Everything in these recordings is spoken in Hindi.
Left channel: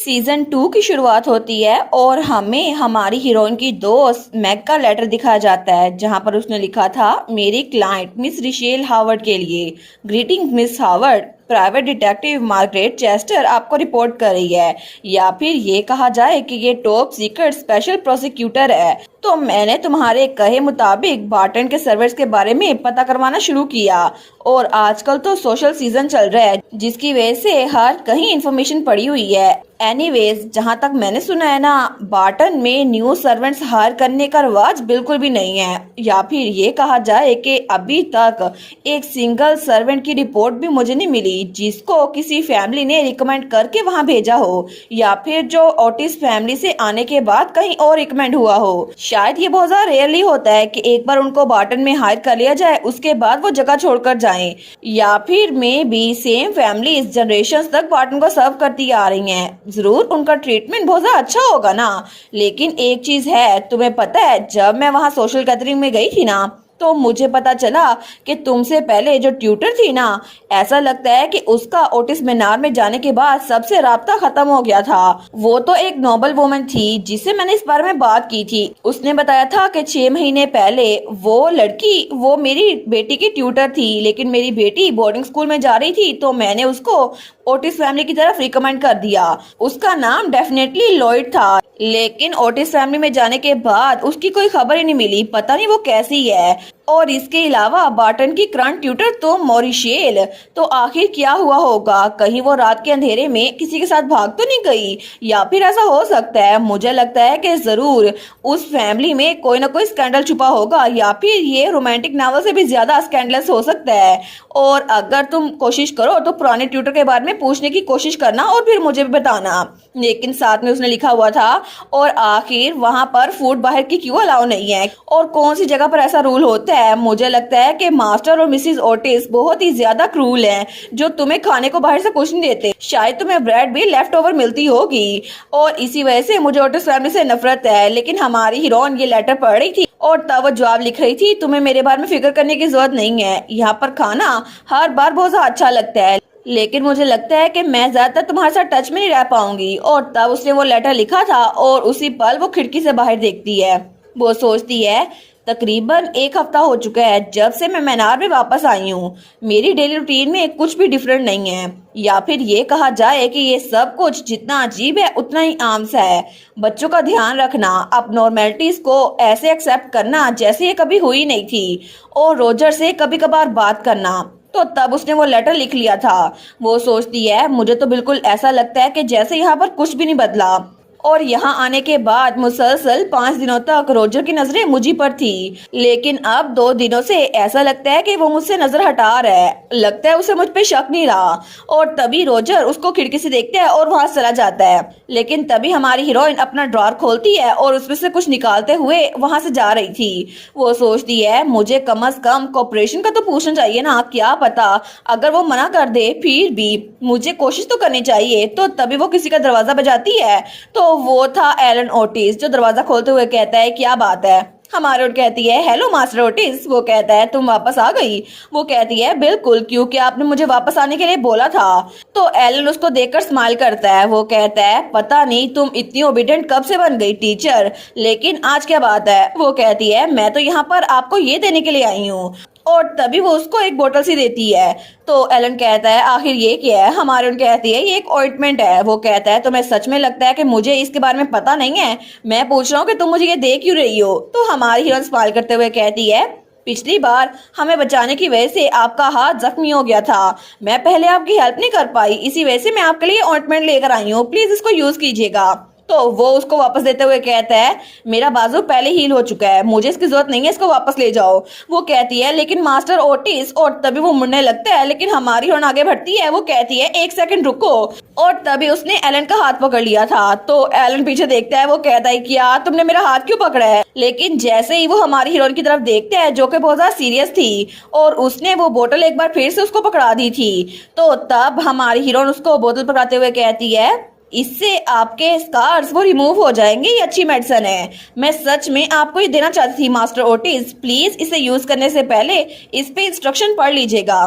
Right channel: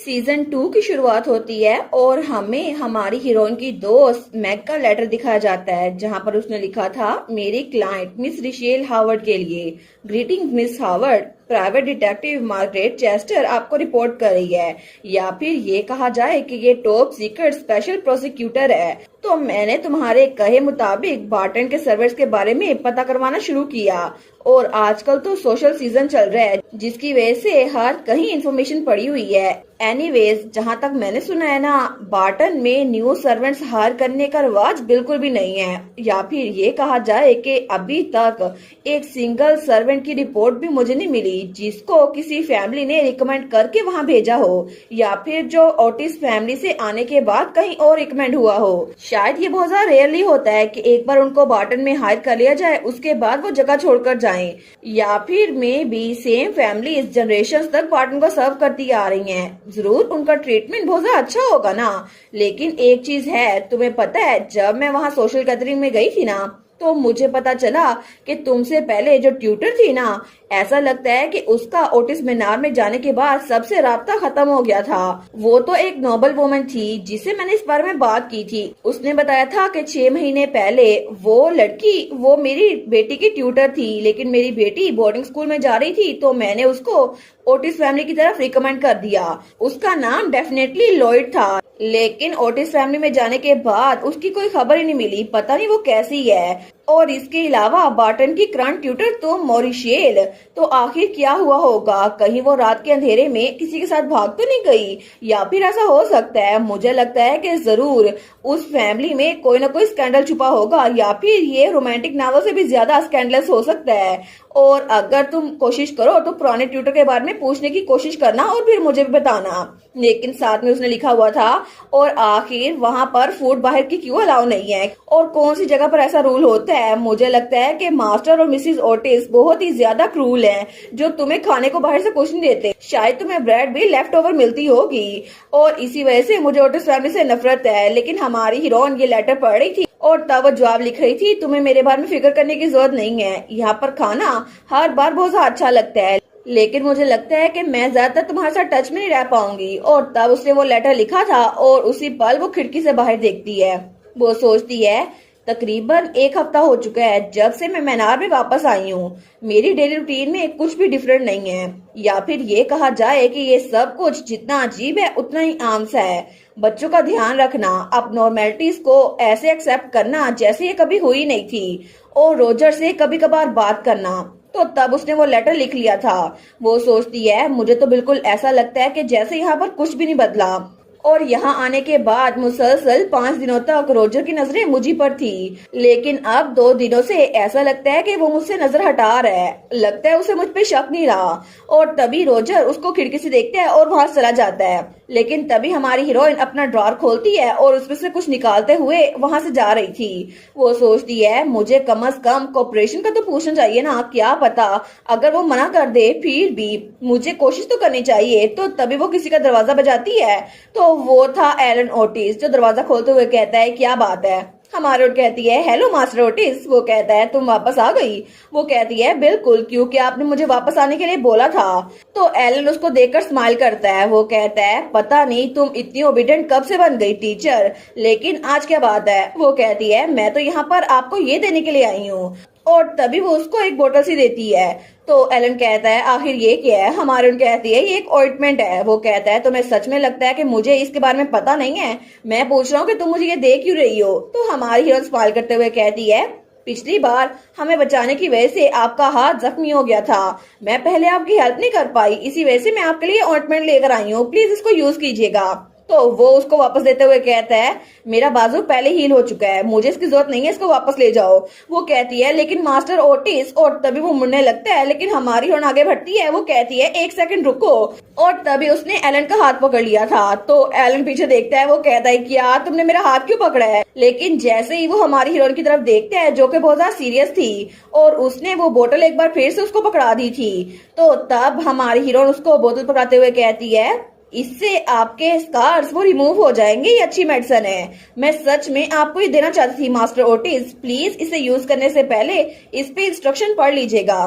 सीजन 2 की शुरुआत होती है और हमें हमारी हीरोइन की दोस्त मैग का लेटर दिखाया जाता है जहां पर उसने लिखा था मेरी क्लाइंट मिस रिशेल हावर्ड के लिए। Greeting miss Howard, private detective Margaret Chester आपको रिपोर्ट कर रही है, या फिर ये कहा जाए कि ये टॉप सीक्रेट स्पेशल प्रोसिक्यूटर है। तो मैंने तुम्हारे कहे मुताबिक बार्टन के सर्वर्स के बारे में पता करवाना शुरू किया और आजकल तो सोशल सीजन चल रहा है जिसकी वजह से हर कहीं इंफॉर्मेशन पड़ी हुई है। एनीवेज, जहाँ तक मैंने सुना है ना, बार्टन में न्यू सर्वेंट्स हायर करने का रिवाज बिल्कुल भी नहीं है, या फिर ये कहा जाए कि अभी तक एक सिंगल सर्वेंट की रिपोर्ट भी मुझे नहीं मिली जिसको किसी फैमिली ने रिकमेंड करके वहाँ भेजा हो, या फिर जो ओटिस फैमिली से आने के बाद कहीं और रिकमेंड हुआ हो। शायद ये बहुत ज्यादा रेयरली होता है कि एक बार उनको बार्टन में हायर कर लिया जाए उसके बाद वो जगह छोड़कर जाएं, या फिर मे बी सेम फैमिली इस जनरेशन तक बार्टन को सर्व करती आ रही हैं। जरूर उनका ट्रीटमेंट बहुत ज्यादा अच्छा होगा ना। लेकिन एक चीज है, तुम्हें पता है जब मैं वहाँ सोशल गैदरिंग में गई थी ना, तो मुझे पता चला कि तुमसे पहले जो ट्यूटर थी ना, ऐसा लगता है कि उसका ओटिस मीनार में जाने के बाद सबसे राब्ता खत्म हो गया था। वो तो एक नोबल वुमन थी जिसे मैंने इस बारे में बात की थी। उसने बताया था कि 6 महीने पहले वो लड़की वो मेरी बेटी की ट्यूटर थी, लेकिन मेरी बेटी बोर्डिंग स्कूल में जा रही थी तो मैंने उसको ओटिस फैमिली की तरफ रिकमेंड कर दिया। उसका नाम डेफिनेटली लॉयड था, लेकिन ओटिस फैमिली में जाने के बाद उसकी कोई खबर ही नहीं मिली, पता नहीं वो कैसी है। और इसके अलावा बार्टन की करंट ट्यूटर तो मॉरिशेल, तो आखिर क्या हुआ होगा? कहीं वो रात के अंधेरे में किसी के साथ भाग तो नहीं गई? या फिर ऐसा हो सकता है, मुझे लगता है कि जरूर उस फैमिली में कोई ना कोई स्कैंडल छुपा होगा, या फिर ये रोमांटिक नॉवल से भी ज्यादा स्कैंडलस हो सकता है। और अगर तुम कोशिश करो तो पुराने ट्यूटर के बारे में पूछने की कोशिश करना और फिर मुझे भी बताना। लेकिन साथ में उसने लिखा हुआ था, और आखिर वहां पर फूड बाहर की क्यों अलाउ नहीं है और कौन सी जगह पर ऐसा रूल होता है? मुझे लगता है कि मास्टर और मिसिस ओटिस बहुत ही ज्यादा क्रूल हैं, जो तुम्हें खाने को बाहर से कुछ नहीं देते। शायद तुम्हें ब्रेड भी लेफ्ट ओवर मिलती होगी और इसी वजह से मुझे ओटिस फैमिली से नफरत है। लेकिन हमारी हीरोइन ये लेटर पढ़ रही थी और तब वो जवाब लिख रही थी, तुम्हें मेरे बारे में फिक्र करने की जरूरत नहीं है, यहाँ पर खाना हर बार बहुत अच्छा लगता है, लेकिन मुझे लगता है कि मैं ज्यादातर तुम्हारे साथ टच में नहीं रह पाऊंगी। और तब उसने वो लेटर लिखा था और उसी पल वो खिड़की से बाहर देखती है। वो सोचती है तकरीबन 1 हफ्ता हो चुका है जब से मैं मीनार में वापस आई हूँ। मेरी डेली रूटीन में कुछ भी डिफरेंट नहीं है, या फिर ये कहा जाए कि ये सब कुछ जितना अजीब है उतना ही आम सा है। बच्चों का ध्यान रखना, अब नॉर्मेलिटीज को ऐसे एक्सेप्ट करना जैसे ये कभी हुई नहीं थी, और रोजर से कभी कभार बात करना। तो तब उसने वो लेटर लिख लिया था। वो सोचती है मुझे तो बिल्कुल ऐसा लगता है कि जैसे यहाँ पर कुछ भी नहीं बदला, और यहाँ आने के बाद मुसलसल 5 दिनों तक रोजर की नजरें मुझी पर थी, लेकिन अब 2 दिनों से ऐसा लगता है कि वो मुझसे नजर हटा रहा है। लगता है उसे मुझ पे शक नहीं रहा। और तभी रोजर उसको खिड़की से देखता है और वहां चला जाता है। लेकिन तभी हमारी हीरोइन अपना ड्रॉर खोलती है और उसमें से कुछ निकालते हुए वहां से जा रही थी। वो सोचती है मुझे कम अज कम कोऑपरेशन का तो पूछना चाहिए ना, क्या पता अगर वो मना कर दे फिर भी मुझे कोशिश तो करनी चाहिए। तो तभी वो किसी का दरवाजा बजाती है, तो वो था एलन ओटिस, जो दरवाजा खोलते हुए कहता है क्या बात है? हमारी ओट कहती है हेलो मास्टर ओटिस। वो कहता है तुम वापस आ गई? वो कहती है बिल्कुल, क्योंकि आपने मुझे वापस आने के लिए बोला था। तो एलन उसको देखकर स्माइल करता है। वो कहता है पता नहीं तुम इतनी ओबीडिएंट कब से बन गई टीचर, लेकिन आज क्या बात है? वो कहती है मैं तो यहाँ पर आपको ये देने के लिए आई हूँ, और तभी वो उसको एक बोतल सी देती है। तो एलन कहता है आखिर ये क्या है? हमारे उन कहती है ये एक ऑइंटमेंट है। वो कहता है तुम्हें सच में लगता है कि मुझे इसके बारे में पता नहीं है? मैं पूछ रहा हूँ कि तुम मुझे ये दे क्यों रही हो? तो हमारी हीरोइन स्माइल करते हुए कहती है पिछली बार हमें बचाने की वजह से आपका हाथ जख्मी हो गया था, मैं पहले आपकी हेल्प नहीं कर पाई, इसी वजह से मैं आपके लिए ऑइंटमेंट लेकर आई हूँ, प्लीज इसको यूज कीजिएगा। तो वो उसको वापस देते हुए कहता है मेरा बाजू पहले हील हो चुका है, मुझे इसकी जरूरत नहीं है, इसको वापस ले जाओ। वो कहती है लेकिन मास्टर ओटिस, और तभी वो मुड़ने लगता है, लेकिन हमारी हीरोइन आगे बढ़ती है। वो कहती है 1 सेकंड रुको, और तभी उसने एलन का हाथ पकड़ लिया था। तो एलन पीछे देखता है। वो कहता है क्या तुमने मेरा हाथ क्यों पकड़ा है? लेकिन जैसे ही वो हमारी हीरोइन की तरफ देखता है जो कि बहुत ज्यादा सीरियस थी, और उसने वो बोतल एक बार फिर से उसको पकड़ा दी थी, तो तब हमारी हीरोइन उसको बोतल पकड़ाते हुए कहती है इससे आपके स्कार्स वो रिमूव हो जाएंगे, ये अच्छी मेडिसिन है। मैं सच में आपको ये देना चाहती थी मास्टर ओटिस, प्लीज इसे यूज करने से पहले इस पे इंस्ट्रक्शन पढ़ लीजिएगा।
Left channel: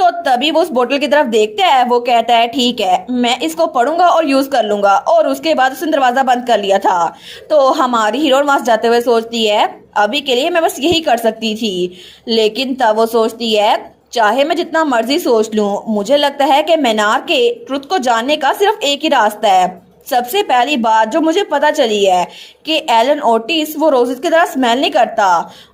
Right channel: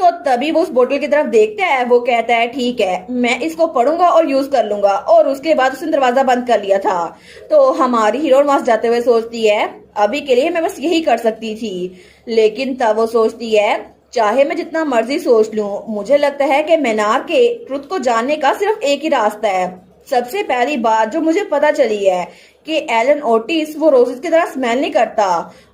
तो तभी वो उस बोतल की तरफ देखता है। वो कहता है ठीक है, मैं इसको पढ़ूंगा और यूज कर लूंगा, और उसके बाद उसने दरवाजा बंद कर लिया था। तो हमारी हीरोइन वहां से जाते हुए सोचती है अभी के लिए मैं बस यही कर सकती थी, लेकिन तब वो सोचती है चाहे मैं जितना मर्जी सोच लूं, मुझे लगता है कि मैनार के ट्रुथ को जानने का सिर्फ एक ही रास्ता है। सबसे पहली बात जो मुझे पता चली है कि एलन ओटिस वो रोजेस की तरह स्मेल नहीं करता,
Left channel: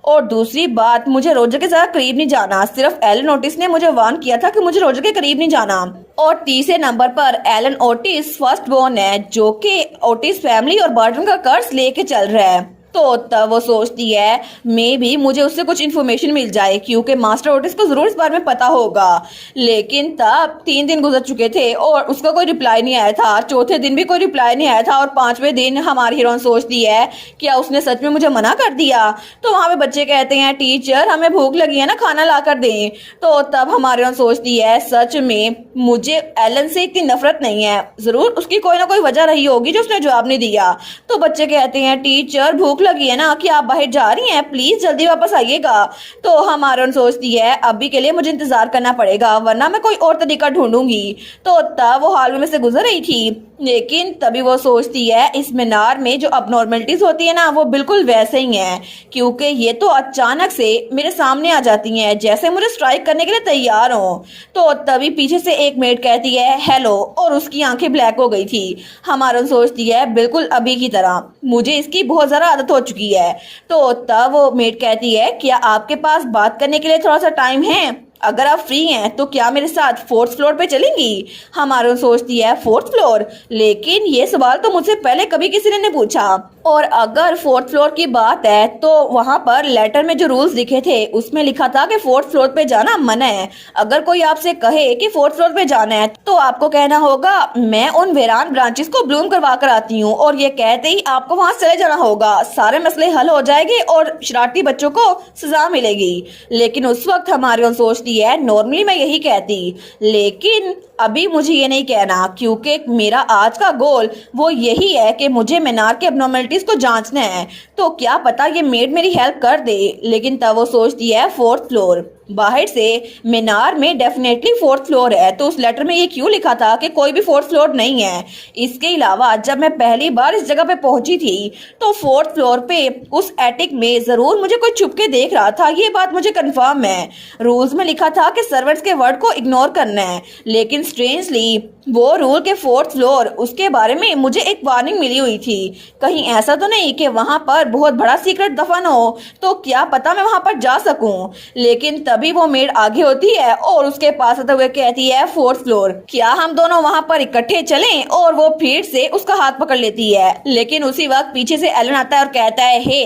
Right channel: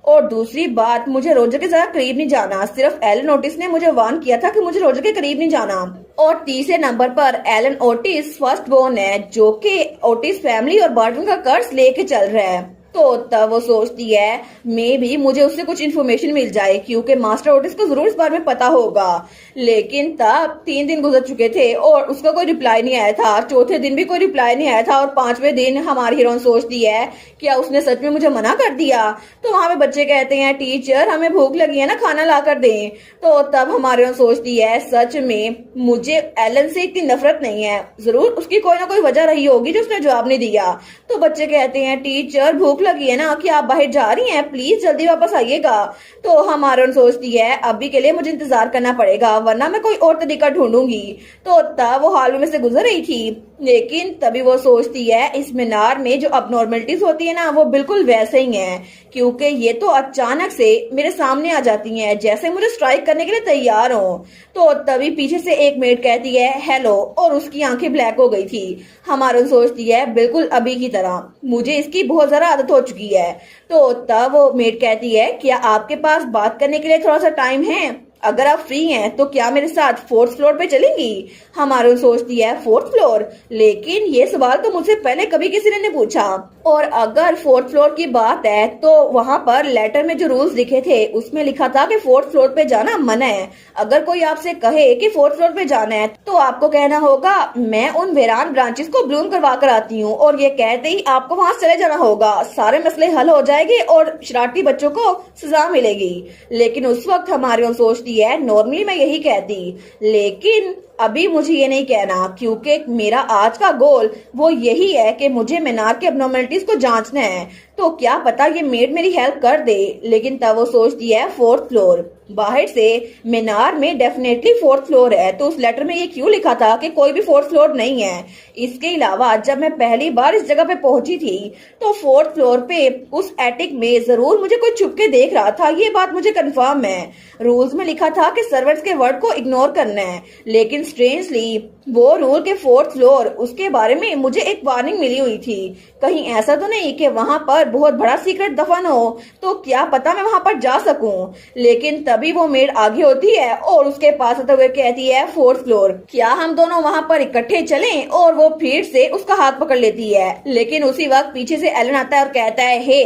और दूसरी बात मुझे रोजर के ज्यादा करीब नहीं जाना। सिर्फ एलन ओटिस ने मुझे वार्न किया था कि मुझे रोजर के करीब नहीं जाना। और तीसरे नंबर पर एलन ओटिस फर्स्ट बोर्न है, जो कि ओटिस फैमिली और बर्टन का कर्ज लेके चल रहा है। तो तब वो सोचती है मे भी मुझे उससे कुछ इन्फॉर्मेशन मिल जाए, क्योंकि मास्टर ओटिस को जरूर इस बारे में पता होगा। लेकिन तब 3 दिन गुजर चुके थे और उसका कोई रिप्लाई नहीं आया था। चौथे दिन भी कोई रिप्लाई नहीं आया था, और 5वें दिन हमारी हीरोइन सोचती है क्या उसने सच में मुझे मना कर दिया। तो वहां पे बच्चे कहते हैं टीचर हमें भूख लगी है ना, खाना ला कर दें। तो तब हमारी हीरोइन सोचती है सच में मुझे एलन से इतनी नफरत नहीं है, जरूर उसकी कोई ना कोई वजह रही होगी जो उसने जवाब नहीं दिया। तो बच्चे कहते हैं टीचर भूख लगी है ना, कि आप बाहर जा रही हैं, प्लीज जल्दी वापस आइएगा। तो हमारन सोचती है अभी के लिए मुझे इंतजार करना पड़ेगा, वरना मैं कोई और तरीका ढूंढूंगी। तो तब वो हॉल में से गुजर रही थी, लेकिन तभी वो सोचती है इस मीनार में जो अबनॉर्मलिटीज होती है ना, वो बिल्कुल वैसे ही हैं, क्योंकि ये तो अचानक से मेरे सामने आ जाती हैं, जैसे मुझे स्ट्राइक करने के लिए तैयार हो। तो तभी पीछे से एक मेड कहती है हेलो, और उसकी आंखें ब्लैक हो गई थी। हमारन सोचती है बिल्कुल अभी की तरह, मुझे इसकी बहुत ज्यादा आदत हो चुकी है। तो तब वो मेड कहती है क्या आपके पास बात करने के लिए थोड़ा सा टाइम है? अगर आप फ्री हैं तो क्या मेरे साथ 4th फ्लोर पे चलेंगी? हमारी सोचती है 4th फ्लोर, लेकिन ये सवाल तो मुझसे पहले कभी किसी ने नहीं पूछा। और अगर 4th फ्लोर की बात है तो वहां पर लेटर में जो रूल्स लिखे थे उसमें लिखा था कि 4th फ्लोर पे जाना मना है। अगर कोई आपसे कहे कि 4th फ्लोर पे जाना है तो आपको कहना होगा मैं उन वेरान ब्रांचेस को ब्लूम करवा कर आती हूँ, और ये कहते ही आपको वहां चले जाना होगा। सारे मसले हल हो जाएंगे और शरारती बच्चों को सजा मिलेगी। लेकिन उस वक्त हमारी सोचती है नॉर्मली मैं यही कहती, लेकिन अभी मुझे ये नहीं कहना, क्योंकि मेरा आज का गोल वो यही है कि मुझे मीनार के एब्नॉर्मलिटीज को जांचना है। तो क्या पता ये मेड मेरी हेल्प कर दे। लेकिन तब वो सोचती है 4th फ्लोर, बाहर से मीनार में डेफिनेटली 4th फ्लोर है, तो उस लेटर में ये क्यों लिखा था कि कोई भी 4th फ्लोर नहीं है। इसके अलावा जब मैं पहली बार इस जगह पे पहुंची थी तो 4th फ्लोर पे उस एटिक में जरूर मुझे कोई छुप के देख रहा था, ये बात मुझे कंफर्म है। रूल्स में लिखा था कि सर्वेंट्स के वर्ड को इग्नोर करना है, लेकिन स्ट्रेंजली वो रूल के 4th फ्लोर उसके बारे में मुझे एक वार्निंग मिली हुई थी। कहीं ऐसा तो नहीं कि वहां पर बहुत बड़ा सीक्रेट दफन हो, तो क्या पता मैं वहां पर जा सकूं। लेकिन तभी वो मेड आगे होती है और उसके पास आते हुए कहती है 4th फ्लोर, क्या हम दोनों वहां पर इकट्ठे चलें? और वो फिर से उसका हाथ पकड़ लेती है। लेकिन उसी वक्त पीछे से एलन आता है और कहता है हे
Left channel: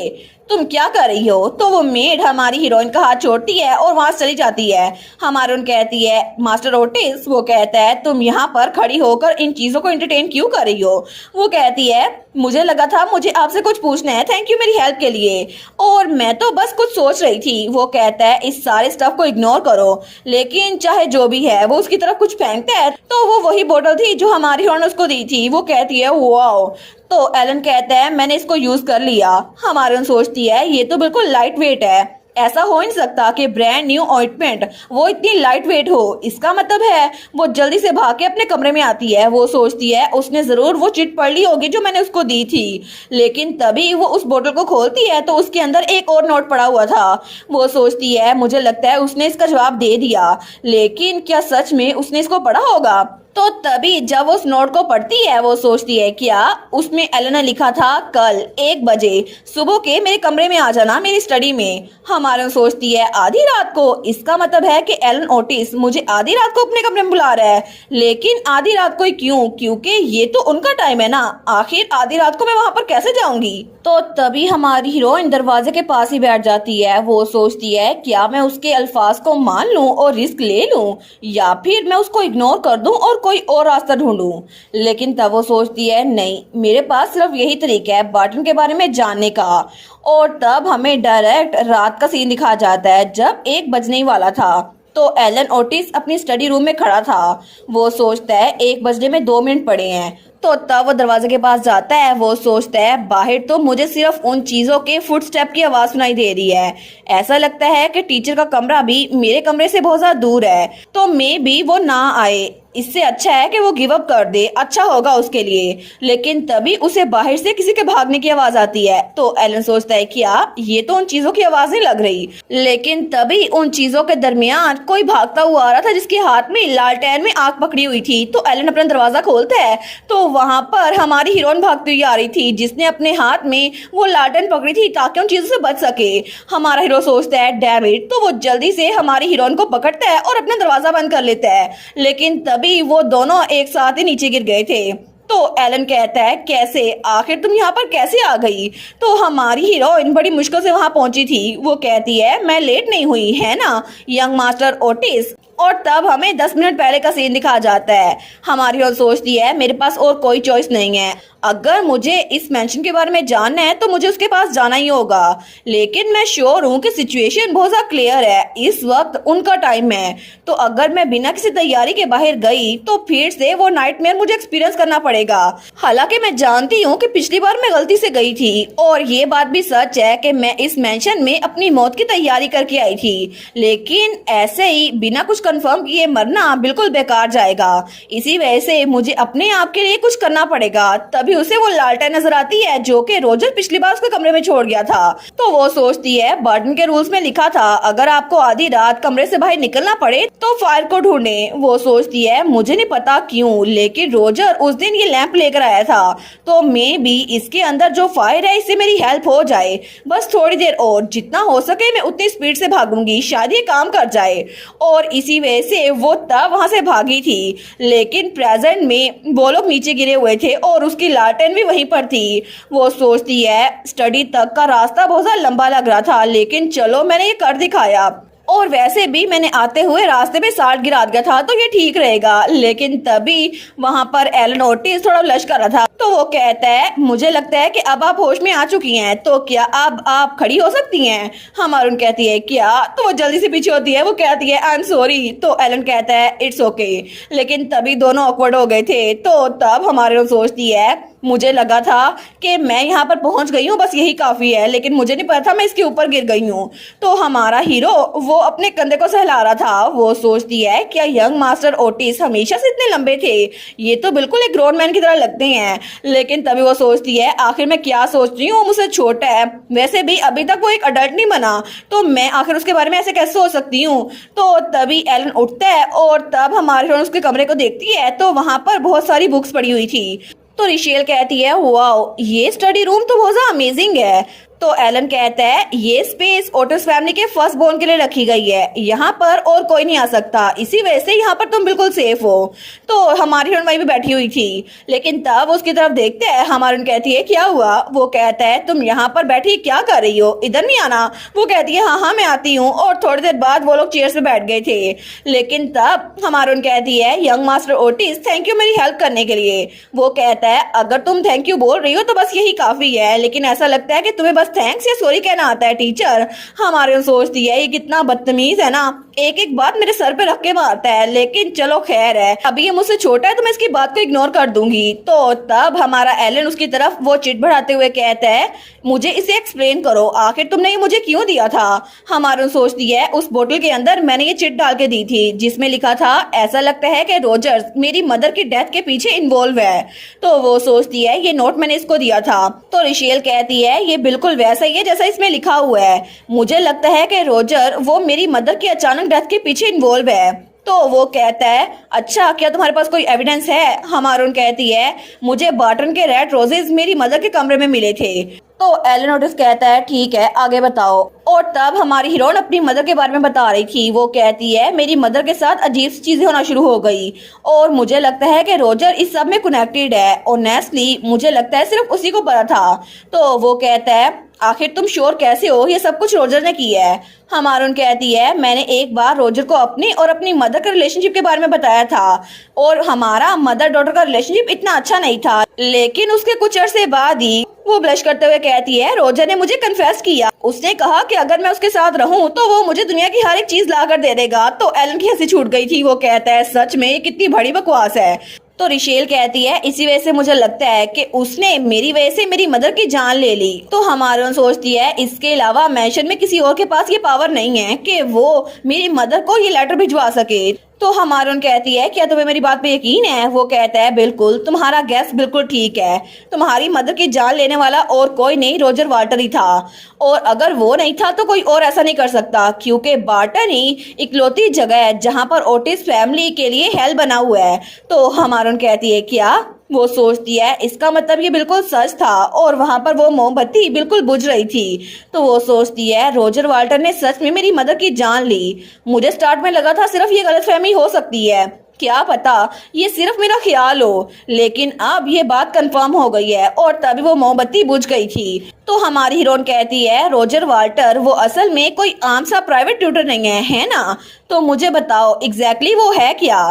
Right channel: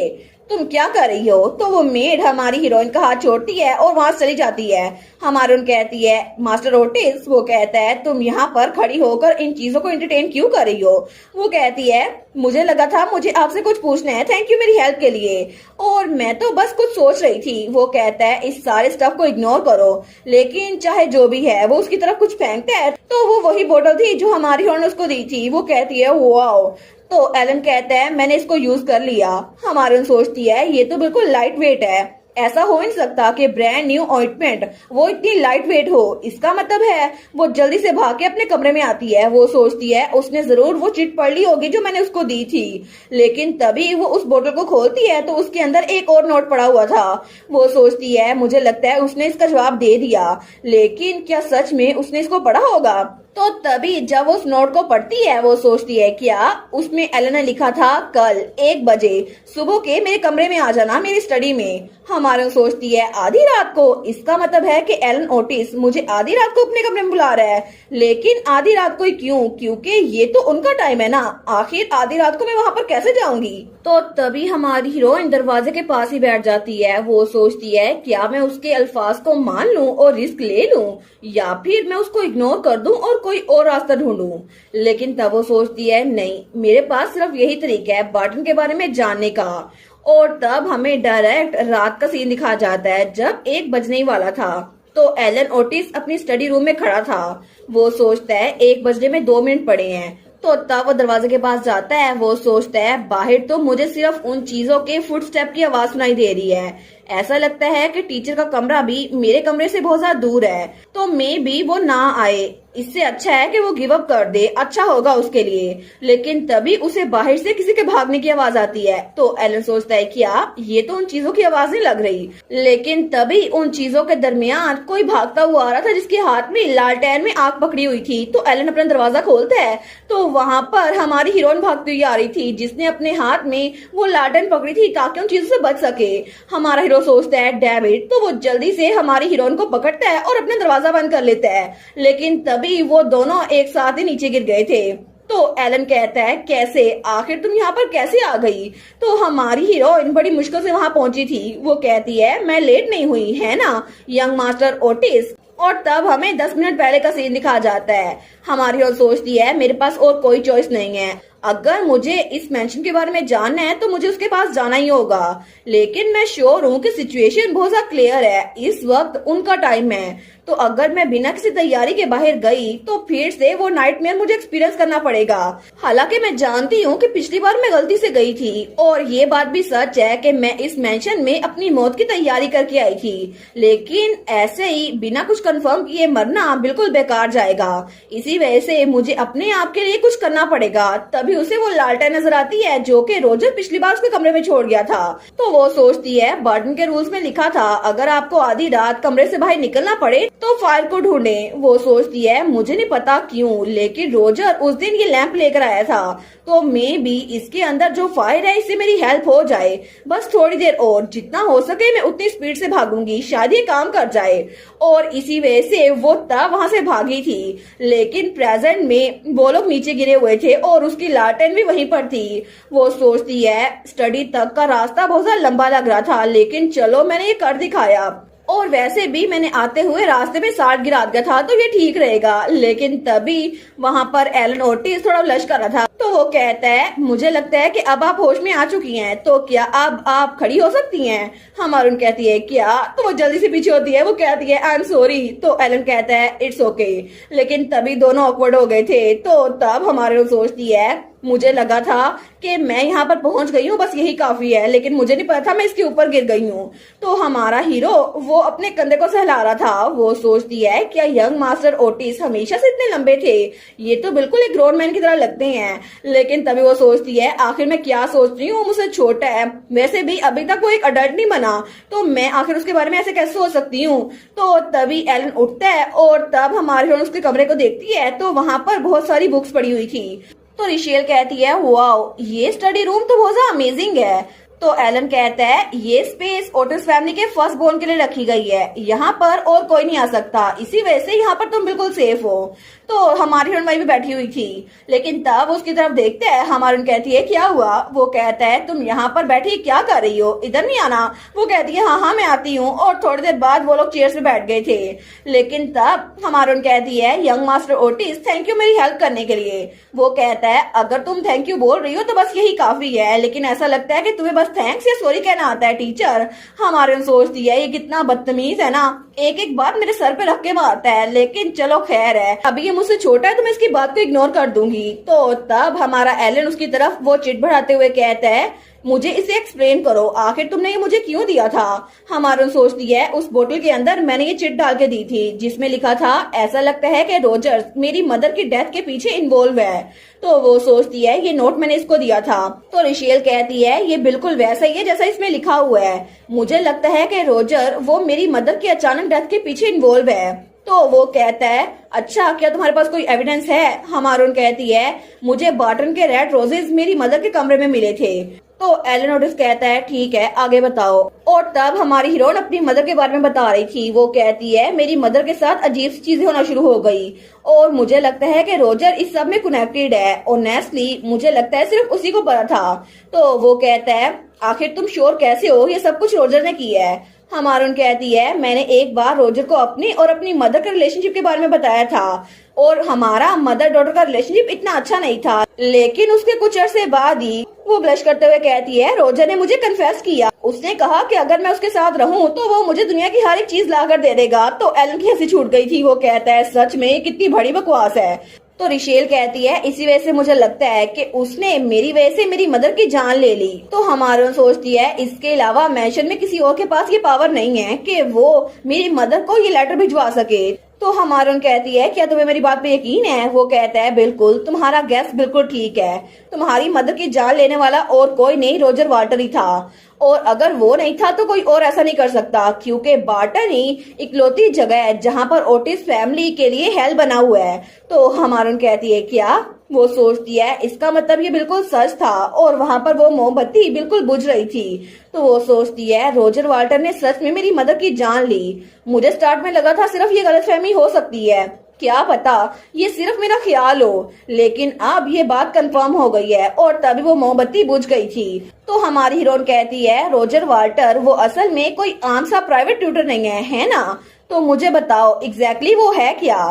तुम क्या कर रही हो? तो वो मेड हमारी हीरोइन का हाथ छोड़ती है और वहां चली जाती है। हमारी उन कहती है मास्टर ओटिस, वो कहता है तुम यहाँ पर खड़ी होकर इन चीजों को एंटरटेन क्यों कर रही हो? वो कहती है मुझे लगा था मुझे आपसे कुछ पूछना है, थैंक यू मेरी हेल्प के लिए, और मैं तो बस कुछ सोच रही थी। वो कहता है इस सारे स्टफ को इग्नोर करो, लेकिन चाहे जो भी है वो उसकी तरफ कुछ फेंकता है, तो वो वही बोतल थी जो हमारी हीरोइन उसको दी थी। वो कहती है वाओ। तो एलन कहता है मैंने इसको यूज कर लिया। हमारी सोचती है ये तो बिल्कुल लाइट वेट है, ऐसा हो नहीं सकता कि ब्रांड न्यू ऑइंटमेंट वो इतनी लाइट वेट हो। इसका मतलब है वो जल्दी से भाग के अपने कमरे में आती है। वो सोचती है उसने जरूर वो चिट पढ़ ली होगी जो मैंने उसको दी थी। लेकिन तभी वो उस बोतल को खोलती है तो उसके अंदर एक और नोट पड़ा हुआ था। वो सोचती है मुझे लगता है उसने इसका जवाब दे दिया, लेकिन क्या सच में उसने इसको पढ़ा होगा? तो तभी जब उस नोट को पढ़ती है वो सोचती है क्या उसमें एलन ने लिखा था कल 1 बजे सुबह के मेरे कमरे में आ जाना मेरी स्टडी में। हमारे सोचती है आधी रात को, इसका मतलब है कि एलन ओटिस मुझे आधी रात को अपने कमरे में बुला रहा है। लेकिन आधी रात को ही क्यों? क्योंकि ये तो उनका टाइम है ना, आखिर आधी रात को मैं वहां पर कैसे जाऊंगी? तो तभी हमारी हीरोइन दरवाजे के पास ही बैठ जाती है। वो सोचती है क्या मैं उसके अल्फाज को मान लूं और रिस्क ले लूं, या फिर मैं उसको इग्नोर कर दूं और कोई और रास्ता ढूंढूं। लेकिन तब वो सोचती है नहीं, मेरे पास सिर्फ यही तरीका है बर्टन के बारे में जानने का। और तब हमें डायरेक्ट रात का सीन दिखा जाता है जब 1 बजने ही वाला था। तो एलन ओटिस अपनी स्टडी रूम में खड़ा था। वो सोचता है 1 बजने में 2 मिनट पड़े हैं, तो तब वो दरवाजे के पास जाता है। वो सोचता है बाहर तो मुझे सिर्फ उन चीजों के फुटस्टेप की आवाज सुनाई दे रही है। ऐसा लगता है कि टीचर का कमरा भी मेरे कमरे से बहुत ज्यादा दूर है, तो मे भी वो ना आए। इससे अच्छा है कि वो गिव अप कर दे, अच्छा होगा उसके लिए। लेकिन तभी उसे बाहर से किसी के भागने की आवाज आती है। तो एलन सोचता है क्या ये तो उन चीजों की आवाज नहीं लग रही। लेकिन तभी उन चीजों के दरमियान कोई भागता हुआ आ रहा था जिसके हाथ में लालटेन में आग पकड़ी हुई थी। तो एलन अपना दरवाजा खोलता है तो वहां पर हमारी हीरोइन भागती हुई आ रही थी, जिसने अपने हाथ में वो लालटेन पकड़ी थी ताकि उन चीजों से बच सके। हमारा हीरो सोचता है डैम इट, तो वो जल्दी से हमारी हीरोइन को पकड़ता है और अपना दरवाजा बंद कर लेता है। लेकिन तभी वो दोनों एक साथ ही नीचे गिर गए थे। तो एलन कहता है कैसे, आखिर तुम यहाँ पर कैसे आ गई। तो हमारी हीरोइन बड़ी मुश्किल से वहां पहुंची थी। वो कहती है मैं लेट नहीं हुई है ना यंग मास्टर ओटिस। और तब हमें 10 मिनट पहले का सीन दिखाया जाता है। हमारी हीरोइन सोचती है मेरे पास और कोई चॉइस नहीं है, अगर मुझे इस मेंशन के बारे में जानना है तो मुझे उसके पास जाना ही होगा। लेकिन मैं श्योर हूँ कि सिचुएशन बहुत ज्यादा क्लियर है, इस वक्त उनका टाइम है। तो अगर मैं बिना किसी तैयारी के बाहर गई तो फिर से वो नाइटमेयर मुझे एक्सपीरियंस करना पड़ेगा। हालांकि मैं जानती हूँ कि पिछली बार मैं गलती से गई थी, और ये बात भी सच है कि मैं इस मेंशन में अपनी मौत की तैयारी करके आई थी। लेकिन ऐसे ही बिना कुछ कंफर्म किए मरना बिल्कुल बेकार जाएगा। इसी वजह से मुझे अपने आप के लिए कुछ करना पड़ेगा। तभी उसे वो लालटेन नजर आती है जो कि रोजर पिछली बार उसके कमरे में छोड़ गया था। तो वो सोचती है बार्टन के रूल्स में लिखा था अगर आपको आधी रात कमरे से बाहर निकलना पड़े तो फायर को ढूंढे। वो सोचती है मुझे नहीं पता क्यों, लेकिन रोजर उस दिन ये लैंप लेकर आया था, तो मे भी इसके अंदर जो फायर है इससे मेरी हेल्प हो जाए। बस थोड़ी देर और, जितना हो सके मैं उतनी स्पीड से भागूंगी, शायद ये काम कर जाए। और इसी वजह से वो तब वहां से भागी थी। लेकिन प्रेजेंट में वो लोग नीचे गिरे हुए थे और उसकी लालटेन भी वहीं पर थी। वो सोचती है स्टडी तक का रास्ता बहुत ज्यादा लंबा लग रहा था, लेकिन चलो मैंने ये कर दिखाया, और वैसे भी मैंने आते हुए रास्ते में साल्ट गिरा दिया था तो ये ठीक रहेगा। लेकिन तभी वहां पर एलन ओटिस थोड़ा लश कर रहा था। तो वो कहता है मुझे लगता है कि अब आप होश में आ चुकी हैं, तो क्या अब आप खड़ी हो सकती हैं। हमारून कहती है क्या, तो वो जल्दी से पीछे होती है। वो कहती है आई एम सॉरी। तो एलन कहता है इट्स ओके। लेकिन तभी दोनों ऑकवर्ड हो गए थे। तो तब हमारे सोचती है मुझे लगा था कि मैं यहाँ पर पहुंच गई हूँ, बस यही काफी है, लेकिन मुझे नहीं पता था मैं इसके ऊपर गिर गई हूँ। तो हमारा हीरो वो अपने कंधे को सहला रहा था। वो सोचती है क्या यंग मास्टर ओटिस हमेशा से इतने लंबे थे, ये तो बिल्कुल एक ग्रोन मैन की तरह लगते हैं। लेकिन तभी वो सोचती है आखिर मैं क्या सोच रही हूँ, मुझसे छोटा है, वैसे भी अभी तक वो एक अडल्ट नहीं बना, तो मैं आखिर उसके बारे में ऐसे कैसे सोच सकती हूँ। तो तभी एलन उठता है और तब हमारे हीरो उसके कमरे को देखती है तो वहां पर बहुत सारी बुक्स पड़ी हुई थी। तो रिशेल कहती है वाओ ये स्टडी रूम तो बहुत ज्यादा अमेजिंग है। तो एलन कहता है ये स्पेस ओटिस फैमिली के फर्स्ट बोर्न के लिए रखी गई है, यहाँ पर और कोई नहीं आ सकता, इसी वजह से यहाँ पर तुम बिल्कुल सेफ हो। तो हमारी हीरोइन वहीं भी बैठी हुई थी। लेकिन तब उसकी तरफ देखते हैं, हमारी हीरोइन कहती है क्या हुआ। वो कहता है तुम यहाँ पर बैठी क्या कर रही हो, इधर नहीं आना। वो कहती है हाँ हाँ मैं आती हूँ। और थोड़ी देर बाद वो लोग चेयर्स पे बैठ गए थे। लेकिन तब हमारी हीरोइन कहती है young master Otis thank you मेरी हेल्प करने के लिए। वो कहता है अगर तुम थैंक यू बोल रही हो तो बस यही काफी है, लेकिन ऐसा लगता है कि तुम्हें बस थैंक्स या सॉरी कहना आता है टीचर। हमारे सोचती है ये कितना बदतमीज है ना, एक एक बात मेरे सर पे रख के मारता है, लेकिन चलो खैर है, अभी ये मुझसे छोटा है तो मैं इसकी बात को इग्नोर कर दूंगी। तो तब हमारा एलन उसकी तरफ वो चिट बढ़ाते हुए कहता है मुझे इसे एक्सप्लेन करो, आखिर तुमने ये मुझे क्यों दिया था। हमारे सोचती है उस बोतल के अंदर मैंने ये चिट डाल के दी थी जिसमें लिखा था ऐसा लगता है कि रोजर्स मेरी मदर की डेथ के पीछे इन्वॉल्व है। तो वो सोचती है ये नोट मैंने इसको दिया था। तो रिशेल कहती है ये बिल्कुल वैसा ही है जैसा इसमें लिखा हुआ है, मुझे लगता है कि रोजर वो मेरी मदर की अचानक डेथ के पीछे इन्वॉल्व है। तो वो कहता है अच्छा क्या तुम्हारे पास कोई एविडेंस है। हमारून कहती है मुझे बार्टन के रेड रोजेस मेरी मदर के कमरे में मिले थे। तो एलन ओटिस कहता है ठीक है आगे बताओ। और तब हमारी हीरोइन अपनी मदर के बारे में बता रही थी। वो कहती है मेरी मदर के साथ अजीब सी चीजें होना शुरू हो गई और मुझे लगता है कि रोजर इस सब में कनेक्टेड है। ऑनेस्टली मुझे लगता है सिर्फ उसी को पता था। तो वो कहता है आखिर तुम श्योर कैसे हो ये सब कुछ रोजर ने किया है। हमारून कहती है मैंने एक बार रोजर को अपनी और अपनी मदर के रिलेशनशिप के बारे में बताया था और हमारा मदर डॉटर का रिलेशनशिप इतना अच्छा नहीं था, लेकिन उसके कुछ अरसे बाद ही वो ब्लश करते हुए कहती है रोजर ने मुझे कन्फेस किया, उसने कहा कि अगर मैं उसके साथ रहूं तो वो मुझे दुनिया की हर एक चीज ला कर दे देगा। तो एलन की हंसी छूट गई थी। वो कहता है सच में कितनी बड़ी बकवास है। तो रिशेल कहती है इसी वजह से मुझे लगता है कि उसने मेरी वजह से मेरी मदर की जान ले ली। तो हमारे सोचती है इसके अलावा मैंशन में किसी और के पास ये पावर नहीं है कि वो मेरी मदर को ये लेटर भिजवा सके। तो हमारन कहती है क्या तुम्हें मेरी बात पे यकीन है? वो कहता है बिल्कुल, तुम्हारा गैस बिल्कुल ठीक है। तुम्हारी मदर की जान लेने वाला और कोई नहीं, रॉजर वाल्टर ही था। और अगर वो नहीं था तो कोई और ऐसा नहीं कर सकता, क्योंकि बार्टन ही इकलौती जगह है जहां पर ओटिस फैमिली के लिए हेल बना हुआ है। तो हमारन कहती है क्या? वो सोचती है इसका मतलब ये बिल्कुल सच था और वहां पर वो मोमबत्ती बिल्कुल बुझ रही थी। तो वो सोचती है रॉजर वाल्टर ने सच में मेरी मदर की जान ली। मुझे स्टार्ट में लगा था सिर्फ ये गलतफहमी हो सकती है, क्या पता ये सिर्फ मेरा ख्याल हो, लेकिन अब ये बात कंफर्म हो गई है और तभी वो मोमबत्ती बुझ गई थी। तो हमारी हीरोइन कहती है रॉजर वाल्टर वो असल में कोई आम सा प्राइवेट ट्यूटर नहीं है ना? तो मुझे बताओ एग्जैक्टली वो है क्या?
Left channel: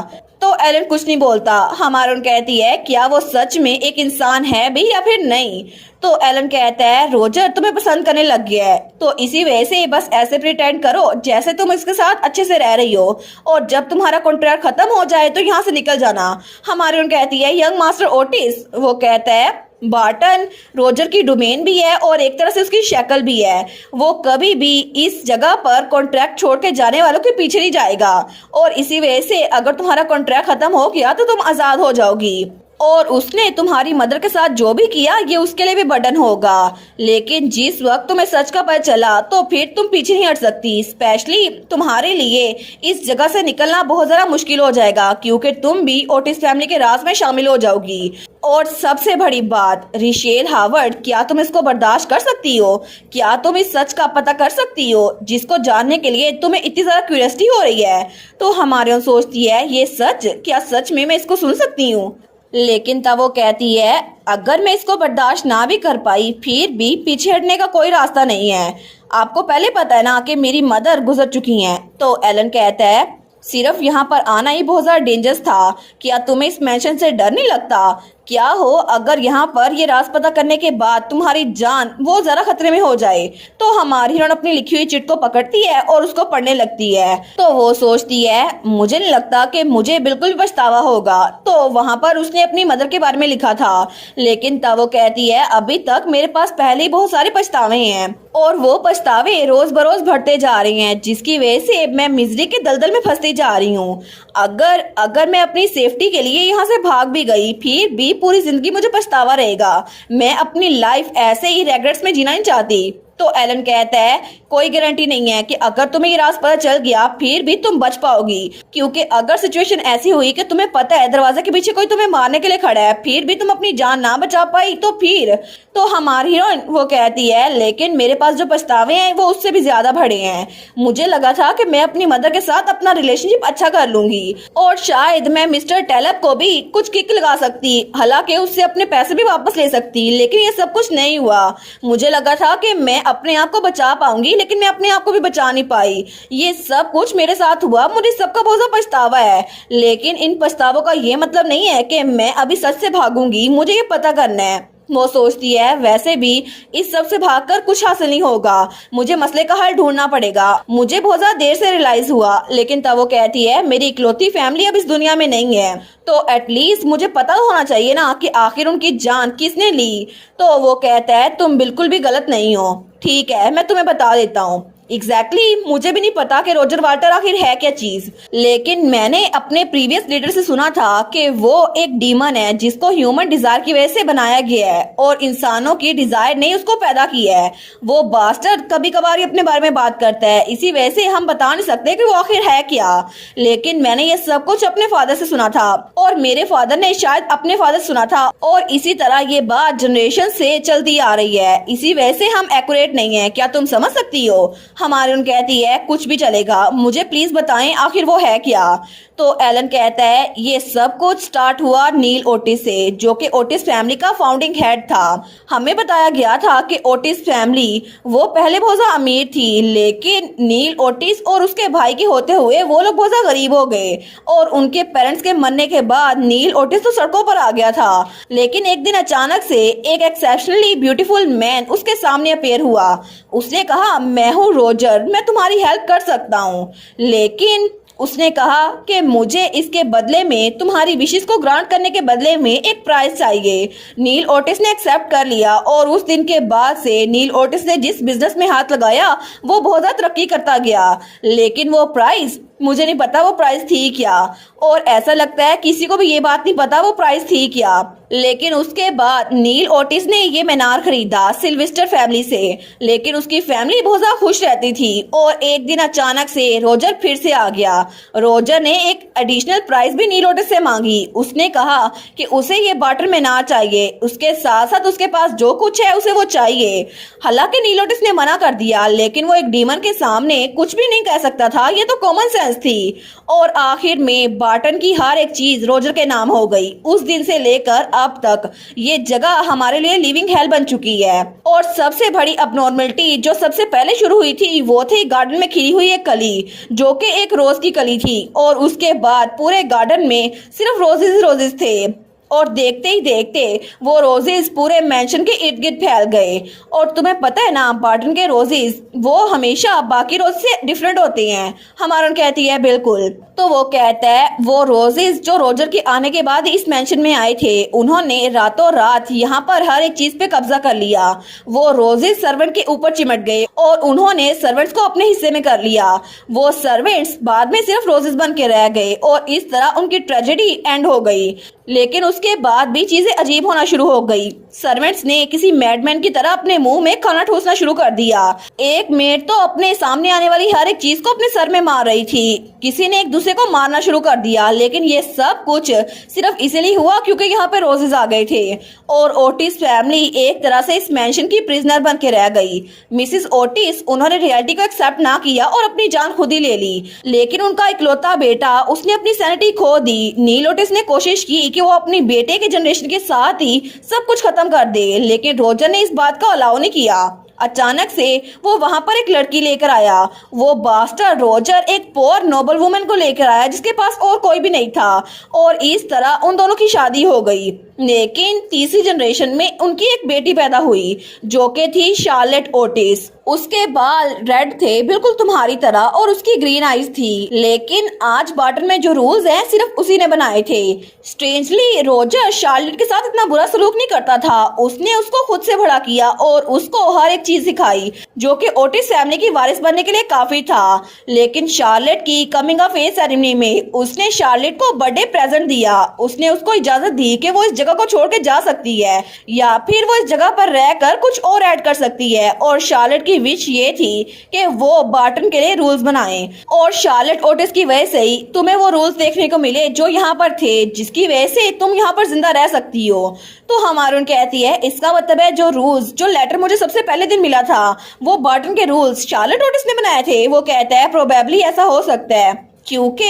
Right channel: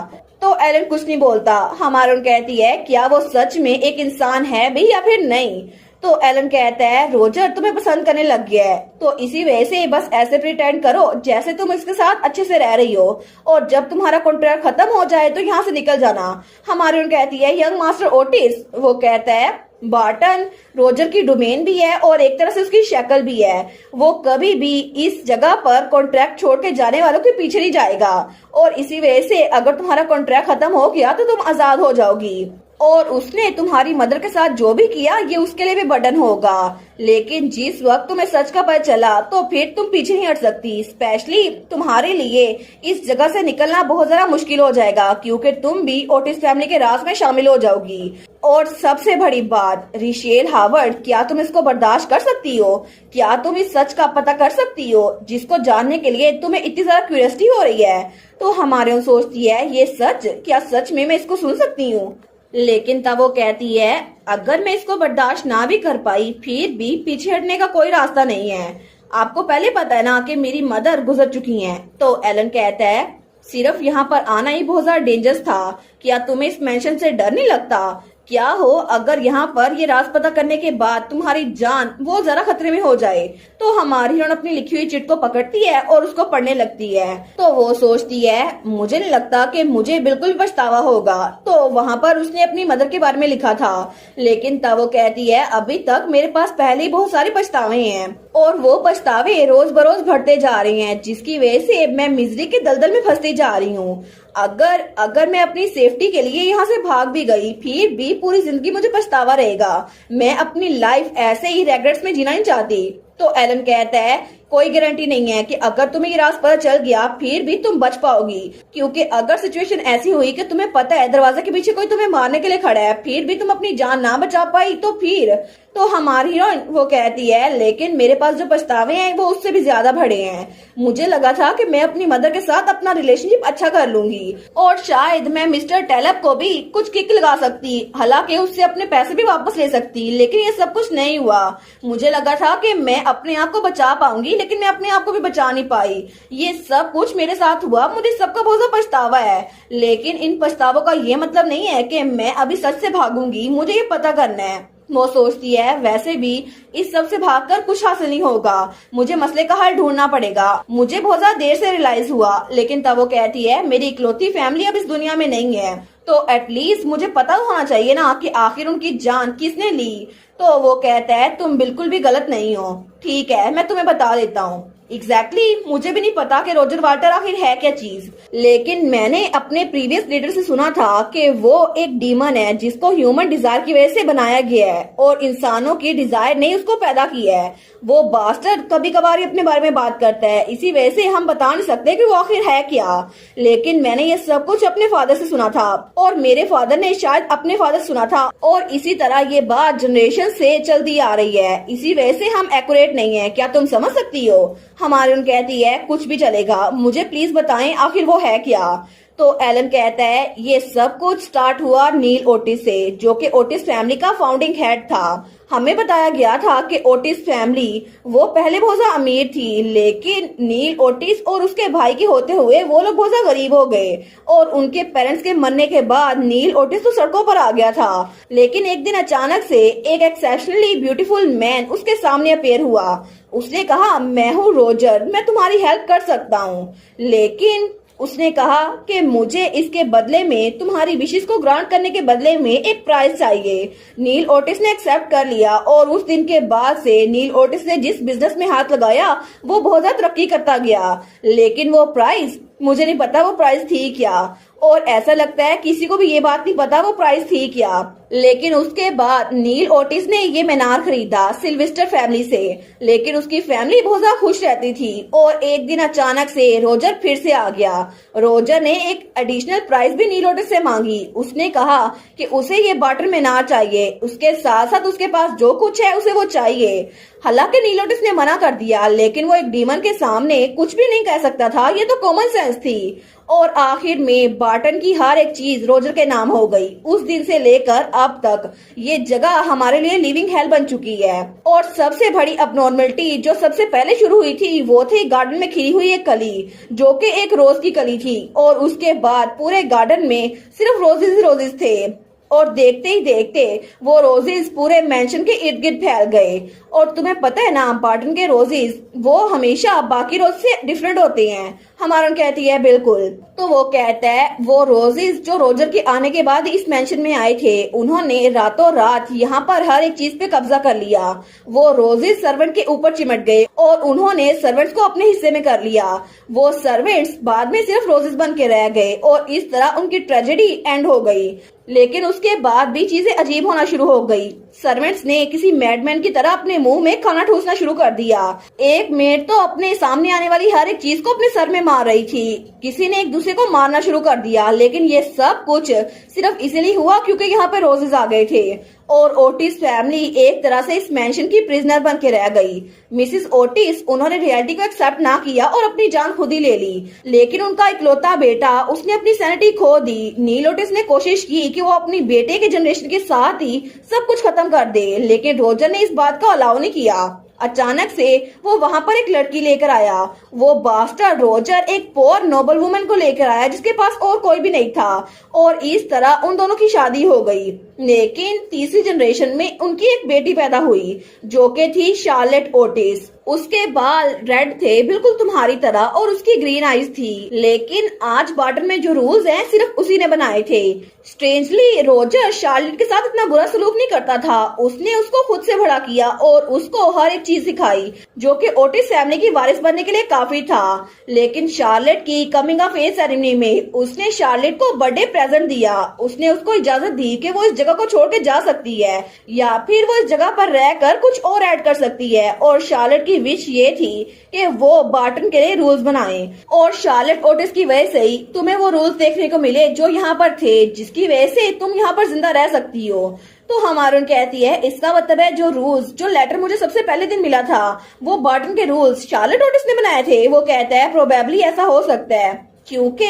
तो एलन कुछ नहीं बोलता। हमारा कहती है क्या वो सच में एक इंसान है भी या फिर नहीं? तो एलन कहता है रोजर तुम्हें पसंद करने लग गया है, तो इसी वजह से बस ऐसे प्रिटेंड करो जैसे तुम इसके साथ अच्छे से रह रही हो, और जब तुम्हारा कॉन्ट्रैक्ट खत्म हो जाए तो यहाँ से निकल जाना। हमारी कहती है यंग मास्टर ओटिस। वो कहता है बार्टन रोजर की डोमेन भी है और एक तरह से उसकी शक्ल भी है। वो कभी भी इस जगह पर कॉन्ट्रैक्ट छोड़ के जाने वालों के पीछे नहीं जाएगा, और इसी वजह से अगर तुम्हारा कॉन्ट्रैक्ट खत्म हो गया तो तुम आजाद हो जाओगी। और उसने तुम्हारी मदर के साथ जो भी किया ये उसके लिए भी बर्डन होगा, लेकिन जिस वक्त तुम्हें सच का पता चला तो फिर तुम पीछे नहीं हट सकती। स्पेशली तुम्हारे लिए इस जगह से निकलना बहुत ज्यादा मुश्किल हो जाएगा, क्योंकि तुम भी ओटिस फैमिली के राज में शामिल हो जाओगी। और सबसे बड़ी बात रिशेल हावर्ड, क्या तुम इसको बर्दाश्त कर सकती हो? क्या तुम इस सच का पता कर सकती हो जिसको जानने के लिए तुम्हें इतनी ज्यादा क्यूरियोसिटी हो रही है? तो हमारे सोचती है ये सच, क्या सच में मैं इसको सुन सकती हूँ? लेकिन तब वो कहती है अगर मैं इसको बर्दाश्त ना भी कर पाई फिर भी पीछे हटने का कोई रास्ता नहीं है। आपको पहले पता है ना कि मेरी मदर गुजर चुकी हैं। तो एलन कहता है सिर्फ यहाँ पर आना ही बहुत ज्यादा डेंजरस था, क्या तुम्हें इस मैंशन से डर नहीं लगता? क्या हो अगर यहाँ पर ये राज पता करने के बाद तुम्हारी जान वो जरा खतरे में हो जाए? तो हमारी हिरण अपनी लिखी हुई चिट को पकड़ती है और उसको पढ़ने लगती है। तो वो सोचती है मुझे नहीं लगता कि मुझे बिल्कुल पछतावा होगा। तो वहाँ पर उसने अपनी मदर के बारे में लिखा था, लेकिन तब वो कहती है अभी तक मेरे पास पहले ही बहुत सारे पछतावे हैं और वो पछतावे रोज बरोज बढ़ते जा रहे हैं, जिसकी वजह से मैं मिजरी के दलदल में फंसती जा रही हूँ। अगर मैं अपनी सेफ्टी के लिए यहाँ से भाग भी गई फिर भी पूरी जिंदगी मुझे पछतावा रहेगा। मैं अपनी लाइफ ऐसे ही रेग्रेट्स में जीना नहीं चाहती। तो एलन कहता है कोई गारंटी नहीं है कि अगर तुम्हें ये राज पता चल गया फिर भी तुम बच पाओगी, क्योंकि अगर सिचुएशन ऐसी हुई कि तुम्हें पता है दरवाजे के पीछे कोई तुम्हें मारने के लिए खड़ा है फिर भी तुम अपनी जान ना बचा पाई तो फिर? तो हमारी हीरोइन वो कहती है लेकिन मेरे पास जो पछतावे हैं वो उससे भी ज्यादा बड़े हैं। मुझे लगा था कि मैं अपनी मदर के साथ अपना रिलेशनशिप अच्छा कर लूंगी और शायद मैं मिस्टर टेलप को भी कुछ किक लगा सकती, हालांकि उससे अपने पैसे भी वापस ले सकती, लेकिन ये सब कुछ नहीं हुआ। मुझे लगा था कि मैं अपने आप को बचा पाऊंगी, लेकिन मैं अपने आप को भी बचा नहीं पाई। ये सब कुछ मेरे साथ हुआ, मुझे सबका बहुत ज्यादा पछतावा है, लेकिन इन पछतावों का ये मतलब नहीं है कि मैं अभी सच से भागूंगी। मुझे ये पता करना है। वो सोचती है वैसे भी इस सब से भागकर कुछ हासिल नहीं होगा, मुझे मसले का हल ढूंढना पड़ेगा। मुझे बहुत ज्यादा देर से रियलाइज हुआ, लेकिन तब वो कहती है मेरी इकलौती फैमिली अब इस दुनिया में नहीं है, तो एटलीस्ट मुझे पता होना चाहिए ना कि आखिर उनकी जान किसने ली। तो वो कहता है तुम बिल्कुल भी गलत नहीं हो। ठीक है मैं तुम्हें बता देता हूँ। एग्जैक्टली मुझे भी नहीं पता कि रॉजर वाल्टर आखिर है क्या चीज, लेकिन मैंने अपने प्रीवियस लीडर से सुना था कि वो एक डीमन है जिसको ह्यूमन डिजायर की वजह से बनाया गया है और इंसानों की डिजायर ने उसको पैदा किया है। वो बास्टर्ड कभी कभार ही अपने बारे में बात करता है, इसी वजह से हम बता नहीं सकते कि वो आखिर है क्या। लेकिन मैंने ये सब कुछ अपने फादर से सुना था और मेरे फादर ने शायद अपने फादर से सुना था, और इसी तरह ये बात जनरेशन से चलती आ रही है। इसी वजह से हम एक्यूरेट नहीं है। क्या तुम समझ सकती हो? हमारी उन कहती है कुछ भी चलेगा, मुझे प्लीज बताएं आखिर वो है क्या। तो एलन कहता है ये सब कुछ स्टार्ट हुआ नील ओटिस से, जो कि ओटिस फैमिली का फाउंडिंग हेड था। हमें बताया गया था कि ओटिस फैमिली वो पहले बहुत ज्यादा अमीर थी, लेकिन नील ओटिस और उसके भाई के होते हुए वो लोग बहुत ज्यादा गरीब हो गए, और उनके पेरेंट्स के मरने के बाद नील ओटिस तो सड़कों पर आ गया था। लेकिन एक दिन अचानक से एक एक्सेप्शनली ब्यूटीफुल मैन उसके सामने अपेयर हुआ। उसने कहा मैं हूँ रॉजर, मैं तुम्हारी हेल्प कर सकता हूँ। लेकिन उसने कहा कि मुझे इसके बदले में तुम्हारी विशेष को ग्रांट करने के बदले में एक प्राइज चाहिए। नील ओटिस ने एक्सेप्ट कर लिया और उस दिन के बाद से नील ओटिस ने जिस बिजनेस में हाथ लगाया वो बहुत ज्यादा तरक्की करता गया। लेकिन वो प्राइज मुझे नहीं पता वो प्राइस थी क्या, और ऐसा लगता है किसी को भी ये बात नहीं पता वो प्राइस थी क्या। लेकिन उसके बाद नील ओटिस ने ये मीनार खरीदा सिल्वेस्टर फैमिली से, लेकिन उसकी फैमिली बहुत ज्यादा खुश रहती थी। और एक दिन अचानक से रोजर फिर से आ गया। रोजर ने एक एडिशनल प्राइस भी नील ओटिस से मांगी। उसने कहा कि उसे ये वाटर मीनार चाहिए, उसके साथ साथ उसके पास जो कुछ है उसे वो चाहिए। हालांकि नील ओटिस ने मना कर दिया, लेकिन वो एक डीमन के सामने कुछ भी नहीं कह सकता था, ये तो कॉमन सेंस थी। और आखिर में बार्टन की हर एक चीज रोजर के नाम हो गई। उस दिन से लेकर अब तक ये जगह हमारे लिए लिविंग हेल बन चुकी है। और सबसे बड़ी अबनॉर्मलिटी जो सबसे पहले शुरू हुई थी वो थी गार्डन में खिली हुई एक कली, जो कि एक रोज की कली थी। और उसके बाद पूरे गार्डन में सिर्फ रोजेज रोजेज थे, और देखते ही देखते वो रोजेस पूरे मैंशन के इर्द गिर्द फैल गए। और तुम्हें पता है ना, बार्टन के रोजेस वो हमेशा बाकी रोज से डिफरेंट होते हैं। हमारन कहती है बिल्कुल। तो वो कहता है वो रोजेस जो रोजर के आने के बाद इस मैंशन में आए थे, उन्होंने रातों रात यहाँ पर हर एक चीज पे कब्जा कर लिया। वो रोजेस सर्वेंट के ऊपर चिमट गए और उन्होंने सर्वेंट्स को अपने हिस्से में कर लिया। वो सर्वेंट्स बाद में सिर्फ रोजेस बन के रह गए और इस तरह उनकी ट्रेजेडी एंड हो गई। लेकिन उसके बाद भी चीजें अजीब होना शुरू हो गई। सर्वेंट्स ने किसी मैडमैन की तरह अपने मुंह में खाना ठूसना शुरू कर दिया। एक मेड तो अपने सामने आने वाली हर एक चीज को अपने सर में मार रही थी। किसी ने एक दूसरे को मारना शुरू कर दिया। लेकिन ये सब कुछ सिर्फ इसलिए हुआ क्योंकि यहाँ पे रोजेस आ गए थे। और ओटिस फैमिली एक तरह से इस मैंशन की प्रिजनर बन के रह गई। मिसेस ओटिस उन्होंने रियलिटी को एक्सेप्ट ना किया और अपनी जान खुद ही ले ली। लेकिन उनका इकलौता बेटा, उसने अपनी सैनिटी खो दी। नील ओटिस ने कोशिश की कि वो अपनी बेटे के जनरेशन के साथ ही सब कुछ खत्म कर दे, लेकिन रोजर ने इस बात को अलाउ नहीं किया। अचानक से वो वहां पर एक लड़की लेकर आया। वो बास्टर्ड रोजर एक पोर नोबल वुमन को लेकर आया जिसके पास और कोई भी नहीं था, और इस तरह उन दोनों की शादी हो गई। लेकिन तीसरी जनरेशन में उनकी एक बेटी पैदा हुई जो कि थी शार्लेट ओटिस। उसके बाल रेड थे बिल्कुल तुम्हारी तरह और उसकी ग्रीन आईज थी। लेकिन आज बार्टन में जो रूल्स हैं सिर्फ उसी ने बनाए थे। स्ट्रेंजली रोजर शार्लेट के साथ इतना बुरा सलूक नहीं करता था। उसने उसको खुद से बड़ा किया और उसको हर एक चीज सिखाई जो कि ओटिस फैमिली की वारिस बनने के लिए काफी था। लेकिन शार्लेट की कमिंग ऑफ एज सेरेमनी में उसने शार्लेट को बर्थडे प्रेजेंट दिया। उसने उसको इजाजत दी कि वो इस जगह को छोड़ के जा सकती है या फिर वो इस जगह पर रहकर कुछ और ऐड कर सकती है। और शार्लेट की विश ये थी कि वो बार्टन के लिए रूल्स बनाए, और शार्लेट ओटिस की वजह से ही तुम्हें वो रूल्स देखने को मिले जो यहाँ पर थे, जिसकी वजह से तुम यहाँ पर जिंदा रह सकती हो। तो हमारून कहती है इसका मतलब है जो रूल्स, जो लेटर मुझे सबसे पहले दिन मिला था वो बार्टन के रूल्स शार्लेट ओटिस ने बनाए थे। वो कहता है प्रोबेबली ऐसा हो सकता है क्योंकि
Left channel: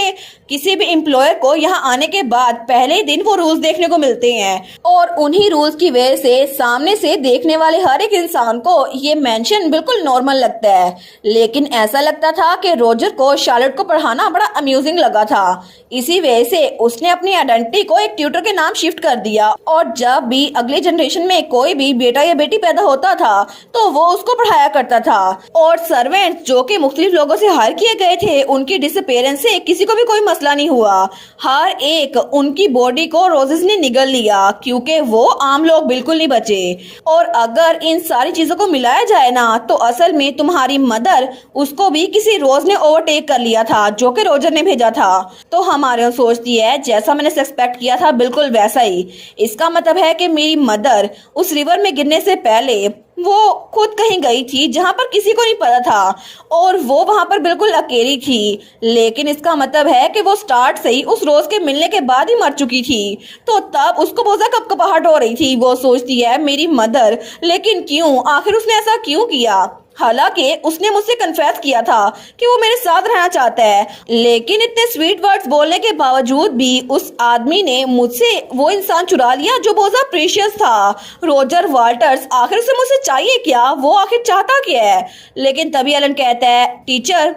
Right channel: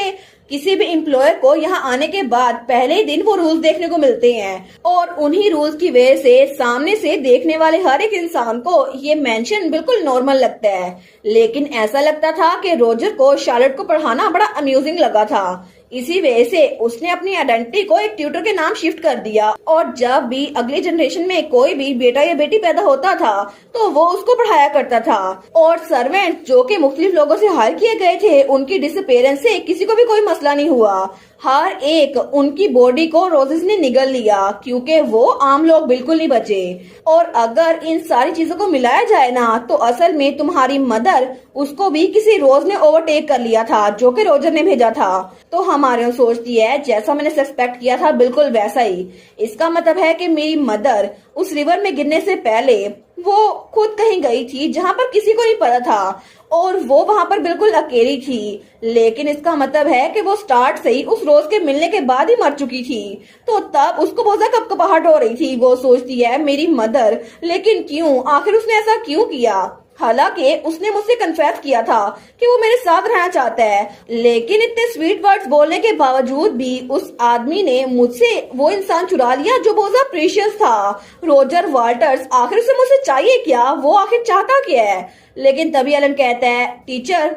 किसी भी एम्प्लॉयर को यहाँ आने के बाद पहले ही दिन वो रूल्स देखने को मिलते हैं, और उन्हीं रूल्स की वजह से सामने से देखने वाले हर एक इंसान को ये मेंशन बिल्कुल नॉर्मल लगता है। लेकिन ऐसा लगता था कि रोजर को शार्लेट को पढ़ाना बड़ा अम्यूजिंग लगा था। इसी वजह से उसने अपनी आइडेंटिटी को एक ट्यूटर के नाम शिफ्ट कर दिया, और जब भी अगले जनरेशन में कोई भी बेटा या बेटी पैदा होता था तो वो उसको पढ़ाया करता था। और सर्वेंट जो कि मुख्तलिफ लोगों से हायर किए गए थे, उनकी डिसअपीयरेंस से किसी को भी कोई मसला नहीं हुआ। हर एक उनकी बॉडी को रोजेस ने निगल लिया क्योंकि वो आम लोग बिल्कुल नहीं बचे। और अगर इन सारी चीजों को मिलाया जाए ना तो असल में तुम्हारी मदर, उसको भी किसी रोज ने ओवरटेक कर लिया था जो कि रोजर ने भेजा था। तो हमारे सोचती है जैसा मैंने सस्पेक्ट किया था बिल्कुल वैसा ही। इसका मतलब है कि मेरी मदर उस रिवर में गिरने से पहले वो खुद कहीं गई थी जहां पर किसी को नहीं पता था, और वो वहां पर बिल्कुल अकेली थी। लेकिन इसका मतलब है कि वो स्टार्ट से ही उस रोज के मिलने के बाद ही मर चुकी थी। तो तब उसको बहुत ज्यादा कपकपाहट हो रही थी। वो सोचती है मेरी मदर, लेकिन क्यों, आखिर उसने ऐसा क्यों किया? हालांकि उसने मुझसे कन्फेस किया था कि वो मेरे साथ रहना चाहता है, लेकिन इतने स्वीट वर्ड्स बोलने के बावजूद भी उस आदमी ने मुझसे वो इंसान चुरा लिया जो बहुत ज्यादा प्रीशियस था। रोजर वाल्टर्स, आखिर उसे मुझसे चाहिए क्या? वो आखिर चाहता क्या है? लेकिन तभी एलन कहता है टीचर,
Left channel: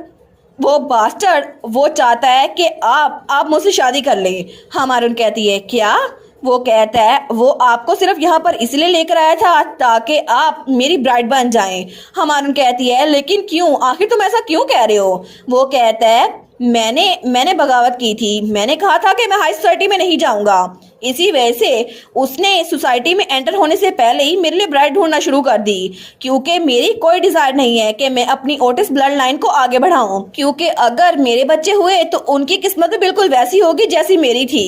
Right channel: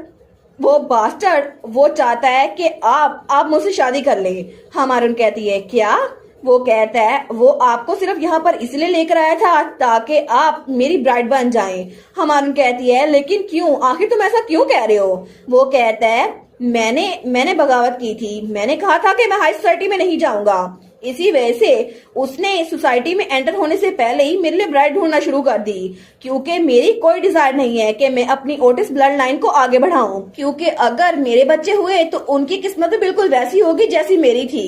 वो बास्टर्ड वो चाहता है कि आप मुझसे शादी कर ले। हमारून कहती है क्या? वो कहता है वो आपको सिर्फ यहाँ पर इसलिए लेकर आया था ताकि आप मेरी ब्राइड बन जाएं। हमारून कहती है लेकिन क्यों, आखिर तुम ऐसा क्यों कह रहे हो? वो कहता है मैंने बगावत की थी। मैंने कहा था कि मैं हाई सोसाइटी में नहीं जाऊंगा। इसी वजह से उसने सोसाइटी में एंटर होने से पहले ही मेरे लिए ब्राइड ढूंढना शुरू कर दी, क्योंकि मेरी कोई डिजायर नहीं है कि मैं अपनी ओटिस ब्लड लाइन को आगे बढ़ाऊं, क्योंकि अगर मेरे बच्चे हुए तो उनकी किस्मत भी बिल्कुल वैसी होगी जैसी मेरी थी।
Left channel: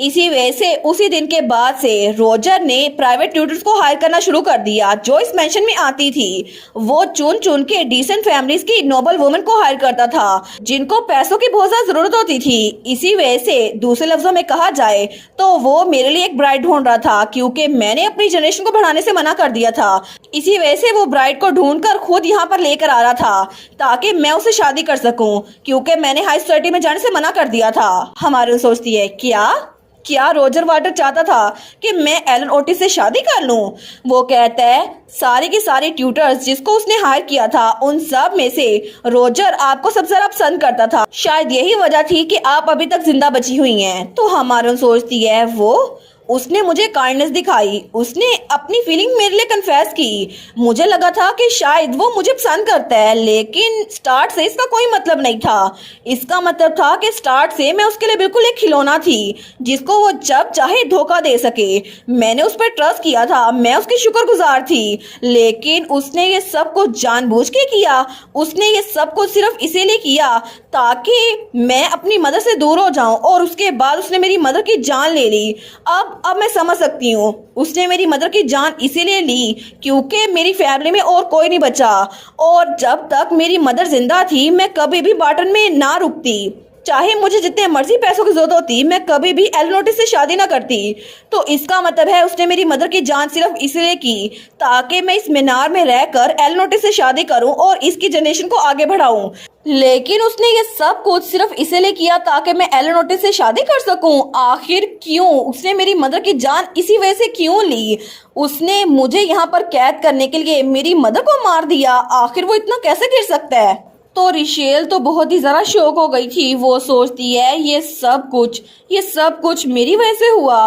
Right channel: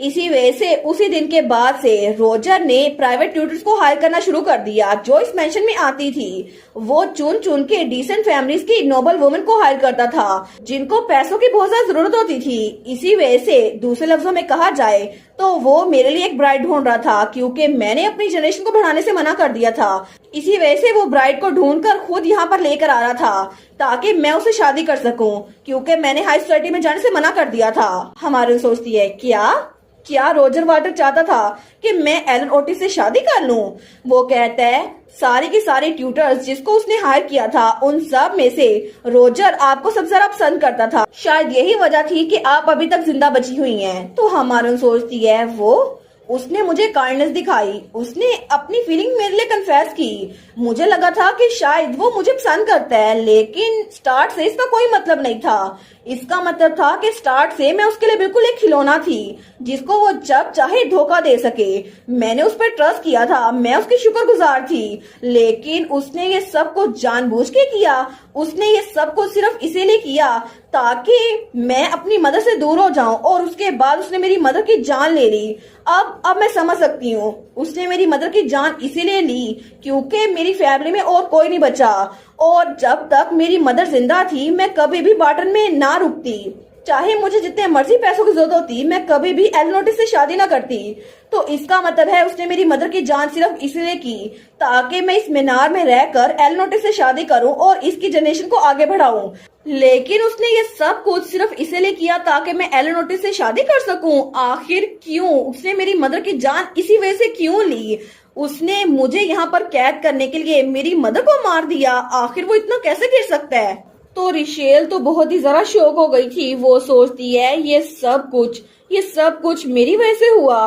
इसी वजह से उसी दिन के बाद से रोजर ने प्राइवेट ट्यूटर्स को हायर करना शुरू कर दिया जो इस मेंशन में आती थी। वो चुन चुन के डिसेंट फैमिलीज की नोबल वुमेन को हायर करता था जिनको पैसों की बहुत ज्यादा जरूरत होती थी। इसी वजह से दूसरे लफ्जों में कहा जाए तो वो मेरे लिए एक ब्राइड ढूंढ रहा था, क्योंकि मैंने अपनी जनरेशन को बढ़ाने से मना कर दिया था। इसी वजह से वो ब्राइड को ढूंढकर खुद यहाँ पर लेकर आ रहा था ताकि मैं उससे शादी कर सकूं, क्योंकि मैंने हाई सोसाइटी में जाने से मना कर दिया था। हमारे सोचती है क्या रोजर वाटर चाहता था कि मैं एलन ओटिस से शादी कर लूं? वो कहता है सारी की सारी ट्यूटर्स जिसको उसने हायर किया था उन सब में से रोजर आपको सबसे ज्यादा पसंद करता था। शायद यही वजह थी कि आप अभी तक जिंदा बची हुई हैं। तो हमारा सोचती है उसने मुझे काइंडनेस दिखाई, उसने अपनी फीलिंग मेरे लिए कन्फेस की। मुझे लगा था कि शायद वो मुझे पसंद करता है, लेकिन स्टार्ट से इसका कोई मतलब नहीं था। इसका मतलब था कि स्टार्ट से मैं उसके लिए बिल्कुल एक खिलौना थी जिसको वो जब चाहे धोखा दे सके। मैंने उस पर ट्रस्ट किया था, मैं उसकी शुक्रगुजार थी, लेकिन उसने ये सब कुछ जानबूझ के किया। उसने ये सब कुछ सिर्फ इसीलिए किया ताकि मैं अपनी मदर से दूर हो जाऊं, और उसके बाद उसने मेरी मदर की जान ले ली। अब मैं समझ सकती हूँ, उसने मेरी मदर की जान इसीलिए ली क्योंकि मेरी फैमिली में और कोई नहीं बचा, और जब तक मेरी मदर जिंदा थी मैं कभी भी बार्टन में ना रुकती। चाहे मुझे जितने मर्जी पैसों की जरूरत होती, मैं कभी भी एलन ओटिस से शादी ना करती। तो इसका मतलब है उसने मेरी मदर की जान सिर्फ इसलिए की ताकि मैं इस मीनार में रहकर एलन ओटिस से शादी करूं और इसकी जनरेशन को आगे बढ़ाऊं। लेकिन उसने ये सब कुछ सिर्फ इसलिए किया ताकि मैं एलन ओटिस से शादी कर सकूं। आखिर क्यों? उसने मेरी मदर की जान इसी वजह से क्यों ली? उसने मुझे यहाँ पर कैद करने के लिए मेरी मदर को मार दिया। आखिर वो इतना कैसे गिर सकता है? तो रिशेल तो बहुत ही ज्यादा शॉक हो गई थी। वो सोचती है ये सब कुछ मेरी वजह से हुआ।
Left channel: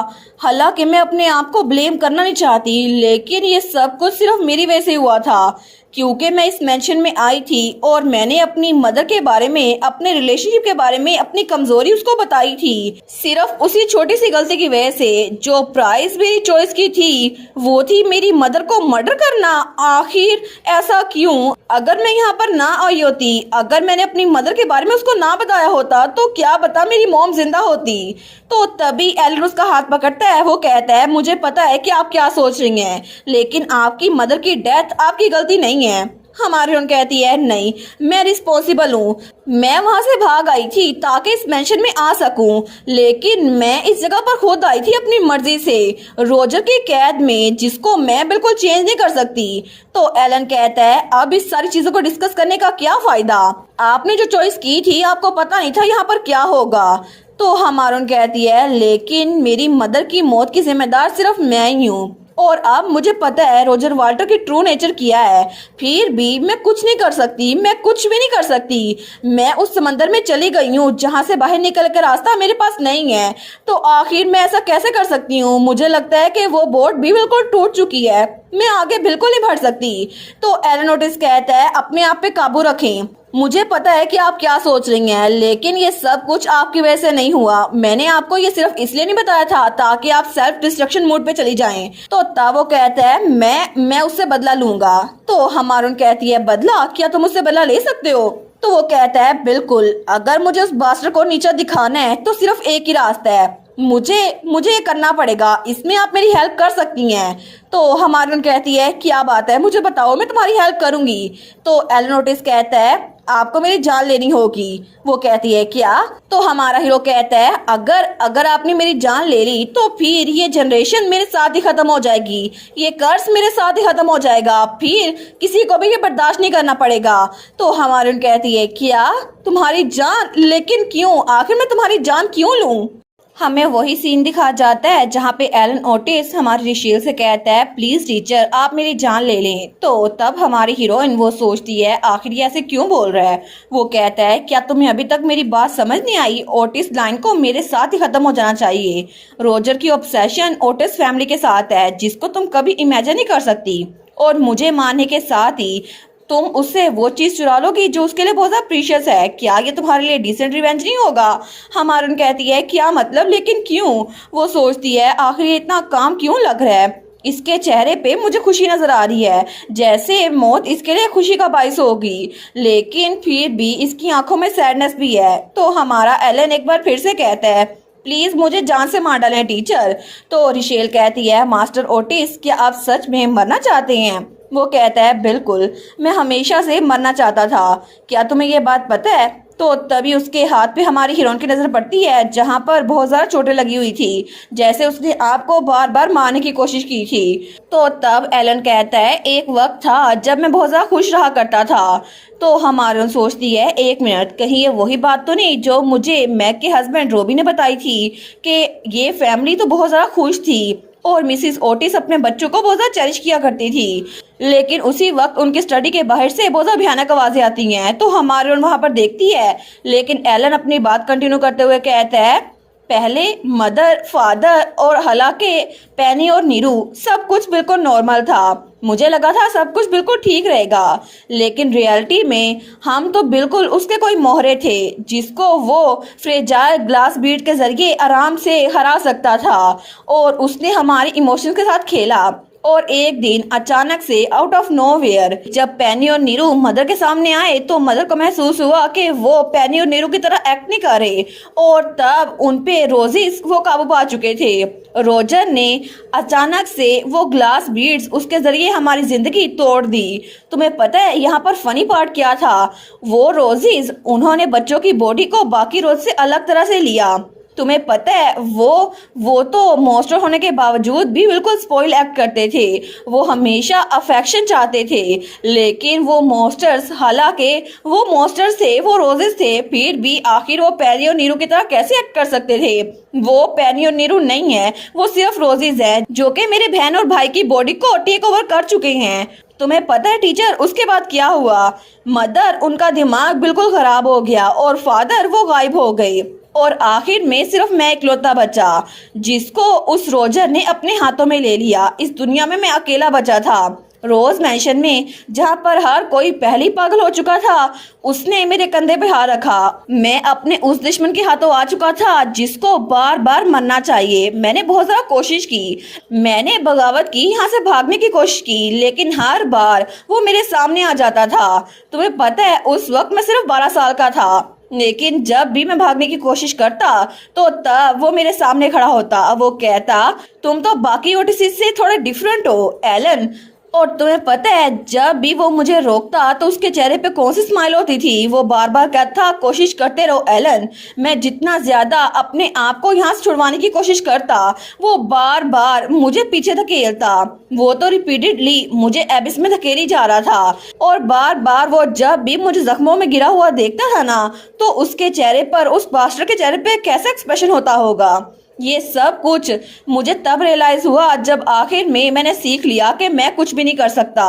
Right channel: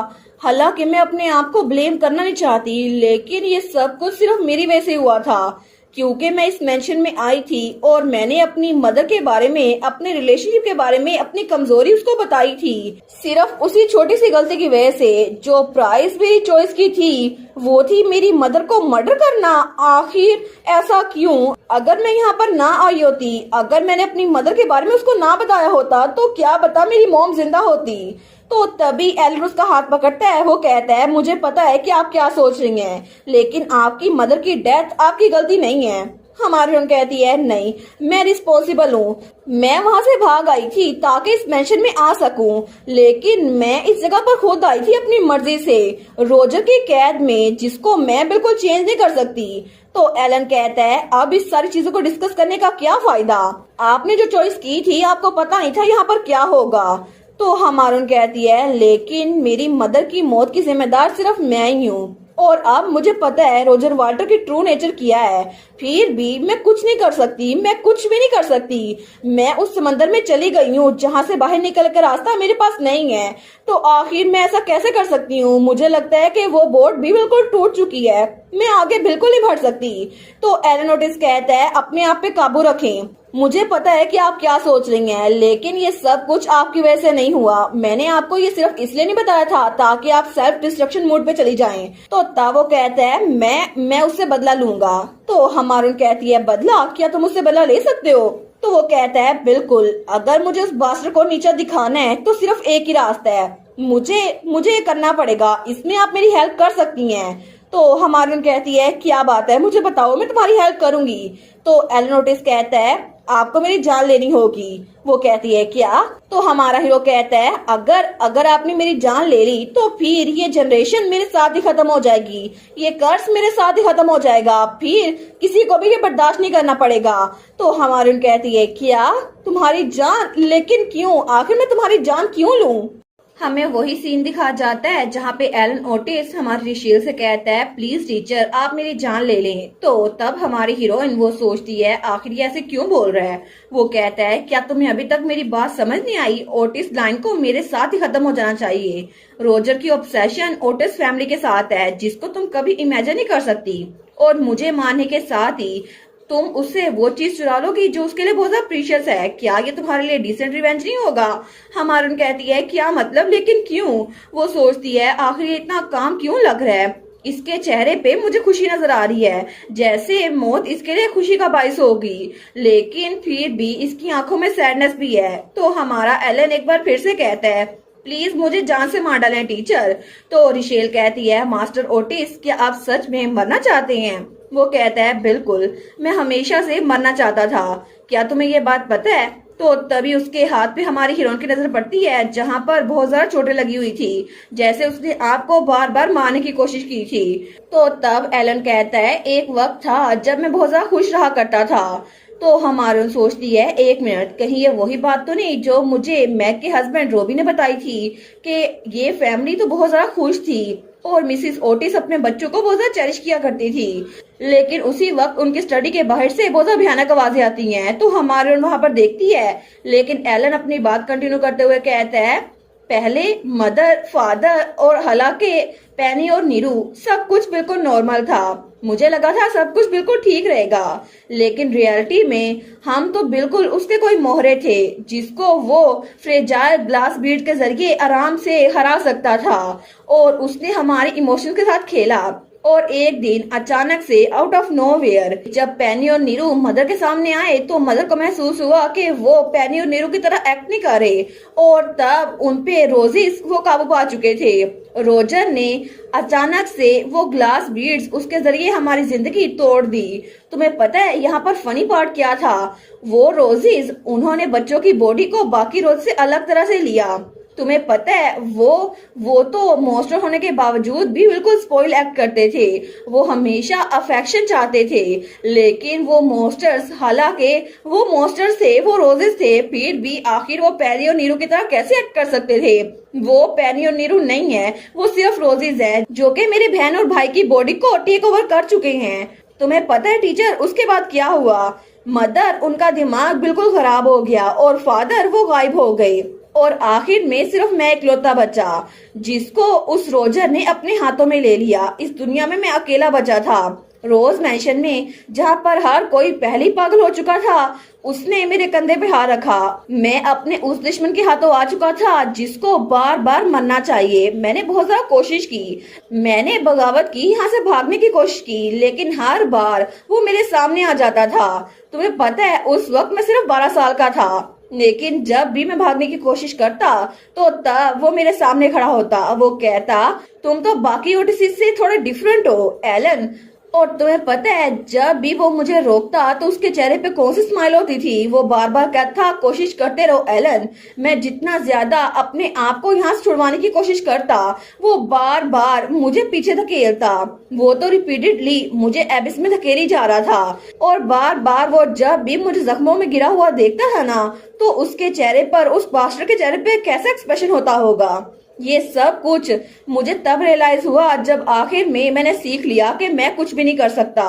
हालांकि मैं अपने आप को ब्लेम करना नहीं चाहती, लेकिन ये सब कुछ सिर्फ मेरी वजह से हुआ था, क्योंकि मैं इस मेंशन में आई थी और मैंने अपनी मदर के बारे में, अपने रिलेशनशिप के बारे में अपनी कमजोरी उसको बताई थी। सिर्फ उसी छोटी सी गलती की वजह से जो प्राइस मेरी चॉइस की थी वो थी मेरी मदर को मर्डर करना। आखिर ऐसा क्यों? अगर मैं यहाँ पर ना आई होती, अगर मैंने अपनी मदर के बारे में उसको ना बताया होता, तो क्या पता मेरी मॉम जिंदा होती। तो तभी एलन उसका हाथ पकड़ता है। वो कहता है मुझे पता है कि आप क्या सोच रही हैं, लेकिन आपकी मदर की डेथ आपकी गलती नहीं है। हमारी उन कहती है नहीं, मैं रिस्पॉन्सिबल हूँ। मैं वहां से भाग आई थी ताकि इस मेंशन में आ सकूं, लेकिन मैं इस जगह पर खुद आई थी अपनी मर्जी से, रोजर की कैद में, जिसको मैं बिल्कुल चेंज नहीं कर सकती। तो एलन कहता है अब इस सारी चीजों को डिस्कस करने का क्या फायदा? आपने जो चॉइस की थी आपको पता नहीं था यहाँ पर क्या होगा। तो हमारून कहती है लेकिन मेरी मदर की मौत की जिम्मेदार सिर्फ मैं ही हूँ, और अब मुझे पता है रोजर वाल्टर की ट्रू नेचर क्या है। फिर भी मैं कुछ नहीं कर सकती, मैं कुछ भी नहीं कर सकती। मैं उस समंदर में चली गई हूँ जहाँ से बाहर निकल कर रास्ता मेरे पास नहीं है। तो आखिर मैं ऐसा कैसे कर सकती हूँ? मुझे लगता है कि वो बोट भी बिल्कुल टूट चुकी है, मैं आगे बिल्कुल नहीं बढ़ सकती। तो एलन ओटिस कहता है अपने आप पे काबू रखें। मुझे पता है कि आप क्या सोच रही हैं, लेकिन ये सब कुछ आपकी वजह से नहीं हुआ। मैंने आपको ये सिर्फ इसलिए नहीं बताया था ताकि आप सेल्फ डिस्ट्रक्शन मोड पे चली जाएं। तो तब वो कहता है मैं उससे बदला लूंगा। तो हमारून कहती है बदला? क्या तुम उससे बदला ले सकते हो? तो वो कहता है बिल्कुल, अगर मुझे उस बास्टर को नीचे दिखाना है तो सिर्फ एक ही रास्ता है, मुझे ये करना पड़ेगा। इसमें आप मेरी हेल्प कर सकती हैं। तो हमारी कहती है क्या बात है, मुझे बताओ, मैं तुम्हारी हेल्प करूंगी। तो एलन ओटिस कहता है आपको मेरी जान लेनी होगी। वो कहती है क्या? तो हमारा हीरो कहता है अगर आपने मेरी जान ले ली तो फिर ये जनरेशन मेरे साथ ही खत्म हो जाएगी, ये कर्ज मेरे साथ ही खत्म हो जाएगा, फिर किसी को भी ये बर्दाश्त नहीं करना पड़ेगा। तो हमारी कहती है क्या तुम्हारी जान? लेकिन क्यों? आखिर मैं तुम्हारी जान क्यों लूं? हमें वही सीन दिखा जाता है जहाँ पे एलन ओटिस हमारे रिशेल से कहता है प्लीज टीचर आप मेरी जान ले लें। तो तब हमारी हीरोइन वो सोचती है आखिर ये ऐसे क्यों बोल रहा है। वो कहता है क्या तुम्हें अभी तक मेरी बात समझ नहीं आई? ओटिस लाइन को मेरे साथ ही खत्म हो जाना चाहिए। रोजर की ऑब्सेशन ओटिस फैमिली के साथ है जिसको तुम कभी इमेजिन नहीं कर सकती, और मुझे मानने के साथ ही तुम उससे वो चीज चुरा लोगी जो उसके लिए बहुत ज्यादा प्रीशियस है। क्या ये तुम्हारे लिए डिसेंट रिवेंज नहीं होगा? हमारन कहती है क्या मतलब, लेकिन क्यों? वो सोचती है आखिर ये इतना काम क्यों लग रहा है। इसके चेहरे पे मुझे खुशी नजर आ रही है, जैसे मौत इसके लिए खुशी का बायस होगी, लेकिन फिर भी इसकी आंखों में सैडनेस भी है। तो हमारा एलन एक बार फिर से कहता है प्लीज मुझे जान से मार डालें टीचर। तो रिशेल कहती है मास्टर ओटिस क्या आप सच में मरना चाहते हैं? वो कहता है बिल्कुल, मैं हमेशा से मरना चाहता था। क्या तुम्हें ये बात पता है? तो तभी उसके हाथ पे हमारी हीरोइन की नजर पड़ती है जहां पर बहुत ज्यादा चोटें लगी हुई थी, जैसे उसने आपको बार बार मारने की कोशिश की थी। तो तब एलन कहता है एक वक्त था जब मैं बहुत ज्यादा खुश रहा करता था। तो हमारी सोचती है एक मिनट, कहीं ये वही बात तो नहीं जो मुझे मैग के हस्बैंड रोबी ने बताई थी कि ये फैमिली तो बहुत ज्यादा खुश थी और मिसिस ओटिस अपने बच्चों को बहुत ज्यादा चेरिश किया करती थी, लेकिन उसी वक्त उनके स्टडी के बाहर से बहुत ज्यादा भयानक आवाजें आती हैं। तो हमारे वहां पर देखती है, लेकिन एलन अपनी बात कंटिन्यू करते हुए कहता है पहले मदर फादर और हालांकि पेनी और नीरू सब कुछ बिल्कुल नॉर्मल था। मुझे लगा था सब कुछ बिल्कुल ठीक रहेगा, लेकिन रियलिटी में हम तो बिल्कुल उसके कोई मोहरे थे जिसको वो फ्रेजाइल ग्लास बीड के जरिए आराम से हरा सकता था, और उसने हमारे इमोशंस के साथ खेला। और एक दिन अचानक से आउट ऑफ नोवेयर जब पेनी और नीरू मदर के सामने आए तो मदर को महसूस हुआ कि वो पेनी और नीरू की तरह एक्ट नहीं कर रहे, और तब उनपे रोजिस वो काबू पा चुके थे। रोजर ने अचानक से वो ग्लास बीड्स उसके जरिए हमारी जिंदगी तोड़ दी। तुम्हें पता है यहाँ पर फनी पार्ट क्या था? वो रोजिस उन्होंने बच्चों की बॉडी को बाकी रोज से अलग तरह से लिया। तुम्हें पता है वो तो मॉन्स्टर होने के बावजूद भी बिल्कुल स्पॉइल एक्ट करते थे। वो हमेशा अफेक्शन चाहते थे, लेकिन वो मॉन्स्टर्स हालांकि वो मॉन्स्टर्स थे, वो रोजेस थे, फिर भी आखिर वो पेनी और नीरू की तरह कैसे एक्ट कर सकते थे? वो पेनी और नीरू नहीं है, वो सिर्फ रोजेस है जो कि मेरे बहन और भाई की बॉडी को टेक ओवर कर चुके हैं। तुम्हें पता है टीचर उसके बाद क्या हुआ? मदर उनका दिमाग बिल्कुल खराब हो गया और फादर वो गायब हो गए, और आखिर में सिर्फ मैं इकलौता बचा जिसको उस रोजर ने अपने हाथों में ले लिया। इस दुनिया में मैं अकेला बचा था। रोज मैंशन में जहाँ पर हर कोई पहली पागल हो चुका था, उसने मेरे कंधे पे हाथ रखा। मैं अपने उस दुश्मन के हाथों आ चुका था जिसको बार बार मरना चाहिए। मैंने बहुत ज्यादा कोशिश की, मैंने बगावत की, यहाँ से भागने की कोशिश की, लेकिन हर बार वो मेरे सामने आ जाता था। तुम्हें पता है उस वक्त मैं सिर्फ 12 साल का था, लेकिन जब भी मैं भागने की कोशिश करता तो तब वो मेरे सामने खड़ा होता। वो कहता तुम तो बाकी ओटिस से थोड़े डिफरेंट हो एलन। और तुम्हें पता है जब भी वो मुझे रोकता तो उसके चेहरे पे कौन सी स्माइल होती थी? वो बार बार कहता कोशिश करते रहो एलन। मैं जितना ज्यादा अपने आप को यहाँ से छुड़वाने की कोशिश करता, वो बार बार मुझे पीछे धकेलता। वो तो रिपीटेडली मुझे एबिस में धकेली जा रहा था, और बार बार वो जब भी मुझे जख्मों में गिरा हुआ देखता था ना, तो उसके चेहरे पर, उस मास्टर के चेहरे पे कैसा एक्सप्रेशन होता होगा। ये सब कुछ मुझे तब रियलाइज हुआ जब आखिर में मैंने सीख लिया कि मैं कुछ भी नहीं कर सकता,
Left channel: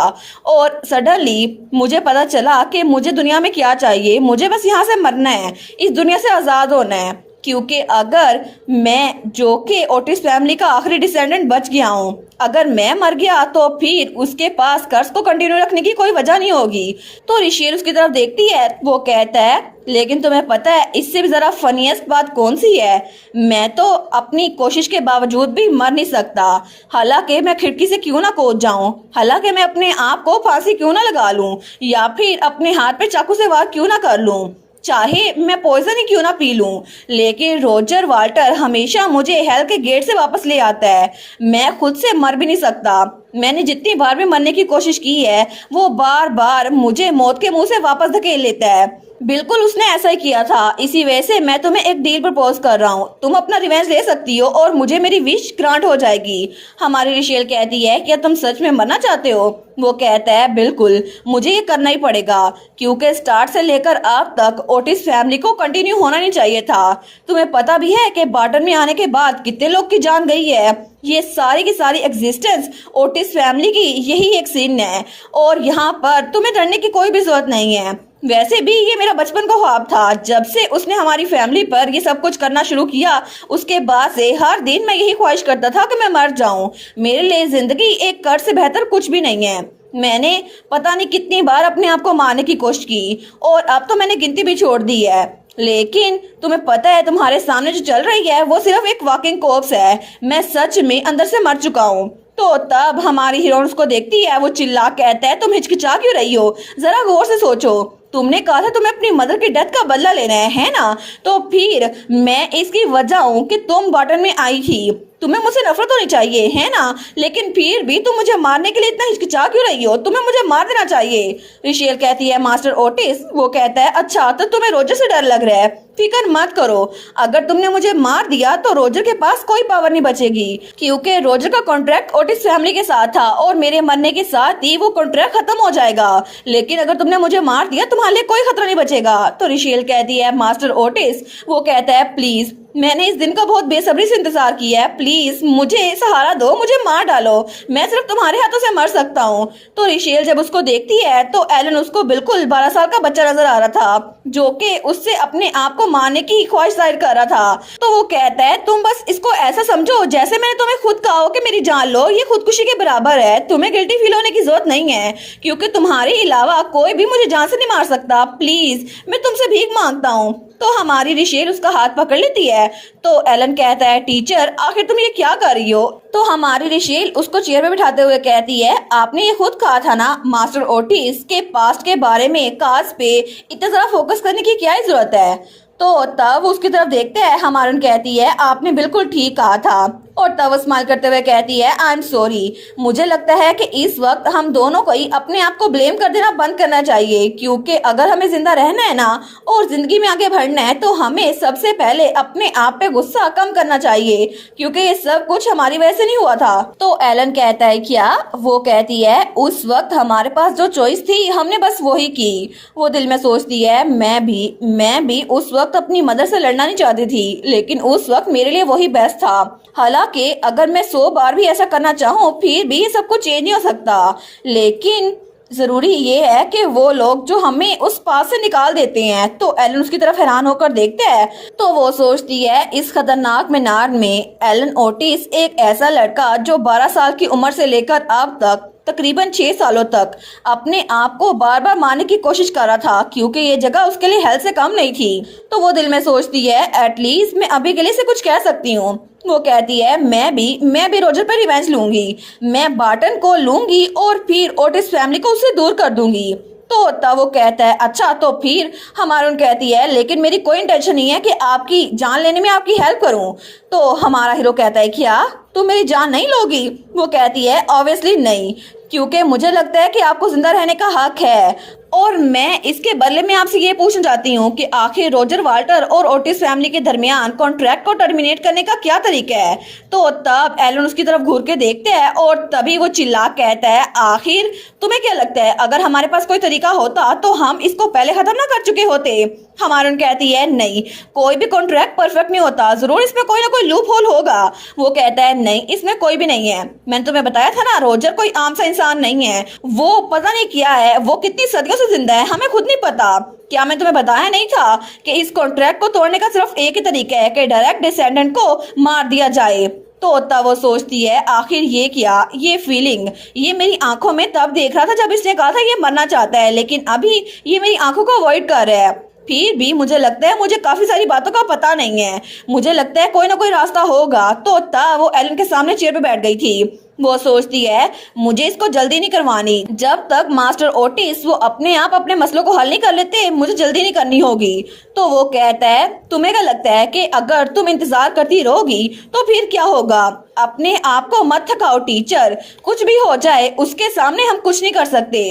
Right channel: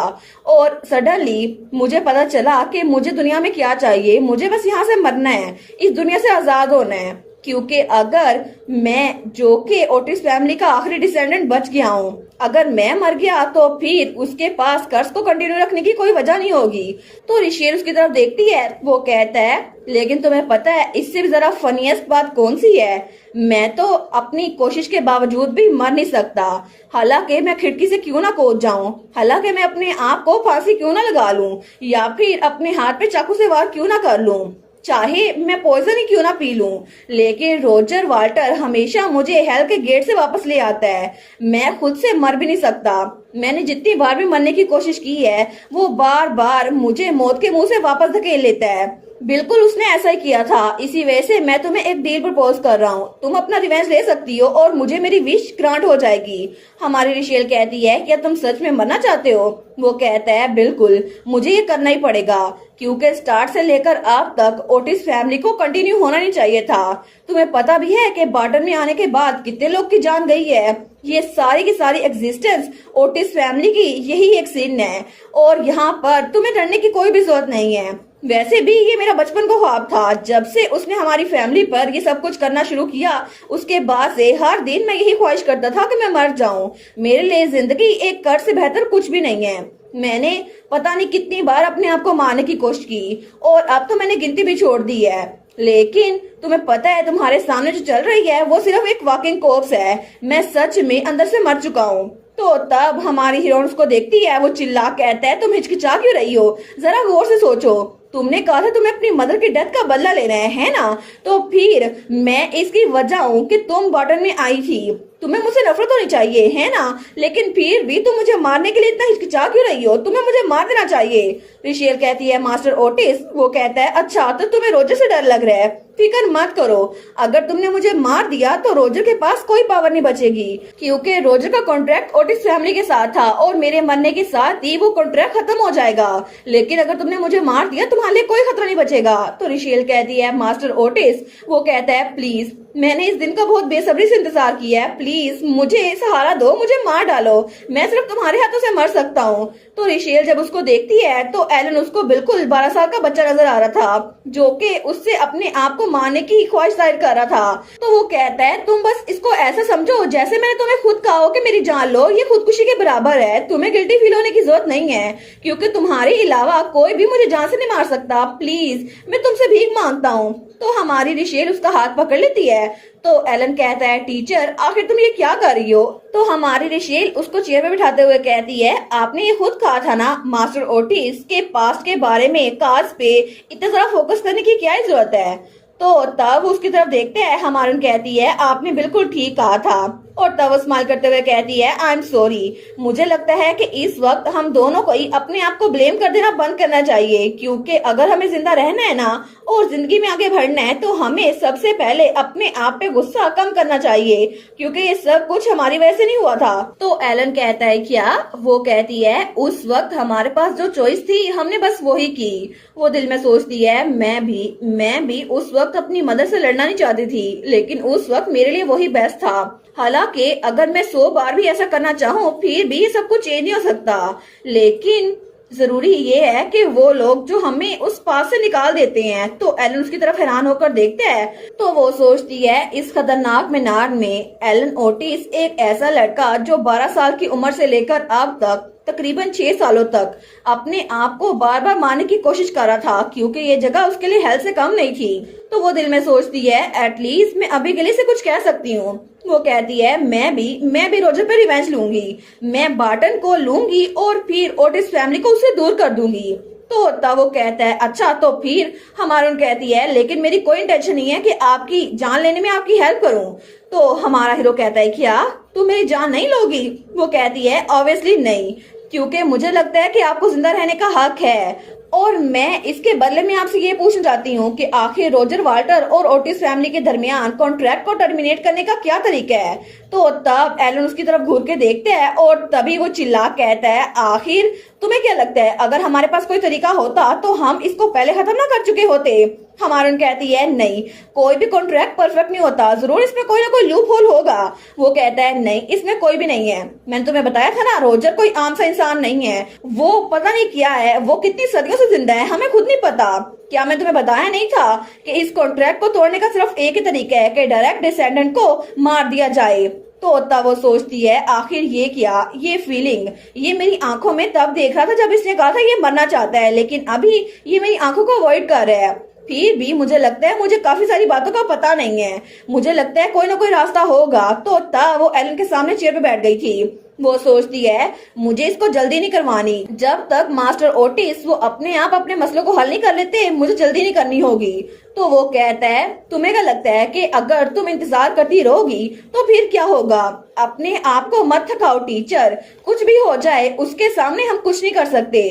और सडनली मुझे पता चला कि मुझे दुनिया में क्या चाहिए। मुझे बस यहाँ से मरना है, इस दुनिया से आजाद होना है, क्योंकि अगर मैं जो कि ओटिस फैमिली का आखिरी डिसेंडेंट बच गया हूँ, अगर मैं मर गया तो फिर उसके पास कर्ज को कंटिन्यू रखने की कोई वजह नहीं होगी। तो रिशेल उसकी तरफ देखती है, वो कहता है लेकिन तुम्हें पता है इससे भी जरा फनीएस्ट बात कौन सी है? मैं तो अपनी कोशिश के बावजूद भी मर नहीं सकता। हालांकि मैं खिड़की से क्यों ना कूद जाऊं, हालांकि मैं अपने आप को फांसी क्यों ना लगा लूं, या फिर अपने हाथ पे चाकू से वार क्यों ना कर लूं, चाहे मैं पॉइजन ही क्यों ना पी लूं, लेकिन रोजर वाल्टर हमेशा मुझे हेल के गेट से वापस ले आता है। मैं खुद से मर भी नहीं सकता। मैंने जितनी बार भी मरने की कोशिश की है, वो बार बार मुझे मौत के मुंह से वापस धकेल लेता है। बिल्कुल उसने ऐसा ही किया था। इसी वजह से मैं तुम्हें एक डील प्रपोज कर रहा हूँ, तुम अपना रिवेंज ले सकती हो और मुझे मेरी विश ग्रांट हो जाएगी। हमारी रिशेल कहती है क्या तुम सच में मरना चाहते हो? वो कहता है बिल्कुल, मुझे ये करना ही पड़ेगा, क्योंकि स्टार्ट से लेकर अब तक ओटिस फैमिली को कंटिन्यू होना नहीं चाहिए था। तुम्हें पता भी है कि बार्टन में आने के बाद कितने लोग की जान गई है। ये सारी की सारी एग्जिस्टेंस ओटिस फैमिली की यही एक सीन है, और यहाँ पर तुम्हें डरने की कोई भी जरूरत नहीं है। वैसे भी ये मेरा बचपन का ख्वाब था। जब से उसने हमारी फैमिली पर ये सब कुछ करना शुरू किया, उसके बाद से हर दिन मैं यही ख्वाहिश करता था कि मैं मर जाऊं। मेरे लिए जिंदगी एक कर्ज से बेहतर कुछ भी नहीं है। मैंने पता नहीं कितनी बार अपने आप को मारने की कोशिश की और अब तो मैंने गिनती भी छोड़ दी है, लेकिन तुम्हें पता है तुम्हारे सामने जो चल रही है वो सिर्फ एक वॉकिंग कॉर्प्स है। मैं सच में अंदर से मर चुका हूँ। तो तब हमारी हीरोइन उसको देखती है, वो चिल्ला कहता है तुम हिचकिचा क्यों रही हो, जरा गौर से सोचो। तुमने कहा था तुम्हें अपनी मदर की डेथ का बदला लेना है ना? तो फिर मैं इसकी वजह हूँ कि तुम बॉटल में आई थी। तुम्हें मुझसे नफरत होनी चाहिए है ना, लेकिन फिर भी तुम मुझे मारने के लिए इतना हिचकिचा क्यों रही हो? तुम्हें मुझे मार देना चाहिए। रिशेल कहती है मास्टर ओटिस। वो कहता है अच्छा तो तुम्हें रोजर से डर लग रहा है, फिक्र मत करो, अगर तुमने मुझे मार दिया तो रोजर के पास कोई पावर नहीं बचेगी, क्योंकि रोजर का कॉन्ट्रैक्ट ओटिस फैमिली के साथ था और मेरे मरने के साथ ही वो कॉन्ट्रैक्ट खत्म हो जाएगा। लेकिन अगर तुमने मुझे मार दिया तुम्हारे लिए कोई खतरा नहीं बचेगा। तो रिशेल कहती है मास्टर ओटिस। वो कहता है प्लीज, मैंने इस दिन का बहुत बेसब्री से इंतजार किया है, प्लीज मुझे सहारा दो, मुझे मार डालो, मैं सिर्फ तुम्हारे हाथों से मर सकता हूँ। तो रिशेल जब उसको देखती है तो एलन उसको बिल्कुल 12 साल का बच्चा नजर आ रहा था, जो कि उससे अपने आप को मारने की ख्वाहिश जाहिर कर रहा था। तो वो कहता है तुम बस इसको ऐसा समझो जैसे मैंने तुम्हें खुद कहा हो कि मेरी जान लो, ये खुदकुशी के बराबर है, तुम्हें गिल्टी फील होने की जरूरत नहीं है, क्योंकि तुम्हारे अलावा कोई भी मुझे जान से नहीं मार सकता, प्लीज मैं तुमसे भीख मांगता हूँ। तो हमारी रिशेल उसका हाथ पकड़ लेती है। तो एलन कहता है टीचर आखिर तुम ये क्या कर रही हो? तो हमारी रिशेल उसको चेयर पे बिठाते हुए कहती है आपने ये खुद कहा था ना मास्टर ओटिस के पास्ट के बारे में, कास्ट पे इतना सारा फोकस करने की क्या जरूरत है? तो तब उसकी तरफ देखते हैं, हमारन कहती है आपने बिल्कुल ठीक कहा था। और तब वो स्माइल करते हुए कहती है आई एम सॉरी, मुझे लगता है कि इस वक्त हम दोनों को ही अपने आप को ब्लेम कर देना बंद करना चाहिए, क्योंकि अगर हमें जिंदा रहना है ना और जिंदगी में आगे बढ़ना है तो हमें सबसे पहले अपने आप पे गुस्सा कम करना चाहिए, क्योंकि ये सब कुछ हमारी वजह से नहीं हुआ था। तो एलन कहता है क्या? वो कहती है उस वक्त हमारे पास जो चॉइस थी हमने बस वही की। वो दिल में सोचती है मैं भी उस वक्त अपनी मदर से लड़ना नहीं चाहती थी, लेकिन उस वक्त मेरे लिए वही बेस्ट था। हालांकि अगर मैं 100 बार भी ऐसा करना चाहूँ फिर भी ये सब कुछ चेंज नहीं हो सकता, लेकिन जरूरी ये है कि वो लोग जो हमें उस पास से निकाल देते हैं। तो एलन उसकी तरफ हैरान होकर देखते हैं। तो वो सोचती है इस खतरनाक मीनार में एलन ओटिस एक ऐसा लड़का जो 12 साल की उम्र से लेकर अब तक तकरीबन 6 सालों तक अपने आप को बार बार मारने की कोशिश कर रहा था, क्योंकि ये जगह उसके लिए हेल्थ से कम नहीं थी। तो वो दिल में सोचती है एटलीस्ट मैं अभी के लिए से कुछ कह सकती हूँ। वो कहती है मैं भी रोजर पर रिवेंज लूंगी, मैं बार्टन को लूंगी और फिर ओटिस फैमिली को उससे दूर कर दूंगी। तो तब वो कहता है अच्छा तो फिर हमारून कहती है लेकिन मेरी कोई इंटेंशन नहीं है कि आपकी जान लेने में आपकी हेल्प करूं। तो हमारा हीरो कहता है क्या तुम मेरी जान नहीं लोगी? वो कहती है ऑब्वियसली नहीं, क्योंकि मुझे लगता है कि आपको जिंदा रहने का हक है और मैं इसके बदले में आपसे ये पूछना चाहती हूँ कि आखिर रोजर वाल्टर और ओटिस फैमिली के दरमियान कॉन्ट्रैक्ट को टर्मिनेट करने का क्या तरीका है? तो तब एलन उसकी तरफ घूर के देखते हैं और तभी वो चिल्ला कहता है आखिर तुम्हें क्या लगता है अगर हमारे पास कोई तरीका होता तो हम इसको पहले खत्म ना कर चुके होते? हमारन कहती है नहीं, कोई भी कॉन्ट्रैक्ट परफेक्ट नहीं होता, जरूर इसमें कोई ना कोई लूप होल होगा। वो कहता है नहीं इसमें कोई भी नहीं है, मैंने तुम्हें बताया था ना रोजर कोई आम सा इंसान नहीं है, वो पता नहीं क्या है, वो कितनी सदियों से जिंदा है हमें खुद नहीं पता। क्या मैं तुम्हें बताया नहीं था कि इस कॉन्ट्रैक्ट को तोड़ने का सिर्फ एक ही तरीका है कि डायरेक्ट डिसेंडेंट को मार दिया जाए। तो तब वो सोचती है आखिर ये क्या, ये फीलिंग ये मेरी आंखों में तब देख रहा था जब इसने कहा था ये मरना चाहता है, लेकिन अभी ये मेरी आंखों को अवॉइड कर रहा है। फिर भी मुझे लगता है मुझे काफी सारी बातों का पता नहीं है, मुझे लगता है कोई ना कोई रास्ता होगा। तो तब वो एलन के सामने चेयर पे बैठ गई थी। वो सोचती है मुझे इसको जल्दी नहीं करवानी, जब तक मास्टर ओटिस वो अपने आप अपने मसलों को हल नहीं कर लेते मुझे जल्दी नहीं करनी होगी। तो वो कहता है तुम्हें क्या लगता है कि अगर तुम इंतजार करती रहोगी तो फिर क्या होगा? अपने आप को मत थकाओ टीचर, कुछ भी हो जाए उसके सामने हम कुछ नहीं कर सकते।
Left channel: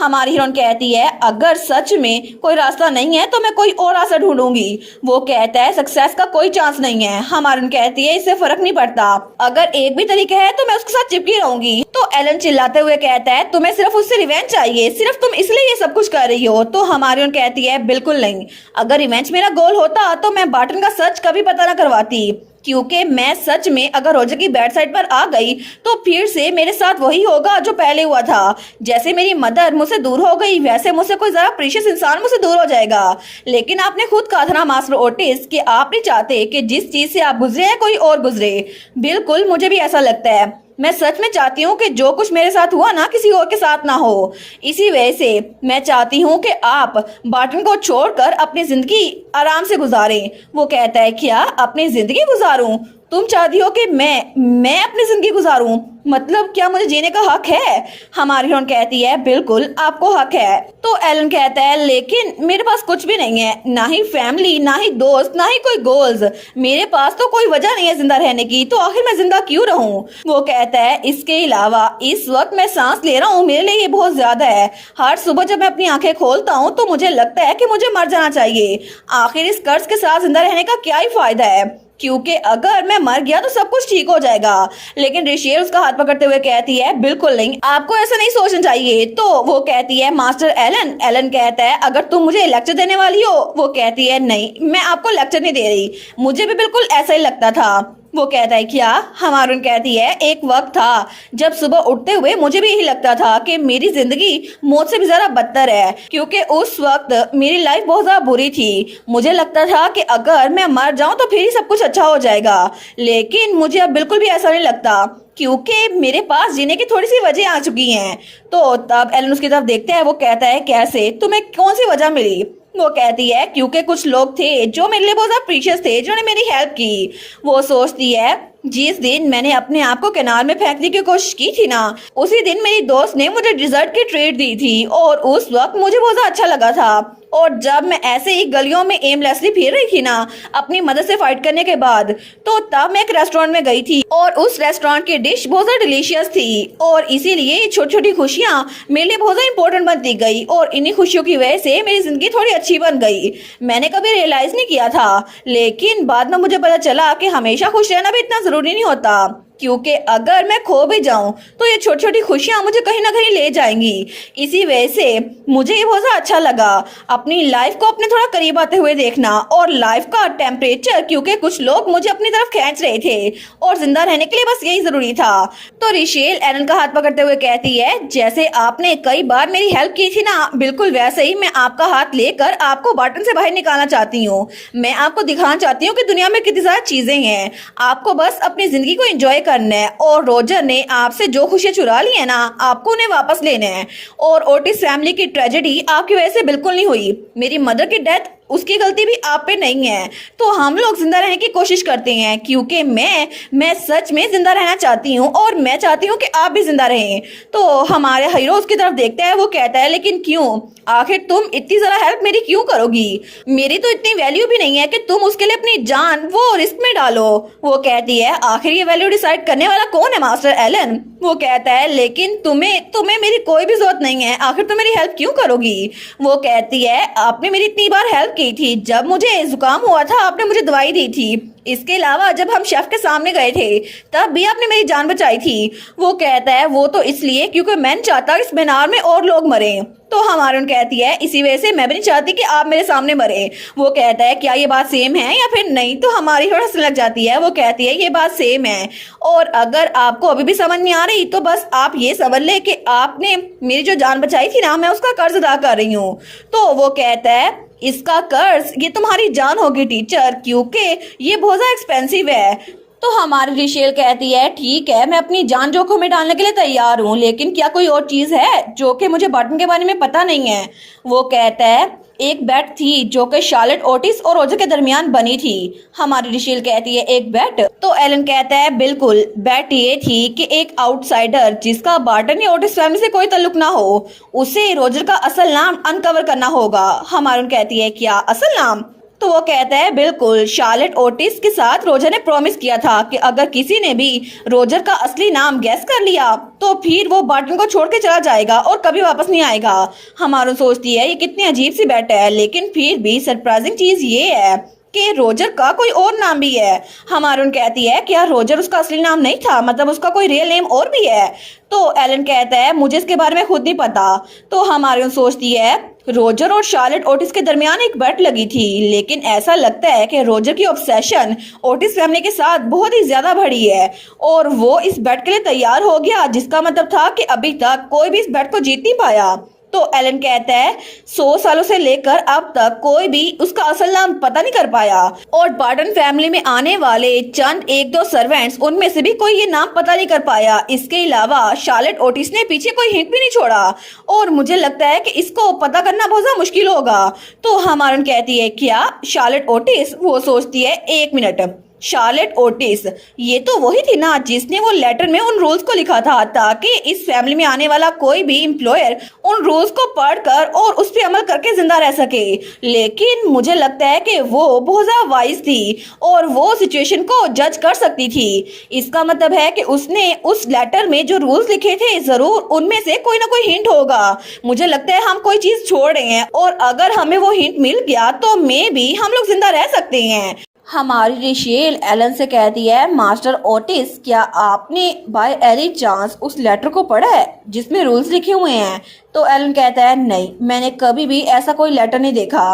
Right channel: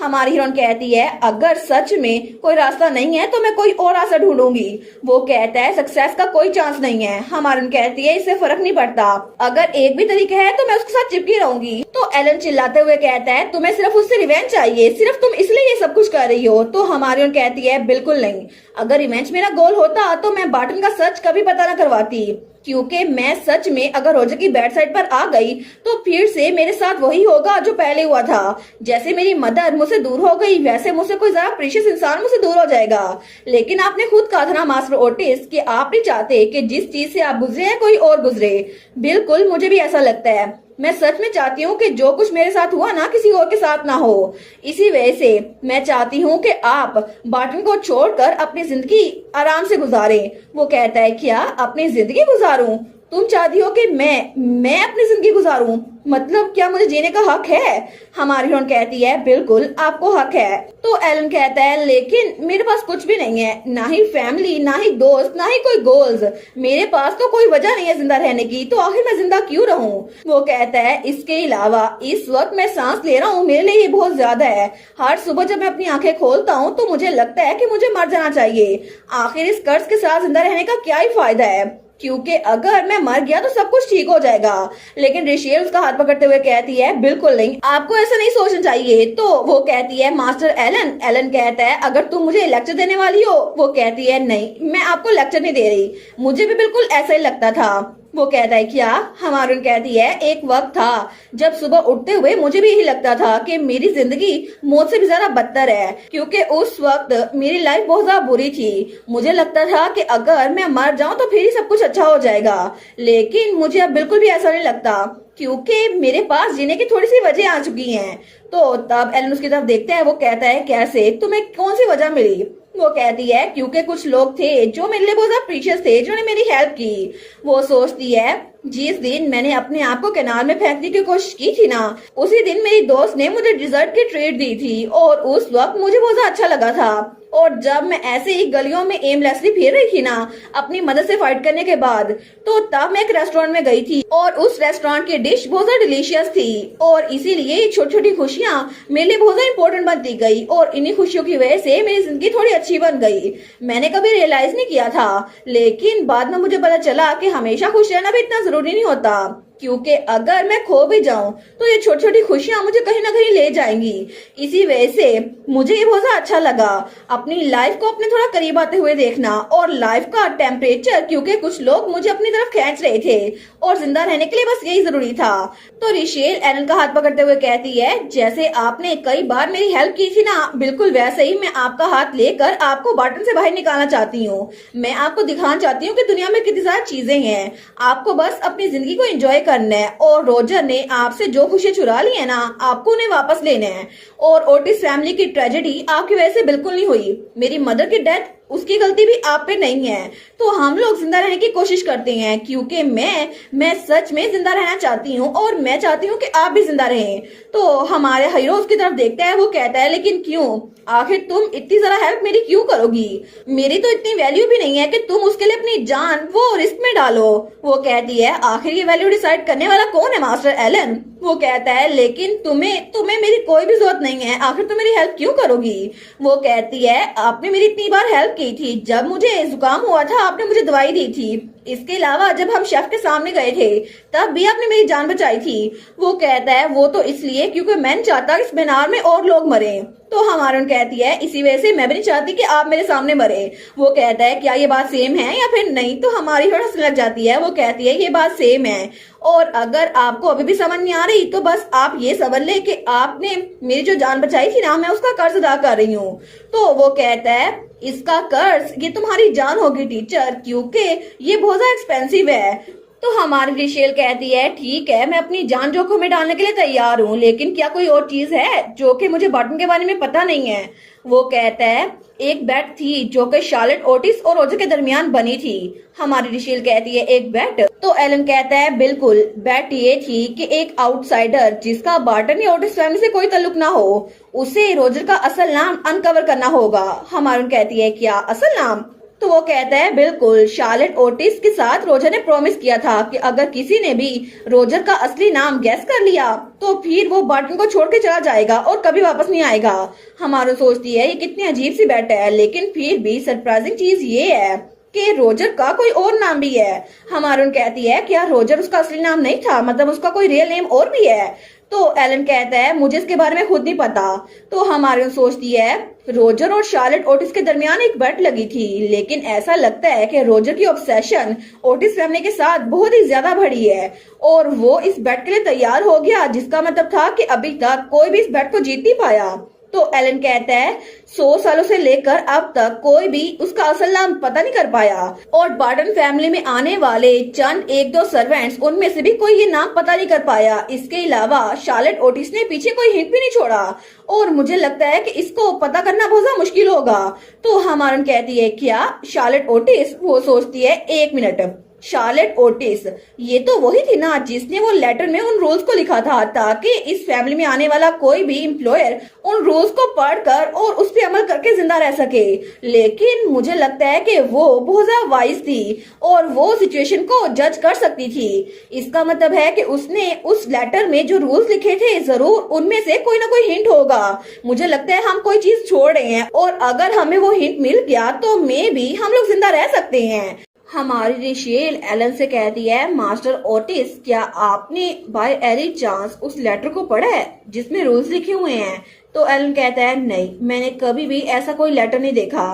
हमारी हीरोइन कहती है अगर सच में कोई रास्ता नहीं है तो मैं कोई और रास्ता ढूंढूंगी। वो कहता है सक्सेस का कोई चांस नहीं है। हमारी कहती है इससे फर्क नहीं पड़ता, अगर एक भी तरीका है तो मैं उसके साथ चिपकी रहूंगी। तो एलन चिल्लाते हुए कहता है तुम्हें सिर्फ उससे रिवेंज चाहिए, सिर्फ तुम इसलिए ये सब कुछ कर रही हो। तो हमारी कहती है बिल्कुल नहीं, अगर रिवेंज मेरा गोल होता तो मैं बार्टन का सच कभी पता न करवाती, क्योंकि मैं सच में अगर रोजर की बैड साइड पर आ गई तो फिर से मेरे साथ वही होगा जो पहले हुआ था। जैसे मेरी मदर मुझसे दूर हो गई वैसे मुझसे कोई जरा प्रीशियस इंसान मुझसे दूर हो जाएगा। लेकिन आपने खुद कहा था ना मास्टर ओटिस कि आप नहीं चाहते कि जिस चीज से आप गुजरे हैं कोई और गुजरे। बिल्कुल मुझे भी ऐसा लगता है, मैं सच में चाहती हूँ कि जो कुछ मेरे साथ हुआ ना किसी और के साथ ना हो। इसी वजह से मैं चाहती हूँ कि आप बार्टन को छोड़कर अपनी जिंदगी आराम से गुजारें। वो कहता है क्या अपनी जिंदगी गुजारूं? तुम चाहती हो कि मैं अपनी जिंदगी गुजारूं? मतलब क्या मुझे जीने का हक है? हमारी हीरोइन कहती है बिल्कुल आपको हक है। तो एलन कहता है लेकिन मेरे पास कुछ भी नहीं है, ना ही फैमिली, ना ही दोस्त, ना ही कोई गोल्स। मेरे पास तो कोई वजह नहीं है जिंदा रहने की, तो आखिर मैं जिंदा क्यों रहूं? वो कहता है इसके अलावा इस वक्त मैं सांस ले रहा हूँ, मेरे लिए ये बहुत ज्यादा है। हर सुबह जब मैं अपनी आंखें खोलता हूँ तो मुझे लगता है कि मुझे मर जाना चाहिए। आखिर इस कर्ज के साथ जिंदा रहने का क्या ही फायदा है, क्योंकि अगर मैं मर गया तो सब कुछ ठीक हो जाएगा। लेकिन रेशेल उसका हाथ पकड़ते हुए कहती है बिल्कुल नहीं, आपको ऐसा नहीं सोचना चाहिए। तो वो कहती है मास्टर एलन। एलन कहता है अगर तुम मुझे लेक्चर देने वाली हो। वो कहती है नहीं, मैं आपको लेक्चर नहीं दे रही, मुझे भी बिल्कुल ऐसा ही लगता था। वो कहता है क्या? हमारून कहती है एक वक्त था जब सुबह उठते हुए मुझे भी यही लगता था कि मेरी जिंदगी मौत से भी ज्यादा बदतर है, क्योंकि उस वक्त मेरी लाइफ बहुत ज्यादा बुरी थी। मुझे लगता था कि अगर मैं मर जाऊं तो फिर ही सब कुछ अच्छा हो जाएगा, लेकिन मुझे अब बिल्कुल भी ऐसा नहीं लगता, क्योंकि मेरे पास जीने की थोड़ी सी वजह आ चुकी हैं। तो तब एलन उसकी तरफ देखता है। वो कहता है कैसे? तुम्हें कौन सी वजह मिली? वो कहती है क्योंकि कुछ लोग थे जो मेरे लिए बहुत ज्यादा प्रीशियस थे, जिन्होंने मेरी हेल्प की। वो सोचती है जिस दिन मैंने अपने आप को किनारे में फेंकने की कोशिश की थी ना, उसी दिन मेरी दोस्त ने मुझे डिजर्ट की ट्रीट दी थी और उस वक्त मुझे बहुत ज्यादा अच्छा लगा था। और जब मैं ऐसे ही गलियों में एमलेसली फिर रही थी ना अपनी मदद से फाइट करने के बाद, तो तब मैं एक रेस्टोरेंट में गई थी और उस रेस्टोरेंट की डिश बहुत ज्यादा डिलीशियस थी, और इसीलिए छोटी छोटी खुशियां मेरे लिए बहुत ज्यादा इंपॉर्टेंट बनती गई, और इन्हीं खुशियों की वजह से मेरी जिंदगी थोड़ी अच्छी बन गई। मैंने कभी रियलाइज नहीं किया था, लेकिन बाद में मुझे पता चला कि हमेशा खुश रहना भी इतना जरूरी नहीं होता, क्योंकि अगर मैं खो भी जाऊं तो ये छोटी छोटी खुशियां मुझे कहीं ना कहीं ले जाएंगी। इसी वजह से मुझे ये बहुत अच्छा लगा अपनी लाइफ को अपने थोड़ा करीब आते हुए देखना, और लाइफ का टेम्परेचर, क्योंकि कुछ लोग मुझे अपनी तरफ खींच रहे थे और जिंदा रहने के लिए बस यही जरूरी था। तो रिशेल एलन का हाथ पकड़ते हुए कहती है जैसे आपने कई बार मेरी हेल्प की थी ना, बिल्कुल वैसे ही मैं आपका हाथ लेकर आपको बटन से बाहर निकालना चाहती हूँ। मैं आपको दिखाना चाहती हूँ कि दुनिया में कितनी सारी चीजें हैं, आपको बस अपनी जिंदगी को एंजॉय करना है, और रोजर ने आपसे जो खुशियां चुरा ली है ना, आपको उन्हें वापस लेना है। और ओटिस फैमिली की ट्रेजेडी आपकी वजह से बिल्कुल नहीं हुई, मेरी मदर की डेथ उसकी गलती भी आप पे नहीं है। तो हम लोग जिंदा रहने की कोशिश करते हैं, क्योंकि मैं सच में जिंदा रहना चाहती हूँ, और मैं चाहती हूँ कि आप भी जिंदा रहें। तो हमारे हीरो उसकी तरफ देखता है। वो कहता है लेकिन क्यों? आखिर तुम इतनी ज्यादा हेल्प मेरी क्यों करोगी? मेरी तो इतनी वैल्यू भी नहीं है कि तुम उसके लिए अपनी जान वो रिस्क में डालो। वो कहती है आखिर ये वैल्यू डिसाइड करने वाला कौन है, मास्टर एलन? वो कहता है लेकिन तुम्हें मेरी कोई भी जरूरत नहीं है, आखिर तुम मेरी हेल्प क्यों करोगी? वो कहती है आपने मेरी इतनी बार हेल्प की थी, जब मुझे जुकाम हुआ था आपने मुझे दवाई दी थी, इसके अलावा जब हम शेफ के सामने गए थे तब भी आपने मेरी जान बचाई थी। वो कहता है वो तो इसलिए क्योंकि मैं नहीं चाहता इस मीनार में और लोग मरे। तो हमारन कहती है इसी वजह से मैं भी नहीं चाहती कि आप मेरे सामने मरे। वो कहता है क्या ये बात सेम है या फिर नहीं? तो हमारी थोड़ा हंसने लग जाती है। वो कहती है ये बात सेम है, और अगर आपको अभी भी समझ नहीं आ रही तो बस आप ये समझ ले कि आपने मेरी जो जान बचाई थी ना, मैं उसका कर्ज अदा कर रही हूँ। तो वो कहता है इसका कर्ज ये तुम्हारी जान होगी टीचर, क्योंकि ये बहुत ज्यादा एक्सपेंसिव है। तो हमारी रिशेल कहती है ठीक है, मैं अपनी जान जोखिम में डालने के लिए तैयार हूँ, लेकिन क्या कोई और चीज है जो कि मुझे बटन के बारे में पता नहीं है? वो कहता है एक बेट थी जो कि शार्लेट ओटिस और रोजर के दरमियान बनी थी। हमारी रिशेल कहती है एक बेट? तो एलन कहता है बिल्कुल, बेट ये थी कि एक आउटसाइडर जिसका बार्टन या ओटिस फैमिली से कोई ताल्लुक ना हो, उसे रोजर का असल नाम अनकवर करना होगा। हमारी कहती है क्या असल नाम? तो वो कहता है बिल्कुल, शार्लेट ओटिस के साथ रोजर ने प्रॉमिस किया था कि अगर किसी ने भी रोजर का असली नाम गैस कर लिया तो फिर वो बटन को छोड़ के चला जाएगा और कभी वापस नहीं आएगा। हमारा सोचती है ये कितनी अजीब सी बेट है, लेकिन फिर भी सरप्राइजिंग चीज ये है कि रोजर का कोई और नाम भी है। हमारून कहती है क्या रोजर उसका असली नाम नहीं था, मतलब उसका कोई रियल नेम और भी है? तो एलन कहता है मुझे इसके बारे में खुद नहीं पता। तो हमारून सोचती है रोजर और शार्लेट ओटिस के दरमियान एक बेट लगी थी, लेकिन ऐसा लगता है कि रोजर की ऑब्सेशन ओटिस फैमिली के साथ बहुत ही ज्यादा बढ़ी है और वो इस बेट के लिए तैयार हो गया, जिसका मतलब था कि अभी तक कोई भी इस बेट को जीत नहीं पाया। तो एलन कहता है 100 सालों से लेकर अब तक कोई भी उसका असल नाम पता नहीं कर पाया और बार्टन फैमिली में आने वाले चंद एक दो सर्वेंट्स उनमें से भी कोई ये नाम पता नहीं कर पाया। इसके अलावा शार्लेट ओटिस ने पीछे कोई हिंट भी नहीं छोड़ा और मुझे लगता है कि इसको पता करना बहुत ज्यादा मुश्किल होगा। तो हमारन कहती है क्या शार्लेट ओटिस? वो सोचती है 1 मिनट, शार्लेट ओटिस ये तो वही थी ना जिसने वो लेटर में उन रूल्स को लिखा था ताकि इस फैमिली में आने वाला कोई भी एम्प्लॉयर उन रूल्स को पढ़कर और उस पर अमल करके जिंदा रह सके। लेकिन मुझे लगता है कि वो बहुत ज्यादा वाइज थी और वो सिचुएशन को जज कर सकती थी। इसका मतलब है कि उसने उस लेटर में जो रूल्स लिखे थे जरूर उनमें से कोई ना कोई हिंट होगा। मुझे लगता है हम कोई चीज छोड़ रहे हैं और अगर हमें वो हिंट मिल गया तो मे भी हम लोग जिंदा रह सकते हैं। हमारी रिशेल एलन से कहती है मास्टर ओटिस क्या आपने बाय एनी चांस उस लेटर को पढ़ा है जिसमें रूल्स लिखे हुए हैं? तो एलन कहता है नहीं, मैंने कभी भी ऐसा कोई लेटर नहीं देखा।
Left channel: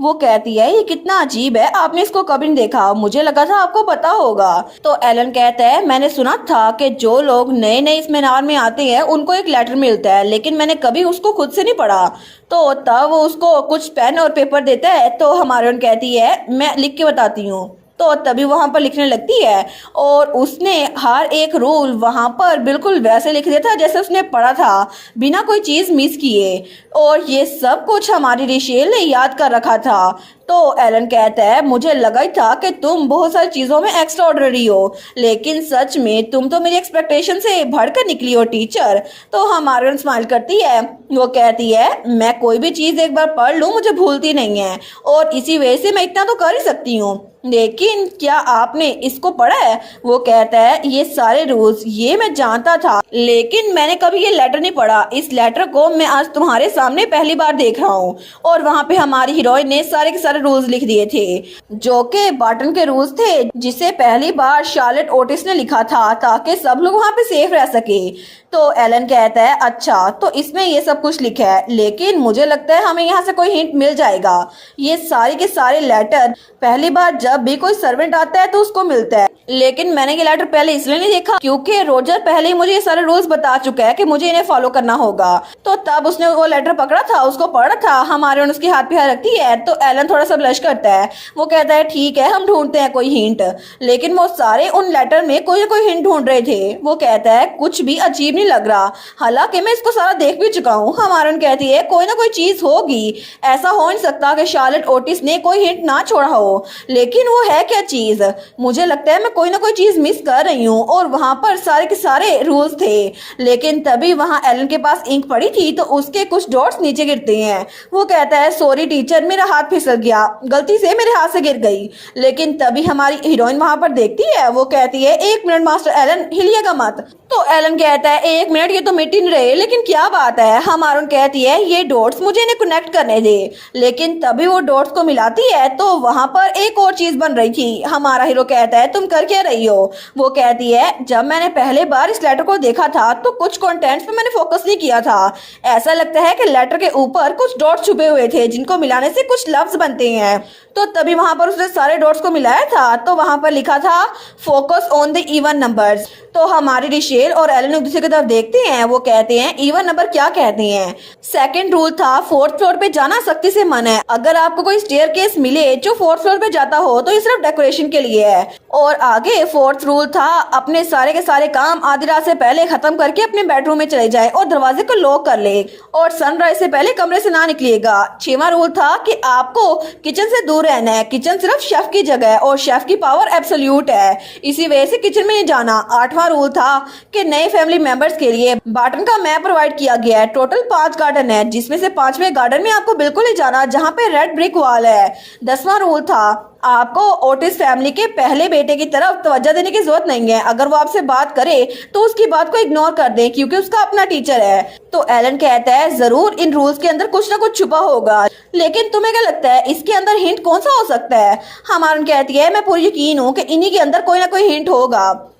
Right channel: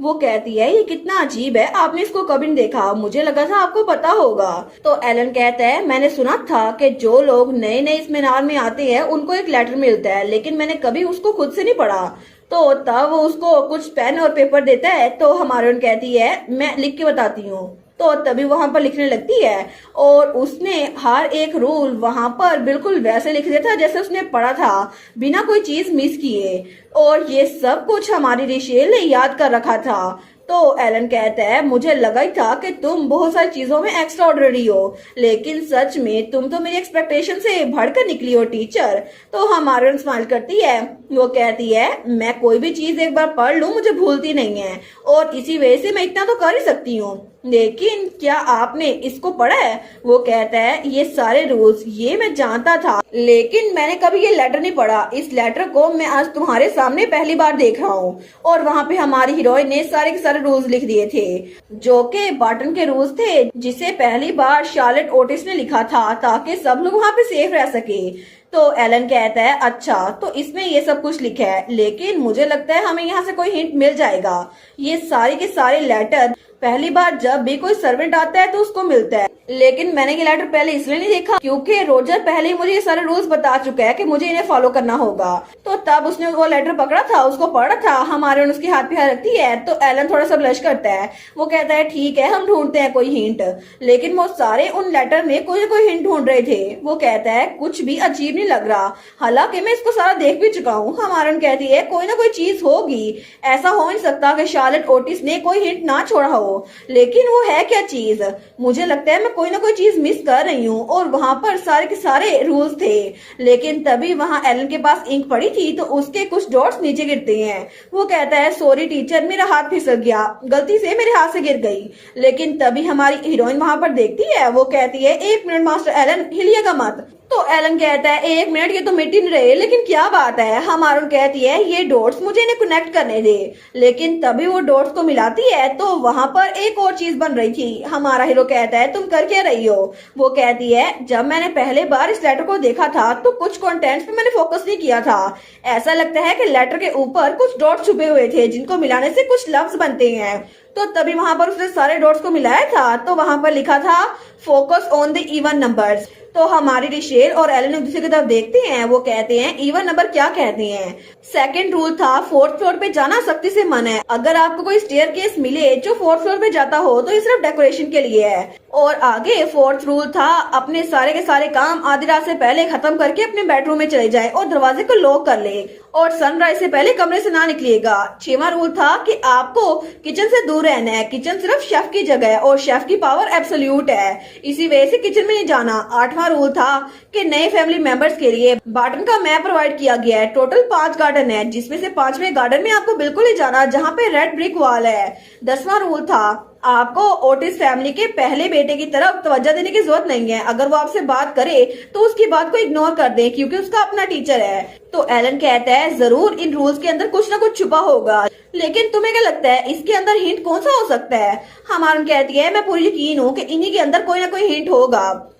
वो कहती है ये कितना अजीब है, आपने इसको कभी नहीं देखा, मुझे लगा था आपको पता होगा। तो एलन कहता है मैंने सुना था कि जो लोग नए नए इस मीनार में आते हैं उनको एक लेटर मिलता है लेकिन मैंने कभी उसको खुद से नहीं पढ़ा। तो तब वो उसको कुछ पेन और पेपर देता है तो हमारी कहती है मैं लिख के बताती हूँ। तो तभी वहां पर लिखने लगती है और उसने हर एक रूल वहां पर बिल्कुल वैसे लिख दिया था जैसे उसने पढ़ा था बिना कोई चीज मिस किए और ये सब कुछ हमारी रिशेल ने याद कर रखा था। तो एलन कहता है मुझे लगा ही था कि तुम बहुत सारी चीजों में एक्स्ट्रा ऑर्डिनरी हो लेकिन सच में तुम तो मेरी एक्सपेक्टेशन से बढ़कर निकली हो टीचर। तो हमारी स्माइल करती है, वो कहती है मैं कोई भी चीज एक बार पढ़ लूं मुझे भूलती नहीं है और इसी वजह से मैं इतना तो कर ही सकती हूँ। लेकिन क्या आपने इसको पढ़ा है? वो कहता है ये सारे रूल्स ये मैं जानता था लेकिन मैंने कभी ये लेटर नहीं पढ़ा। इस लेटर को मैं आज तुम्हारे सामने पहली बार देख रहा हूँ। और वहाँ पे हमारी हीरोइन ने सारे के सारे रूल्स लिख दिए थे जो कि बार्टन के रूल्स थे जिसे पहली बार शार्लेट ओटिस ने लिखा था ताकि सब लोग वहाँ पे सेफ रह सके। तो एलन कहता है अच्छा तो इसमें ये सब कुछ लिखा है लेकिन मुझे लगता है हमें यहाँ से कोई हिंट मिल जाएगा। ये सारे के सारे लेटर पहली बार जब भी कोई सर्वेंट आता है तो उसको मिलता है लेकिन मैंने ये लेटर पहले इसलिए नहीं देखा क्योंकि रोजर पहले ही मुझे ये सारे रूल्स बता चुका है कि मुझे इन्हें फॉलो करना होगा। तो तब उसने वो लेटर पकड़ा था उसको पढ़ा था। हमारे उसके हाथ पे हाथ रखती है तो एलन थोड़ा सा ब्लश करता है। वो कहता है ठीक है हम ढूंढते हैं कोई हिंट। लेकिन वो सारे उन लेटर में कोई ना कोई हिंट ढूंढ रहे थे। वो कहता है कुछ भी अजीब नहीं लग रहा हालांकि मैं इसको सारा देख भी चुका हूँ। हमारन कहती है कोई ना कोई चीज होगी, ऐसा हो नहीं सकता कि शार्लेट ओटिस ने कोई हिंट ना छोड़ा हो। लेकिन वो है क्या चीज? मुझे लगता है मैं कोई ना कोई चीज मिस कर रही हूँ। और वहां पर सारे के सारे रूल्स थे लेकिन तभी वहां एलन के पास इंक पड़ी थी तो उसके कुछ डॉट्स नीचे गिरते हैं। वो कहता है सॉरी टीचर मेरा हाथ फिसल गया, गलती से मेरे हाथ से गिर गई। लेकिन तभी हमारी हीरोइन वहां पर देखती है। वो कहती है 1 मिनट मास्टर एलन हिलिएगा मत। तो एलन कहता है 1 मिनट ये तो मिट ही नहीं रहे लेकिन क्या बात है। हमारन कहती है ये डॉट्स मुझे इन्हें कनेक्ट करने दे। लेकिन तभी वो डॉट्स को मिलाती है तो वहां पर एक और चीज बन रही थी। हमारा हीरो कहता है तुम कर क्या रही हो? वो कहती है जब मैंने पहले बार इस लेटर को देखा था तो कुछ कंटेंट्स पे मैंने फोकस नहीं किया था। ऐसा लगता है कि लेटर के ऊपर कुछ डॉट्स छुपे हुए थे जिनको मिलाने से कुछ लफ्ज बनते हैं। तो तभी वहां पर उसने सारे डॉट्स को मिलाया था तो वहां पर लिखा था focus on the even numbers. तो हमारी रिशेल और एलन एक दूसरे की तरफ देखते हैं। वो कहते हैं इवन नंबर क्या कहते हैं? सेकंड रूल था 4th फ्लोर पे जाना सख्ती से मना है। अगर आपको कोई स्टेयरकेस मिले जो 4th फ्लोर पे जाता हो तो ये सिर्फ डेकोरेशन के लिए है। और आगे 4th रूल था अपने सारे के सारे काम आधी रात से पहले खत्म करके अपने बेडरूम में चले जाए और दरवाजे को लॉक कर ले और सनराइज से पहले कमरे से ना निकलिएगा। 6वां रूल था कि आपको किचन से दूर रहना है। किचन सिर्फ शेफ की जगह है और शेफ की पावर एब्सोल्यूट है, इसी वजह से किचन में नहीं जाना। 8वां रूल था कि नए फैमिली मेंबर्स के लिए बार्टन का मैप प्रोवाइड किया गया है। टोटल 5 गार्डन है जिसमें से 5वें गार्डन में आपको बिल्कुल नहीं जाना जहाँ पे रेड ब्रिक वॉल है। 10वां रूल था आपको ओटिस फैमिली के पहले बेटे की तरफ तवज्जो देने की जरूरत नहीं है। अगर वो आपसे बात करे तो उसकी बात को इग्नोर कर दे क्योंकि उसका अपना टीचर है। तो एलन कहता है जरूर इन रूल्स के अंदर कुछ ना कुछ छुपा होगा लेकिन तुम्हें क्या लगता है इसके अंदर हिंट कौन सा हो सकता है? हमारन कहती है मैं पूरी यकीन हूँ कि इन्हीं के अंदर कोई ना कोई हिंट होगा।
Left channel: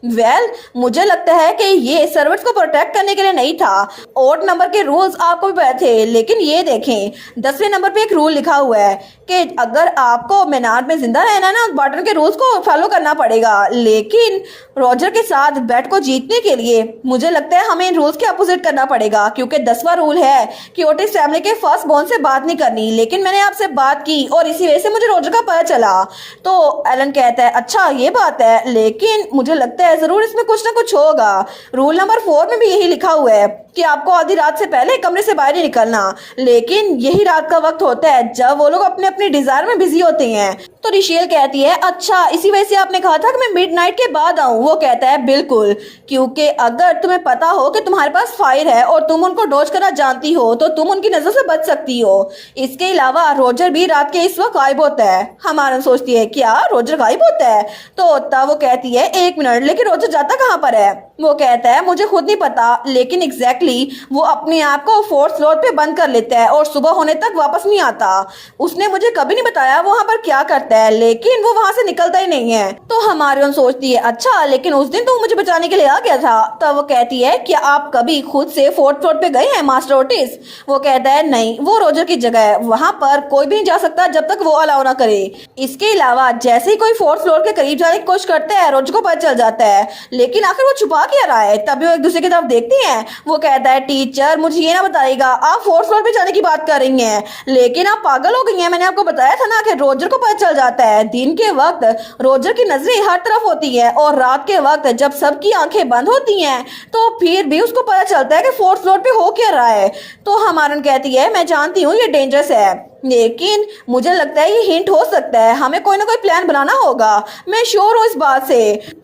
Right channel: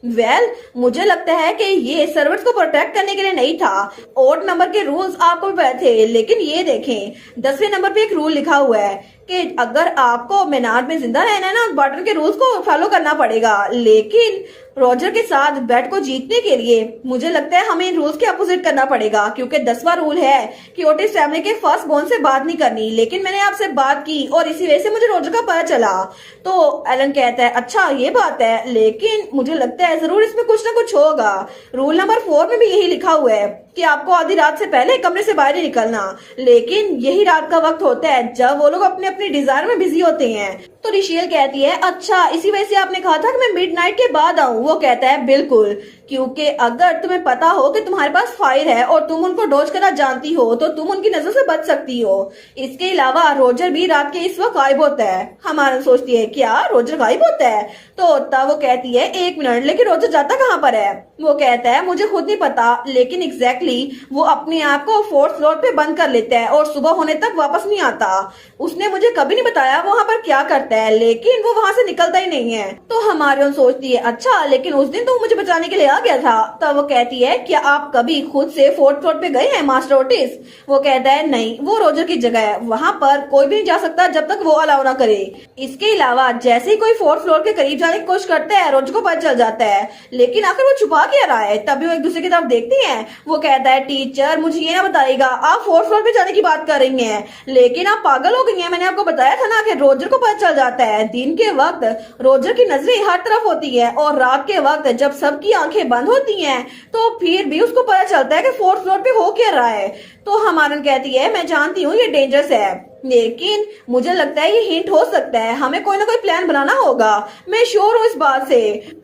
मुझे लगता है कि ये सर्वर्स को प्रोटेक्ट करने के लिए नहीं था। ऑड नंबर के रूल्स आपको भी पता थे लेकिन ये देखें 10वें नंबर पे एक रूल लिखा हुआ है कि अगर आपको मीनार में जिंदा जिंदा रहना है ना, बटन के रूल्स को फॉलो करना पड़ेगा। लेकिन रॉजर के साथ बेट को जीतने के लिए मुझे लगता है हमें इन रूल्स के अपोजिट करना पड़ेगा, क्योंकि 10वां रूल है कि ओटिस फैमिली के फर्स्ट बॉर्न से बात नहीं करनी। लेकिन मैंने आपसे बात की और इसी वजह से मुझे रॉजर का पता चला। तो एलन कहता है अच्छा ये बात है, लेकिन मुझे लगता है जरूर इसमें कुछ ना कुछ होगा। रूल नंबर 4 में भी यही लिखा हुआ है कि आपको आधी रात से पहले कमरे से बाहर नहीं निकलना। लेकिन यही रात का वक्त होता है जब वो लोग अपने अपने डिजायर में बिजी होते हैं। तो रिशेल कहती है अच्छा इसी वजह से आपने कहा था कि मैं मिडनाइट के बाद आऊं। वो कहता है बिल्कुल, क्योंकि अगर तुम्हें पता हो कि तुम्हारे पास फायर है और तुम उनको डॉज करना जानती हो तो तुम उनकी नजर से बच सकती हो। इसके अलावा रोजर भी रात के इस वक्त गायब होता है। हमारा सोचती है क्या रोजर गायब होता है? तो तब वो कहती है 1 मिनट, लेकिन रोजर जाता कहाँ पर है? वो कहता है मुझे खुद नहीं पता, लेकिन एग्जैक्टली वो अपने आप को 4th फ्लोर पे बंद कर लेता है और सुबह होने तक वापस नहीं आता। उसने मुझे कभी नहीं बताया वहाँ पर क्या करता है, लेकिन वो वहाँ से निकलता ही नहीं है। तो हमारी सोचती है अच्छा लेकिन उस दिन तो मुझे बचाने के लिए आ गया था। तब वो कहती है क्या आप कभी खुद से 4th फ्लोर पे गए हैं मास्टर ओटिस? वो कहता है नहीं, वो रोजर की जगह है, वहाँ पर कोई भी नहीं जा सकता जब तक वो अलाउ ना करे। इसके अलावा जैसे ही कोई 4th फ्लोर के करीब जाने की कोशिश करता है रोजर को पता चल जाता है, लेकिन आखिर वो छुपा क्या रहा है? तभी वो एक दूसरे की तरफ देखती हैं। वो कहता है टीचर मुझे ये ना बताइएगा आप 4th फ्लोर पे जाने की बात कर रही हैं, लेकिन आप पागल हो गई हैं। मैंने आपको बताया था ना कि रोजर को पता चल जाता है। दिन के वक्त रोजर की नजरें हर तरफ होती है और रात के वक्त जब सबकी आंखें बंद होती हैं तो फिर भी उसको पता चलता है कि 4th फ्लोर पे हो क्या रहा है। तो हमारन कहती है मैं जानती हूँ ये डेंजरस है, लेकिन मुझे लगता है ये हिंट हो सकता है, हमें कोई ना कोई प्लान बनाना होगा। मैं श्योर हूँ इस बात से।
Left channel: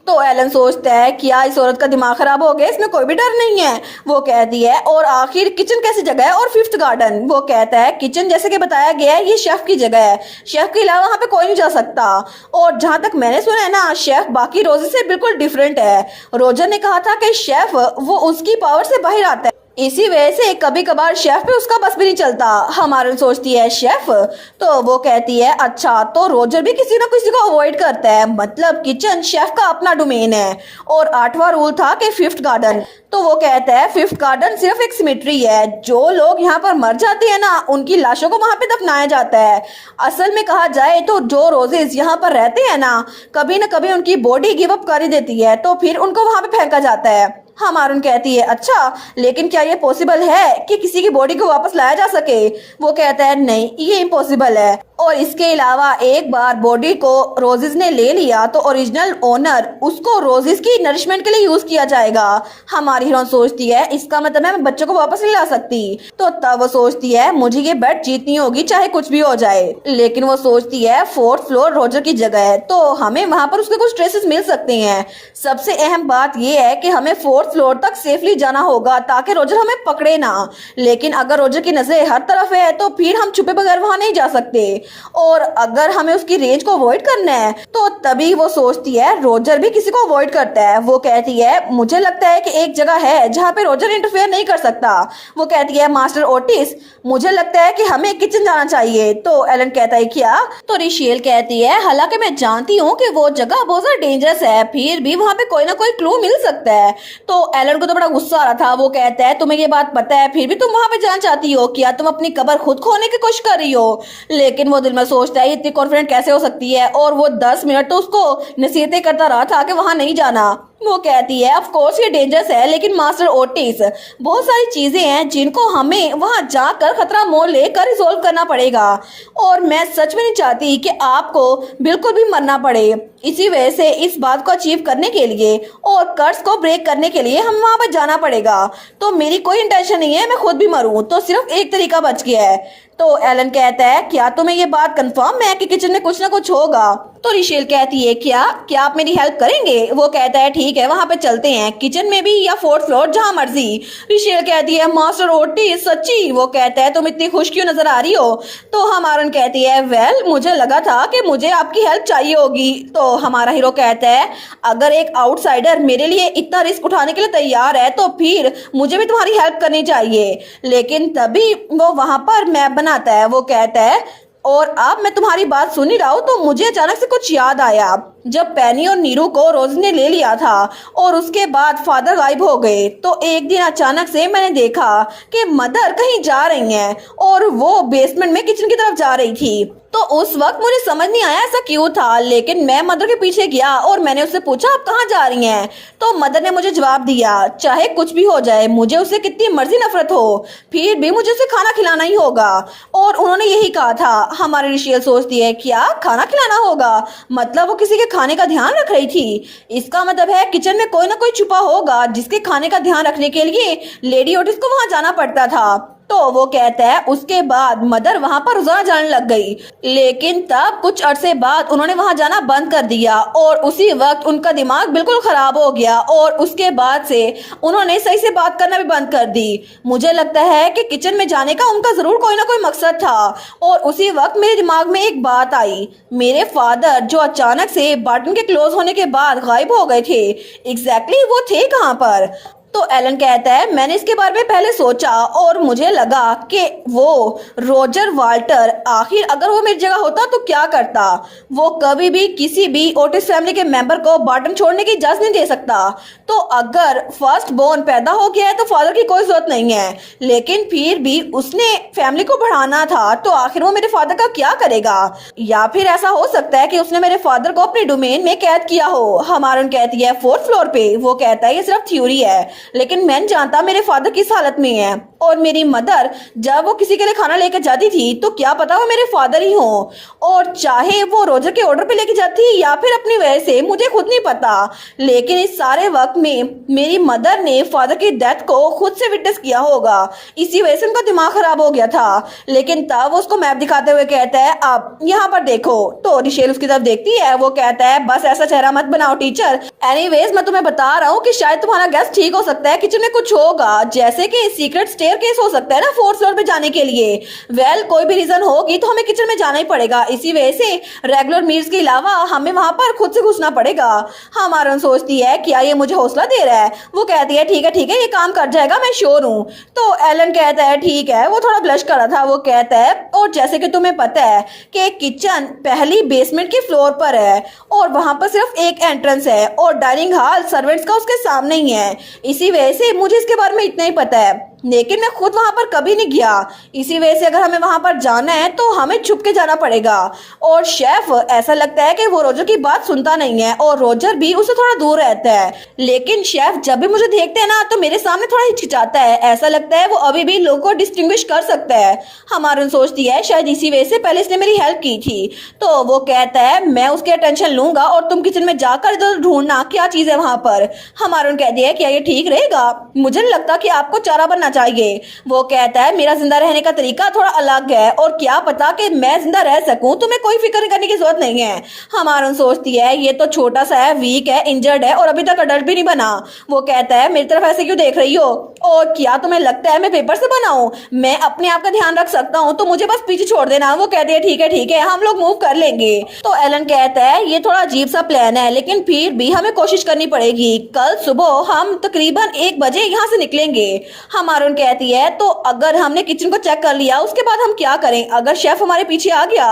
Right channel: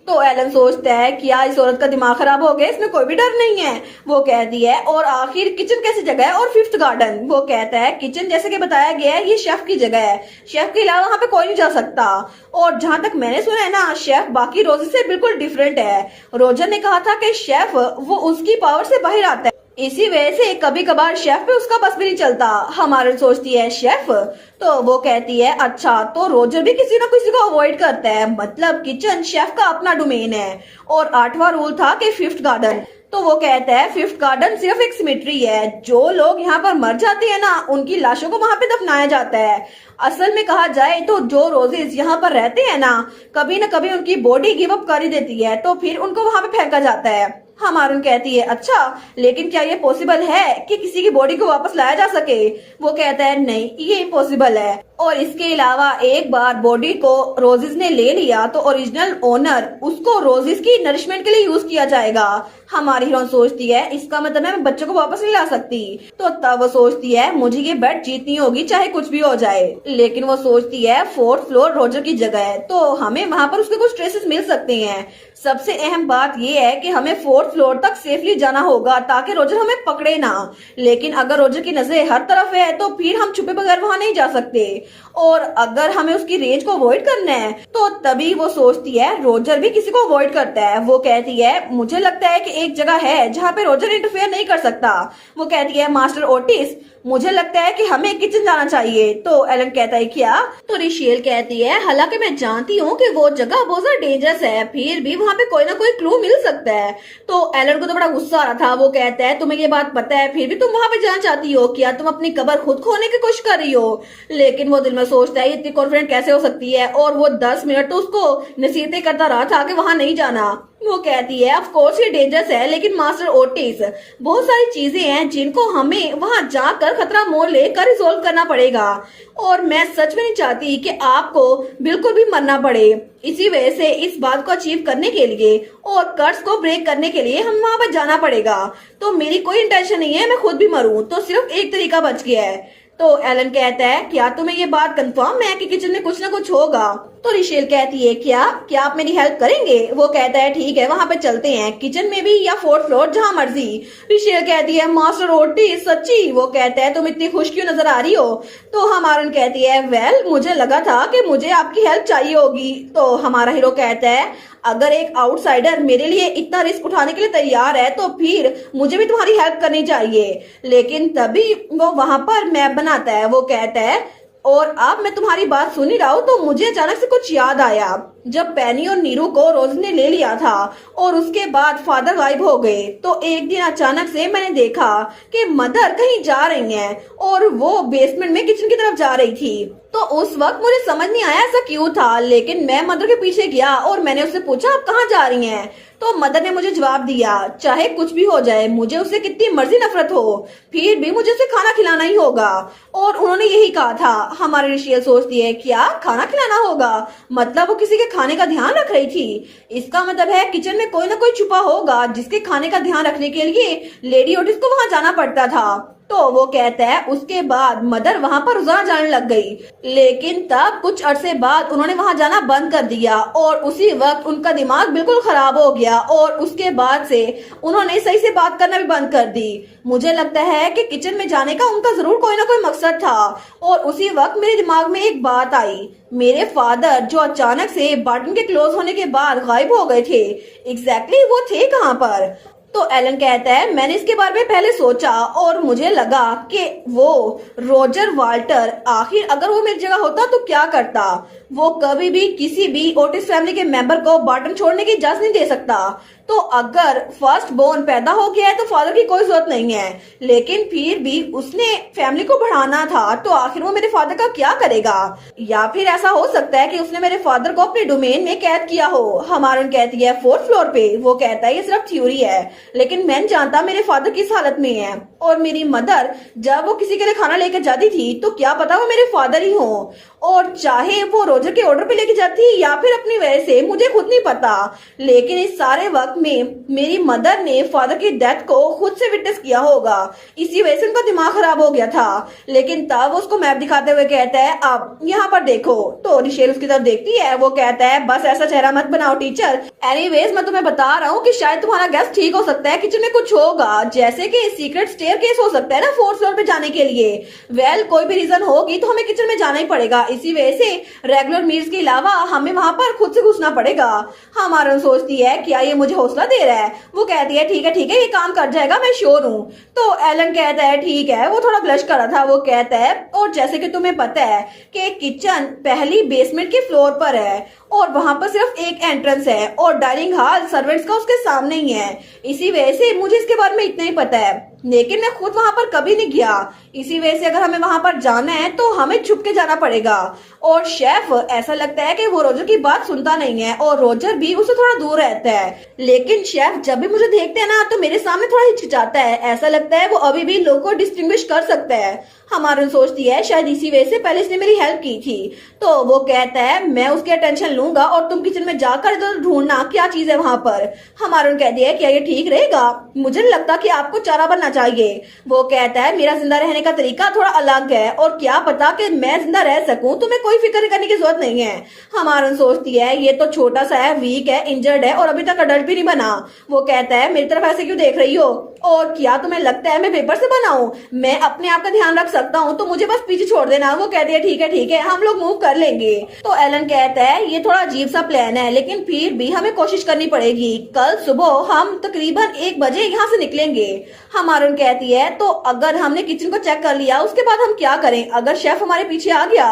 तो एलन सोचता है क्या इस औरत का दिमाग खराब हो गया, इसमें कोई भी डर नहीं है। वो कहती है और आखिर किचन कैसी जगह है और 5th गार्डन? वो कहता है किचन जैसे कि बताया गया है ये शेफ की जगह है, शेफ के अलावा वहाँ पे कोई नहीं जा सकता। और जहां तक मैंने सुना है ना शेफ बाकी रोजर से बिल्कुल डिफरेंट है। रोजर ने कहा था कि शेफ वो उसकी पावर से बाहर आता है, इसी वजह से कभी कभार शेफ पे उसका बस भी नहीं चलता। हमारे सोचती है शेफ, तो वो कहती है अच्छा तो रोजर भी किसी ना किसी को अवॉइड करता है, मतलब किचन शेफ का अपना डोमेन है। और 8वां रूल था कि 5th गार्डन। तो वो कहता है 5th गार्डन सिर्फ एक सिमेट्री है, जो लोग यहाँ पर मर जाते हैं ना उनकी लाशों को वहां पे दफनाया जाता है। असल में कहा जाए तो जो रोजेस यहाँ पर रहते हैं ना कभी उनकी बॉडी गिव अप कर ही देती है, तो फिर उनको वहां पे फेंका जाता है। हमारून कहती है अच्छा लेकिन क्या ये पॉसिबल है कि किसी की बॉडी को वापस लाया जा सके? वो कहता है नहीं ये इम्पॉसिबल है। और इसके अलावा एक बार बॉडी को रोजेस ने ले लिया तो ओरिजिनल ओनर उसको रोजेस की नरिशमेंट के लिए यूज किया जाएगा। हमारी हीरोइन सोचती है इसका मतलब है मैं बच्चों को वापस नहीं ला सकती। तो तब वो सोचती है मुझे ये बेट जीतनी होगी चाहे कुछ भी हो जाए। लेकिन वो सोचती है 4th फ्लोर रोजर की जगह है तो हमें वहां पर उसके कुछ ट्रेसेस मिल सकते हैं। सबसे अहम बात यह है कि हमें 4th फ्लोर तक सेफली जाना होगा ताकि रोजर हमें पकड़े ना। लेकिन अगर रोजर की नजरें हर तरफ है तो फिर हम छुपे बगैर वहां नहीं जा सकते। और अगर हमें उसकी रेंज को अवॉइड करना है तो तभी वो सोचती है रोजर भी किसी को अवॉइड करता है। वो कहती है मुझे लगता है कि एक जगह है जहाँ पे रोजर इंटरफेयर नहीं कर सकता। वो कहती है मास्टर ओटिस मुझे लगता है कि हमें किचन जाना चाहिए। तो एलन कहता है क्या? तो रिशेल कहती है हालांकि मैं जानती हूँ कि वो जगह बहुत ज्यादा डेंजरस है, फिर भी वहाँ पे कोई ना कोई क्लू मिल सकता है। तो एलन को तो बड़ा गुस्सा आ रहा था। वो कहता है तुम्हें ये बात पता है फिर भी तुम वहां पे जाना चाहती हो, क्या तुम अपनी कब्र खुद खोने की कोशिश कर रही हो? लेकिन वो दिल में सोचता है इतनी कॉन्फिडेंट कैसे हो सकती है, और वो 10 मिनट तो उसको नसीहतें करता रहा था कि वहां नहीं जाना। वो कहती है ऑफ कोर्स ये डेंजरस है, लेकिन मास्टर ओटिस बहुत सारी चीजें हैं जिनको हमें वहां जाकर खतरा मोल लेकर रिजोल्व करना पड़ेगा, और मैं सच में नहीं चाहती कि आपको बिल्कुल भी मरना पड़े। इसी वजह से इस बात को अचीव करने के लिए और कर्ज को ब्रेक करने के लिए हम वहां पर जाना पड़ेगा। तो मेरी कोई इंटेंशन नहीं है मैं खुद भी मरूं, तो सिर्फ एक तरीका बच गया है। तो एलन कहता है क्या तुम्हें ये बात कंफर्म है कि किचन में कुछ ना कुछ होगा? तो रिशेल कहती है क्या क्या आप मेरी हेल्प करेंगे? वो कहता है ठीक है वहां पे चलते हैं, किचन में भी या 4th फ्लोर जहां मर्जी। रिशेल कहती है मास्टर ओटिस सच्ची? वो कहता है तुम इतनी खुश क्यों नजर आ रही हो? तो हमारन कहती है वेल मुझे लगा था कि मुझे आपकी हेल्प चाहिए होगी। तो हमारा हीरो कहता है अगर एक आउटसाइडर मेरे लिए इतना रिस्क उठाने के लिए तैयार है तो फिर मुझे भी तुम्हारी हेल्प करनी चाहिए। लेकिन तभी वो वहां पर मैप बनाता है। वो कहता है और अब मैं तुम्हारी बात सुन ही रहा हूँ तो मुझे अचानक से कुछ याद आया। जब पेनी और नीरू को रोज ने ले लिया था और उसके बाद फादर गायब हो गए, तो एक दिन अचानक से मैंने देखा कि मदर कहीं जा रही हैं और वो बेसमेंट में किचन की तरफ जा रही थी। तो उस वक्त मुझे समझ नहीं आया ऐसा क्यों था, लेकिन मैं मदर के पीछे गया और मैंने उससे पूछा आप कहाँ जा रही हैं। तो मदर ने मुझे जवाब दिया चाहे कुछ भी हो जाए, मुझे उससे कितनी मर्जी नफरत हो, फिर भी मुझे उसे खाना खिलाना ही होगा। और उन्होंने यही कहा था। हमारी रिशेल सोचती है क्या खाना खिलाना होगा, मतलब वो किसी के खाने का ध्यान रख रही थी। इसका मतलब है किचन में कोई ना कोई छुपा होगा जिसके खाने का ध्यान रखने के लिए लेडी ओटिस को वहां जाना पड़ता था। तो वो कहता है उसके बाद मदर वहां पर रोजाना जाने लग गई, लेकिन तब कुछ अरसे बाद उन्होंने वहां जाना बंद कर दिया और उसी वक्त उनका दिमाग बिल्कुल खराब हो गया और उसके बाद से उन्होंने सही से बात करना भी बंद कर दी। मुझे लगता है कि किचन में जाने का उनका जरूर कोई ना कोई मकसद था। और उसी वक्त मेरे दिमाग में एक बात आई, मेरे फादर जो अचानक से बटन के क्लोज होने के बाद गायब हो गए थे, एग्जैक्टली वो थे कहाँ पर। तो एलन कहता है मैंने इसके बारे में पहले सोचा और मुझे लगा कि वो रोजर वाल्टर आखिर अगर वो मेरी जगह होता तो क्या करता। वो कभी भी किसी भी ओटिस फैमिली के मेंबर को बॉटम छोड़ने की इजाजत नहीं दे सकता। तो अगर फर्स्ट बोर्न पैदा हो गया है तो फादर की कोई जरूरत नहीं है, लेकिन फिर भी उसने फैमिली को बढ़ाना था, तो आखिर वो मेरे फादर का क्या करेगा। या फिर ऐसा हो सकता है कि उसने मेरे फादर को अपने डोमेन में कैद किया हो। हमारन कहती है 4th फ्लोर पे। वो कहता है ये सिर्फ थ्योरी है, लेकिन मैं जानता मेरे फादर किस हालत में है। और मेरी मदर जब वो किसी के लिए खाना लेकर जाती थी तो क्या पता वो मेरे फादर ही हो, और चाहे वो रोजर के ऑर्डर पे लेके जाती या फिर अपनी वजह से, मुझे खुद नहीं पता। लेकिन इस सारे वक्त में मेरी मदर ने फादर की डेथ को खुद से विटनेस किया होगा, इसी वजह से उनका दिमाग खराब हो गया था। लेकिन तब वो उसको मैप दिखाते हुए कहता है अब यहाँ पर देखो। तो रिशेल उसकी तरफ देखती है, वो कहता है बस ऐसा चेहरा मत बनाओ टीचर, एनीवेज मैं तुम्हें बता रहा हूँ कि शायद तुम्हारा गैस ठीक हो सकता है, किचन में कुछ होगा, जैसे कि सीक्रेट स्टेयरकेस हो सकता है ना 4th फ्लोर पे जाने के लिए। वेल कोई भी रीजन होगी तो हमें किचन में जाना ही पड़ेगा, इसी वजह से रेगुलर मील्स के अलावा हमें वहां पर खुद से घुसना पड़ेगा। हमारा सोचती है क्या ये मुझे हौसला दे रहा है। वो कहती है ठीक है ये काम कर जाएगा, मैं श्योर हूँ। तो एलन कहता है ठीक है। वो थोड़ा ब्लश कर रहा था। वो कहता है और जैसे कि तुम्हें पता है कि किचन पहली बेसमेंट के फ्लोर पर है और वहां पर सिर्फ एक एंट्रेंस है और डाइनिंग हॉल सर्वेंट्स का उसके सामने ही है, इसी वजह से मुझे इसके बारे में इतना ही पता है, लेकिन मैं खुद वहां पर कभी नहीं गया। इसी वजह से अगर हमें वहां पर जाना है तो हमें छुप के जाना पड़ेगा। और शेफ ऐसा लगता है कि वो रोजर की बात सुनता नहीं है और रोजर भी उससे थोड़ा दूर रहता है, लेकिन शेफ जब भी मुझे देखते हैं ना तो मेरे सामने थोड़ा हिचकिचाता है, ऐसा लगता है वो अभी भी लोगों को डिस्टिंग्विश कर सकता है। हमारा सोचती है शायद इसी वजह से पहले इसने मेरी हेल्प की थी। तो वो कहता है मैं उसके अटेंशन लूंगा और तुम किचन में जाकर इधर ढूंढना क्या चीज है वहां पर। हमारा कहती है क्या ये ठीक रहेगा, मुझे नहीं लगता कि आपको चारा बनना चाहिए। वो कहता है मेरा जिंदा रहने का तरीका थोड़ा अलग है और क्या पता कि मैं जिंदा रह सकूं, तुम्हें कोई फिक्र करने की जरूरत नहीं है। हमारा सोचती है ये तो छोटा सा है, वीक है, इंजर्ड है और अभी तक अडल्ट भी नहीं बना। वो कहता है मेरी तरफ ऐसे क्यों देख रही हो, और क्या तुम्हें लगता है मैं पेपर से बना हूं, मैं अपने आप का ध्यान रख सकता हूं, तो मुझे बस पीछे छोड़ देना। वो कहती है ठीक है हम लोग मूव कर लेंगे। तो एलन कहता है ये थोड़ा अजीब सा प्लान है, लेकिन फिर भी हमें कोशिश करनी पड़ेगी। कल सुबह हम तकरीबन 1 बजे यहाँ से निकलेंगे। हमारा कहती है तो अगर हमने किचन को चेक कर लिया उसके बाद हम क्या करें, अगर शेफ हमारे पीछे आ गया।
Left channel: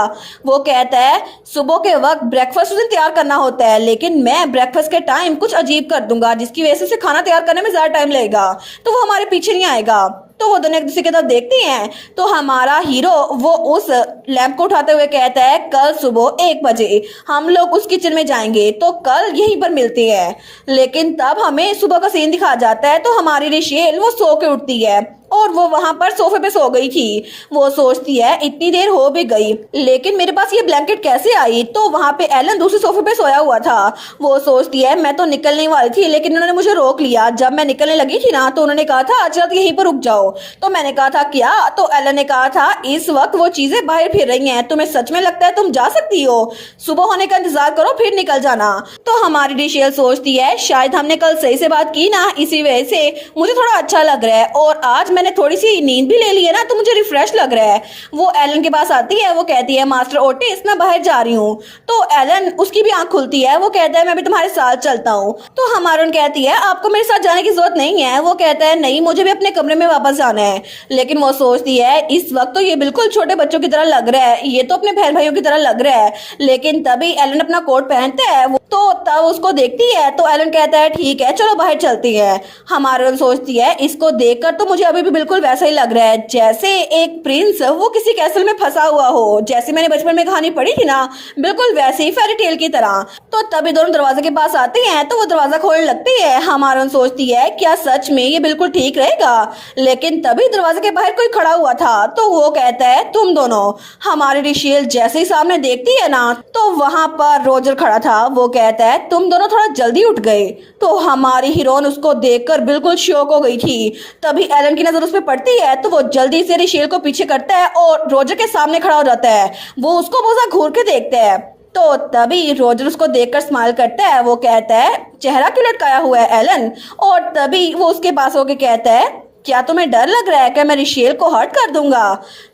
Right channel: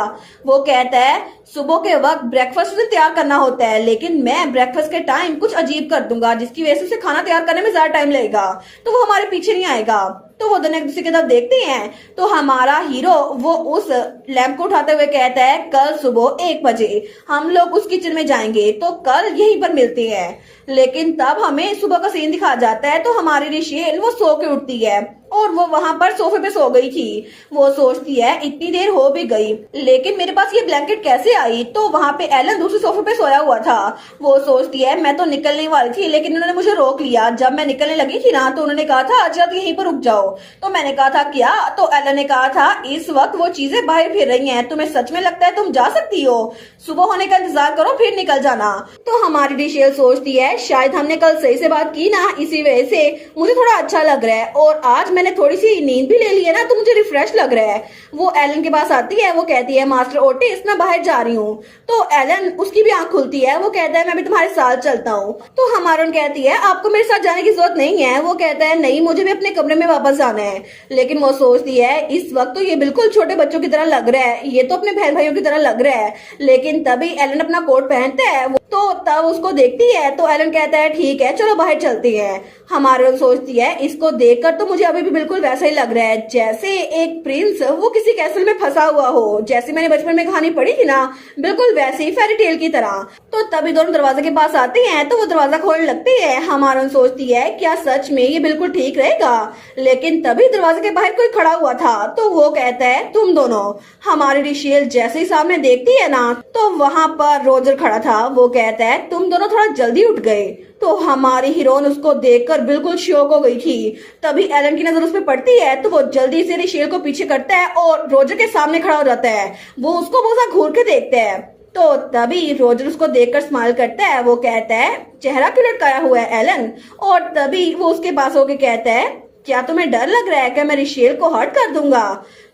वो कहता है सुबह के वक्त ब्रेकफास्ट उसे तैयार करना होता है, लेकिन मैं ब्रेकफास्ट के टाइम कुछ अजीब कर दूंगा जिसकी वजह से उसे खाना तैयार करने में ज्यादा टाइम लगेगा, तो वो हमारे पीछे नहीं आएगा। तो वो दोनों एक दूसरे की तरफ देखते हैं। तो हमारा हीरो वो उस लैंप को उठाते हुए कहता है कल सुबह 1 बजे हम लोग उस किचन में जाएंगे, तो कल यहीं पर मिलते हैं। लेकिन तब हमें सुबह का सीन दिखा जाता है। तो हमारी रिशेल वो सो के उठती है और वो वहां पर सोफे पे सो गई थी। वो सोचती है इतनी देर हो भी गई लेकिन मेरे पास ये ब्लैंकेट कैसे आई। तो वहां पे एलन दूसरे सोफे पे सोया हुआ था। वो सोचती है मैं तो निकलने वाली थी लेकिन उन्होंने मुझे रोक लिया। जब मैं निकलने लगी थी ना तो उन्होंने कहा था अच्छा यहीं पर रुक जाओ। तो मैंने कहा था क्या, तो एलन ने कहा था इस वक्त वो चीजें बाहर फिर रही हैं, तुम्हें सच में लगता है तुम जा सकती हो, सुबह होने का इंतजार करो फिर निकल जाना। तो हमारी रिशेल सोचती है शायद हमने कल सही से बात की ना, इसी वजह से मुझे थोड़ा अच्छा लग रहा है और आज मैंने थोड़ी सी नींद भी ले ली है ना तो मुझे रिफ्रेश लग रहा है। वो एलन के पास आती है, वो कहती है मास्टर ओटिस मैं बाहर जा रही हूँ। तो एलन उसकी भी आंख खुलती है, वो कहता है मैं भी तुम्हारे साथ चलता हूँ। तो हमारून कहती है आपको मेरे साथ जाने की जरूरत नहीं है। वो कहता है नहीं, मुझे भी अपने कमरे में वापस जाना है। लेकिन वो सोचती है इस वक्त तो ये बिल्कुल छोटे बच्चों की तरह लग रहा है, ये तो अपने बहन भाइयों की तरह लग रहा है। लेकिन तभी एलन अपना कोट पहनता है, तो तब उसको देखती है तो एलन कहता है ठीक है चलो बाहर चलती है। हमारून सोचती है इसको देखकर तो मुझे अभी भी बिल्कुल वैसा ही लग रहा है जैसे एक प्रिंस वो किसी कैसल में फंसा हुआ हो, जैसे मैंने बचपन में कहानी पढ़ी थी ना, बिल्कुल वैसे ही फेरी टेल की तरह। तो तभी दोनों दरवाजे के पास आते हैं तो वो दरवाजा खोलने लगती है। हमारून सोचती है क्या सच में ये बिल्कुल ठीक रहेगा। लेकिन तभी दरवाजे के बाहर कोई खड़ा हुआ था, तो वो कहता है तुम दोनों। हमारी रिशेल जैसे ही सामने देखती है ना तो वहां पर रोजर खड़ा था। वो कहता है तुम दोनों थोड़ा जल्दी उठ गए। तो हमारी हीरोइन उसको देखकर बिल्कुल शॉक हो गई थी। तभी एलन की नजर उस पर पड़ती है तो वो जल्दी से रिशेल को पीछे करता है और रोजर के सामने खड़ा हो जाता है। वो उसको बहुत घूर के देखता है। तो तभी रोजर उसको देखकर स्माइल करता है। वो कहता है चेहरा क्यों लटकाया हुआ है एलन। और तभी वो उसके पास होके कहता है क्या तुम्हें डर लग रहा है कि मैं रिशेल को हर्ट कर दूंगा।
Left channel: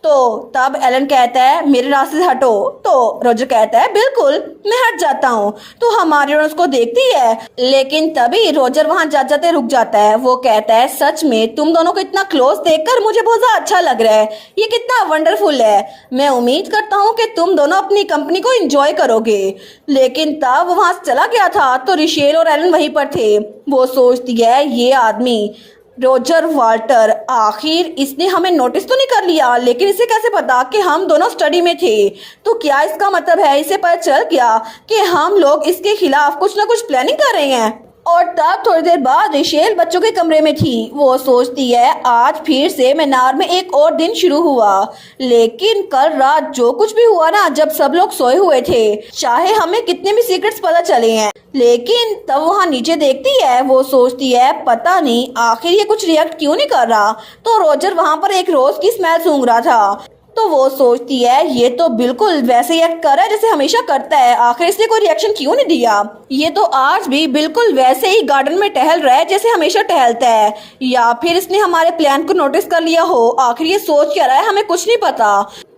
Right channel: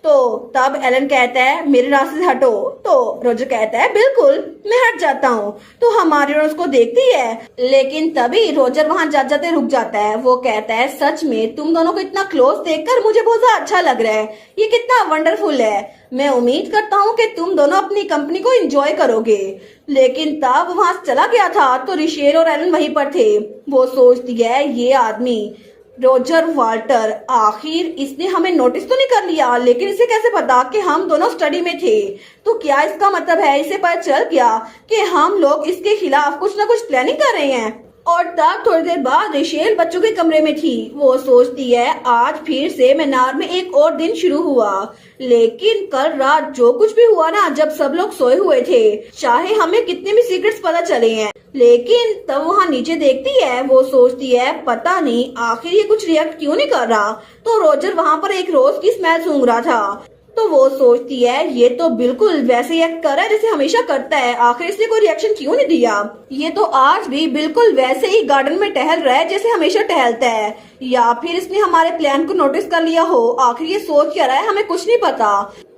तो तब एलन कहता है मेरे रास्ते से हटो। तो रोजर कहता है बिल्कुल मैं हट जाता हूँ। तो हमारी उसको देखती है, लेकिन तभी रोजर वहां जाते जाते रुक जाता है। वो कहता है सच में तुम दोनों को इतना क्लोज देखकर मुझे बहुत ज्यादा अच्छा लग रहा है, ये कितना वंडरफुल है। मैं उम्मीद करता हूँ कि तुम दोनों अपनी कंपनी को एंजॉय करोगे। लेकिन तब वहां चला गया था तो रिशेल और एलन वहीं पर थे। वो सोचती है ये आदमी रोजर वाल्टर, आखिर इसने हमें नोटिस तो नहीं कर लिया, लेकिन इसे कैसे पता कि हम दोनों स्टडी में थे। तो क्या इसका मतलब है इसे पता चल गया कि हम लोग इसके खिलाफ कुछ ना कुछ प्लानिंग कर रहे हैं। और तब थोड़ी देर बाद रिशेल बच्चों के कमरे में थी। वो सोचती है आज फिर से मैनार में एक और दिन शुरू हुआ। लेकिन कल रात जो कुछ भी हुआ ना, जब सब लोग सोए हुए थे, चाहे हमें कितने भी सीक्रेट्स पता चले हैं, लेकिन तब वहाँ नीचे देखती है। वो सोचती है पता नहीं आखिर ये कुछ रिएक्ट क्यों नहीं कर रहा। तो रोजर वहाँ पर एक रोज की स्मेल सूंघ रहा था। तो वो सोचती है ये तो बिल्कुल वैसे ही एक्ट कर रहा है जैसे हमेशा करता है, आखिर इसने कोई रिएक्शन क्यों नहीं दिया। ये तो आज भी बिल्कुल वैसे ही गार्डन में टहल रहा है जैसे हमेशा टहलता है। या फिर इसने हमारे प्लान को नोटिस कर लिया हो, आखिर ये सोच क्या रहा है हमें कुछ नहीं पता।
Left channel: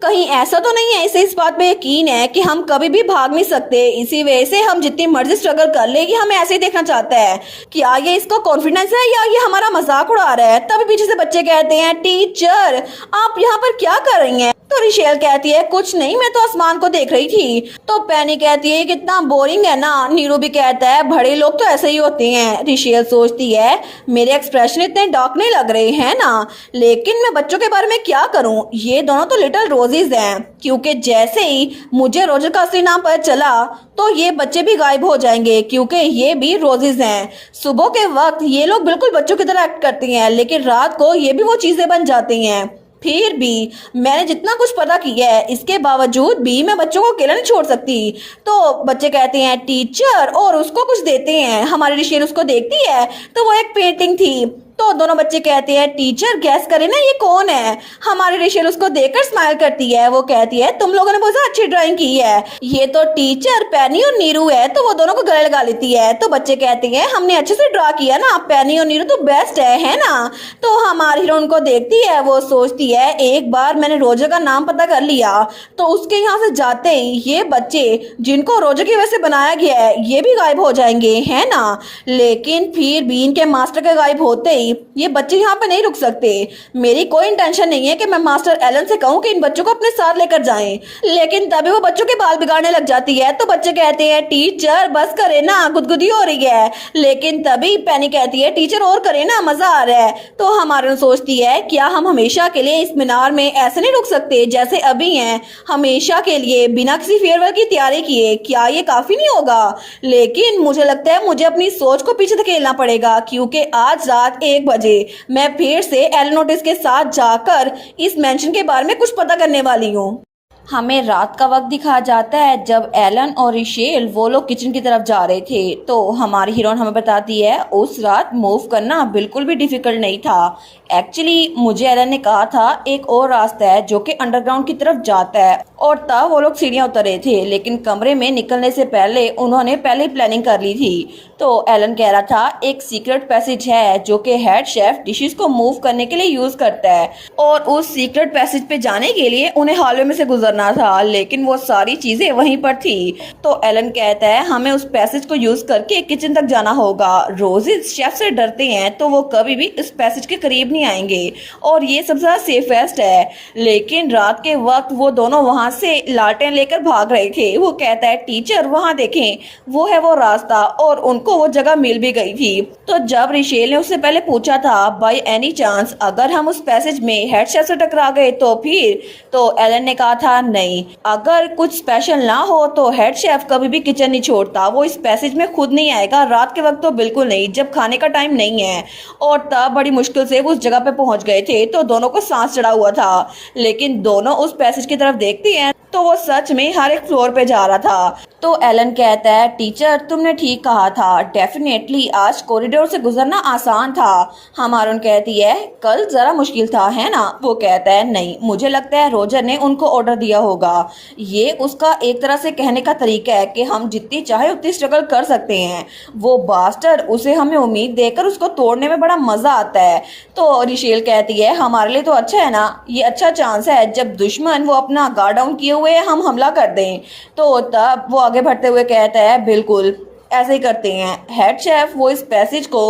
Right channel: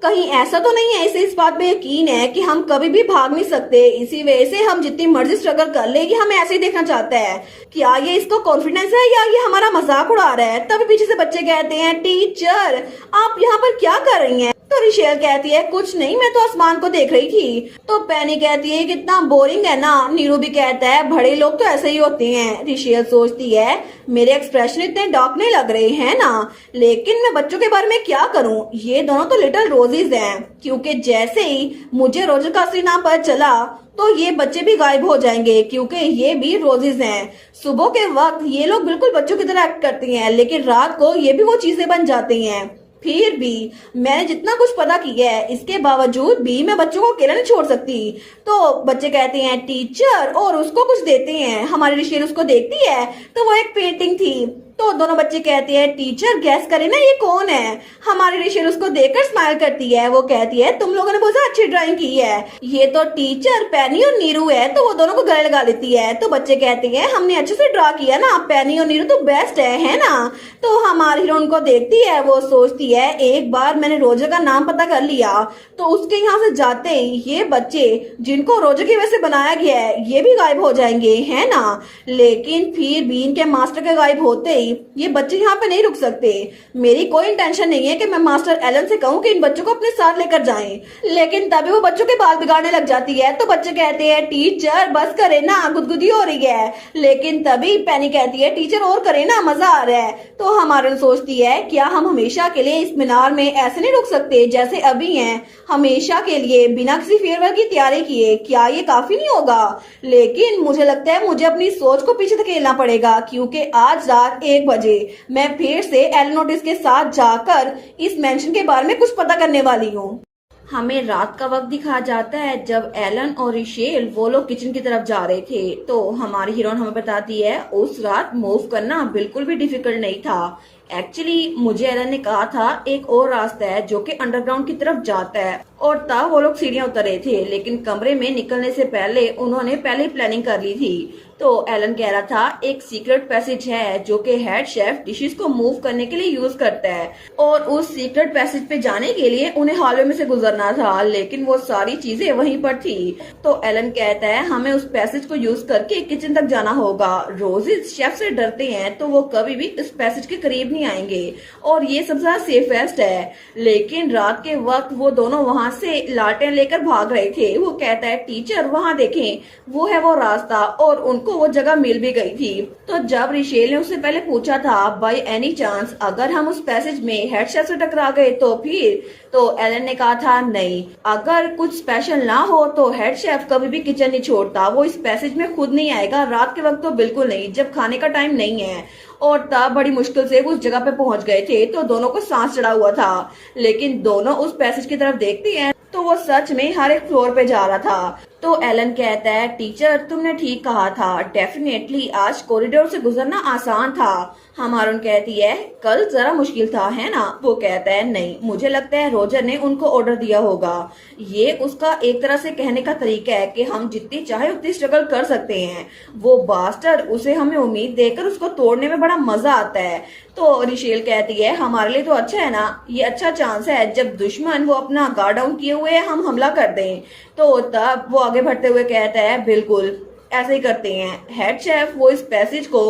कहीं ऐसा तो नहीं है इसे इस बात पे यकीन है कि हम कभी भी भाग नहीं सकते, इसी वजह से हम जितनी मर्जी स्ट्रगल कर ले, ये हमें ऐसे ही देखना चाहता है। क्या ये इसको कॉन्फिडेंस है या ये हमारा मजाक उड़ा रहा है। तभी पीछे से बच्चे कहते हैं टीचर आप यहाँ पर क्या कर रही हैं। तो रिशेल कहती है कुछ नहीं, मैं तो आसमान को देख रही थी। तो पेनी कहती है कितना बोरिंग है ना। नीरू भी कहता है बड़े लोग तो ऐसे ही होते हैं। रिशेल सोचती है मेरे एक्सप्रेशन इतने डार्क नहीं लग रहे हैं ना, लेकिन मैं बच्चों के बारे में क्या करूं, ये दोनों तो लिटिल रोजेज हैं। क्योंकि जैसे ही मुझे रोजर का असली नाम पता चला तो ये बच्चे भी गायब हो जाएंगे, क्योंकि ये भी रोजेज हैं। सुबह के वक्त ये लोग बिल्कुल बच्चों की तरह एक्ट करती हैं, लेकिन रात को ये भी वो चीजें बन जाती हैं। फिर भी मैंने जितना कुछ पता किया है, इसके बावजूद भी मैं बच्चों को अकेला नहीं छोड़ सकती। तो बच्चे कहते हैं टीचर, और उसको कुछ देते हैं। हमारी रिशेल उसको देखती है तो वो एक पेंटिंग थी। तो दोनों बच्चे कहते हैं टीचर गैस करें ना ये कौन है। हमारी रिशेल उसको देखकर स्माइल करती है। वो कहती है तुम लोगों ने बहुत अच्छी ड्राइंग की है, ये तो टीचर पेनी और नीरू है। तो वो दोनों को गले लगा लेती है। तो बच्चे कहते हैं हमने अच्छे से ड्रा किया ना, पेनी और नीरू तो बेस्ट है ना। तो हमारी हीरोइन को देखती है। वो सोचती है एक बार मैंने रोजर का नाम पता कर लिया तो उसके यहाँ से जाते ही ये बच्चे जिनको रोजर की वजह से बनाया गया है ये भी गायब हो जाएंगे, है ना। लेकिन फिर भी इनके मास्टर के गायब होते ही ये बच्चे यहाँ पे नहीं रुक सकते। मेरी कोई इंटेंशन नहीं है कि मैं मास्टर एलन से कहूँ कि इन बच्चों को अपने साथ लेकर जाएं, लेकिन तभी वो बच्चों के बाल बिगाड़ने लग जाती है। तो बच्चे कहते हैं टीचर बस करे ना, गुदगुदी हो रही है। लेकिन तभी पेनी कहती है टीचर और करे ना, मजा आ रहा है। तो हमारी सोचती है क्या हम हमेशा के लिए इस मीनार में ऐसे नहीं रुक सकते जैसे अभी हैं, हमेशा के लिए बिना किसी फेयरवेल की तैयारी किए। क्या ये काफी नहीं होगा। लेकिन मुझे लगता है मुझे अपनी सोच को पीछे धकेलना पड़ेगा, क्योंकि आज रात 1 बजे मैं फिर से एलनोटिस के साथ जाकर इस मेंशन के बारे में कुछ पता करने वाली हूँ। हमें रात का वक्त दिखाया जाता है जब एलन और रिशेल वो लोग किचन की तरफ जा रहे थे। तो हमारी हीरोइन हमें बताती है उस रात मूव करना बिल्कुल भी डिफिकल्ट नहीं था। एक्चुअली मुझे एलन ने कहा था एक और रास्ता है जो कि अंडरग्राउंड की तरफ जाता है, और तब वो लोग सीढ़ियां उतर रहे थे। लेकिन कमरे में निकलने से पहले उन्होंने पहले ही प्लानिंग कर ली थी। तो एलन कह रहा था एक सीक्रेट पैसेज है जो कि हेड शेफ डिशेस को मूव करने के लिए यूज करता है और उस सीक्रेट पैसेज पे जाने के लिए उन्हें हॉलवे में से गुजरना था, लेकिन वो सारी चीजें वहीं पर थी। तो एलन कहता है हमें उस पैसेज को यूज करके किचन तक जाना होगा। रोजेस शेफ से डरते हैं तो वो कभी भी इस पैसेज के करीब नहीं आएंगे और ये सबसे ज्यादा सेफेस्ट है। लेकिन रात के वक्त वो दोनों वहां से लालटेन लेकर भाग रहे थे। वो कहता है टीचर वहां देखें, वो है वो रास्ता, और उनको वो जगह मिल भी गई थी। तो जब रिशेल ने उससे पहले पूछा था बाय एनी चांस अगर हम उस पैसेज में हेड शेफ से टकरा गए तो फिर, तो एलन ने कहा था नहीं, अगर कुछ स्पेशल ना हो तो हेड शेफ कभी भी किचन नहीं छोड़ता। वो इस पैसेज में खुद नहीं आएगा, रात के वक्त तो बिल्कुल नहीं, जब खाने का टाइम नहीं है। और तब बड़ी मुश्किल से वो उस जगह पे पहुंच गए थे तो दोनों को सांस चढ़ा हुआ था, लेकिन दोनों उस पैसेज की तरफ देखते हैं तो वो सच में हर एक फ्लोर पे जा रहा था। तो एलन कहता है टीचर तुमने ठीक कहा था, डेफिनेटली आज कॉरिडोर से गुजरना आसान था। हमारून कहती है कल जरा मुश्किल था है ना। वो कहता है नहीं, मुझे लगता है रोजर ने उनको ऑर्डर दिया होगा। ये उसका एक तरह से कहने का तरीका है कि हम जितनी चाहे उतनी स्ट्रगल कर सकते हैं। वो बास्टर, उसे हमें उम्मीद देकर उसको तोड़ने में बड़ा मजा आता है। तो रिशेल कहती है हमारे लिए तो अच्छा है ना, ये अच्छा चांस है जब दुश्मन वो अपना गार्ड डाउन किए हुए हम हमला कर दें। तो तब वो आगे बढ़ते हुए कहता है बिल्कुल ऐसे ही करते हैं। हेड शेफ वो इस पैसेज को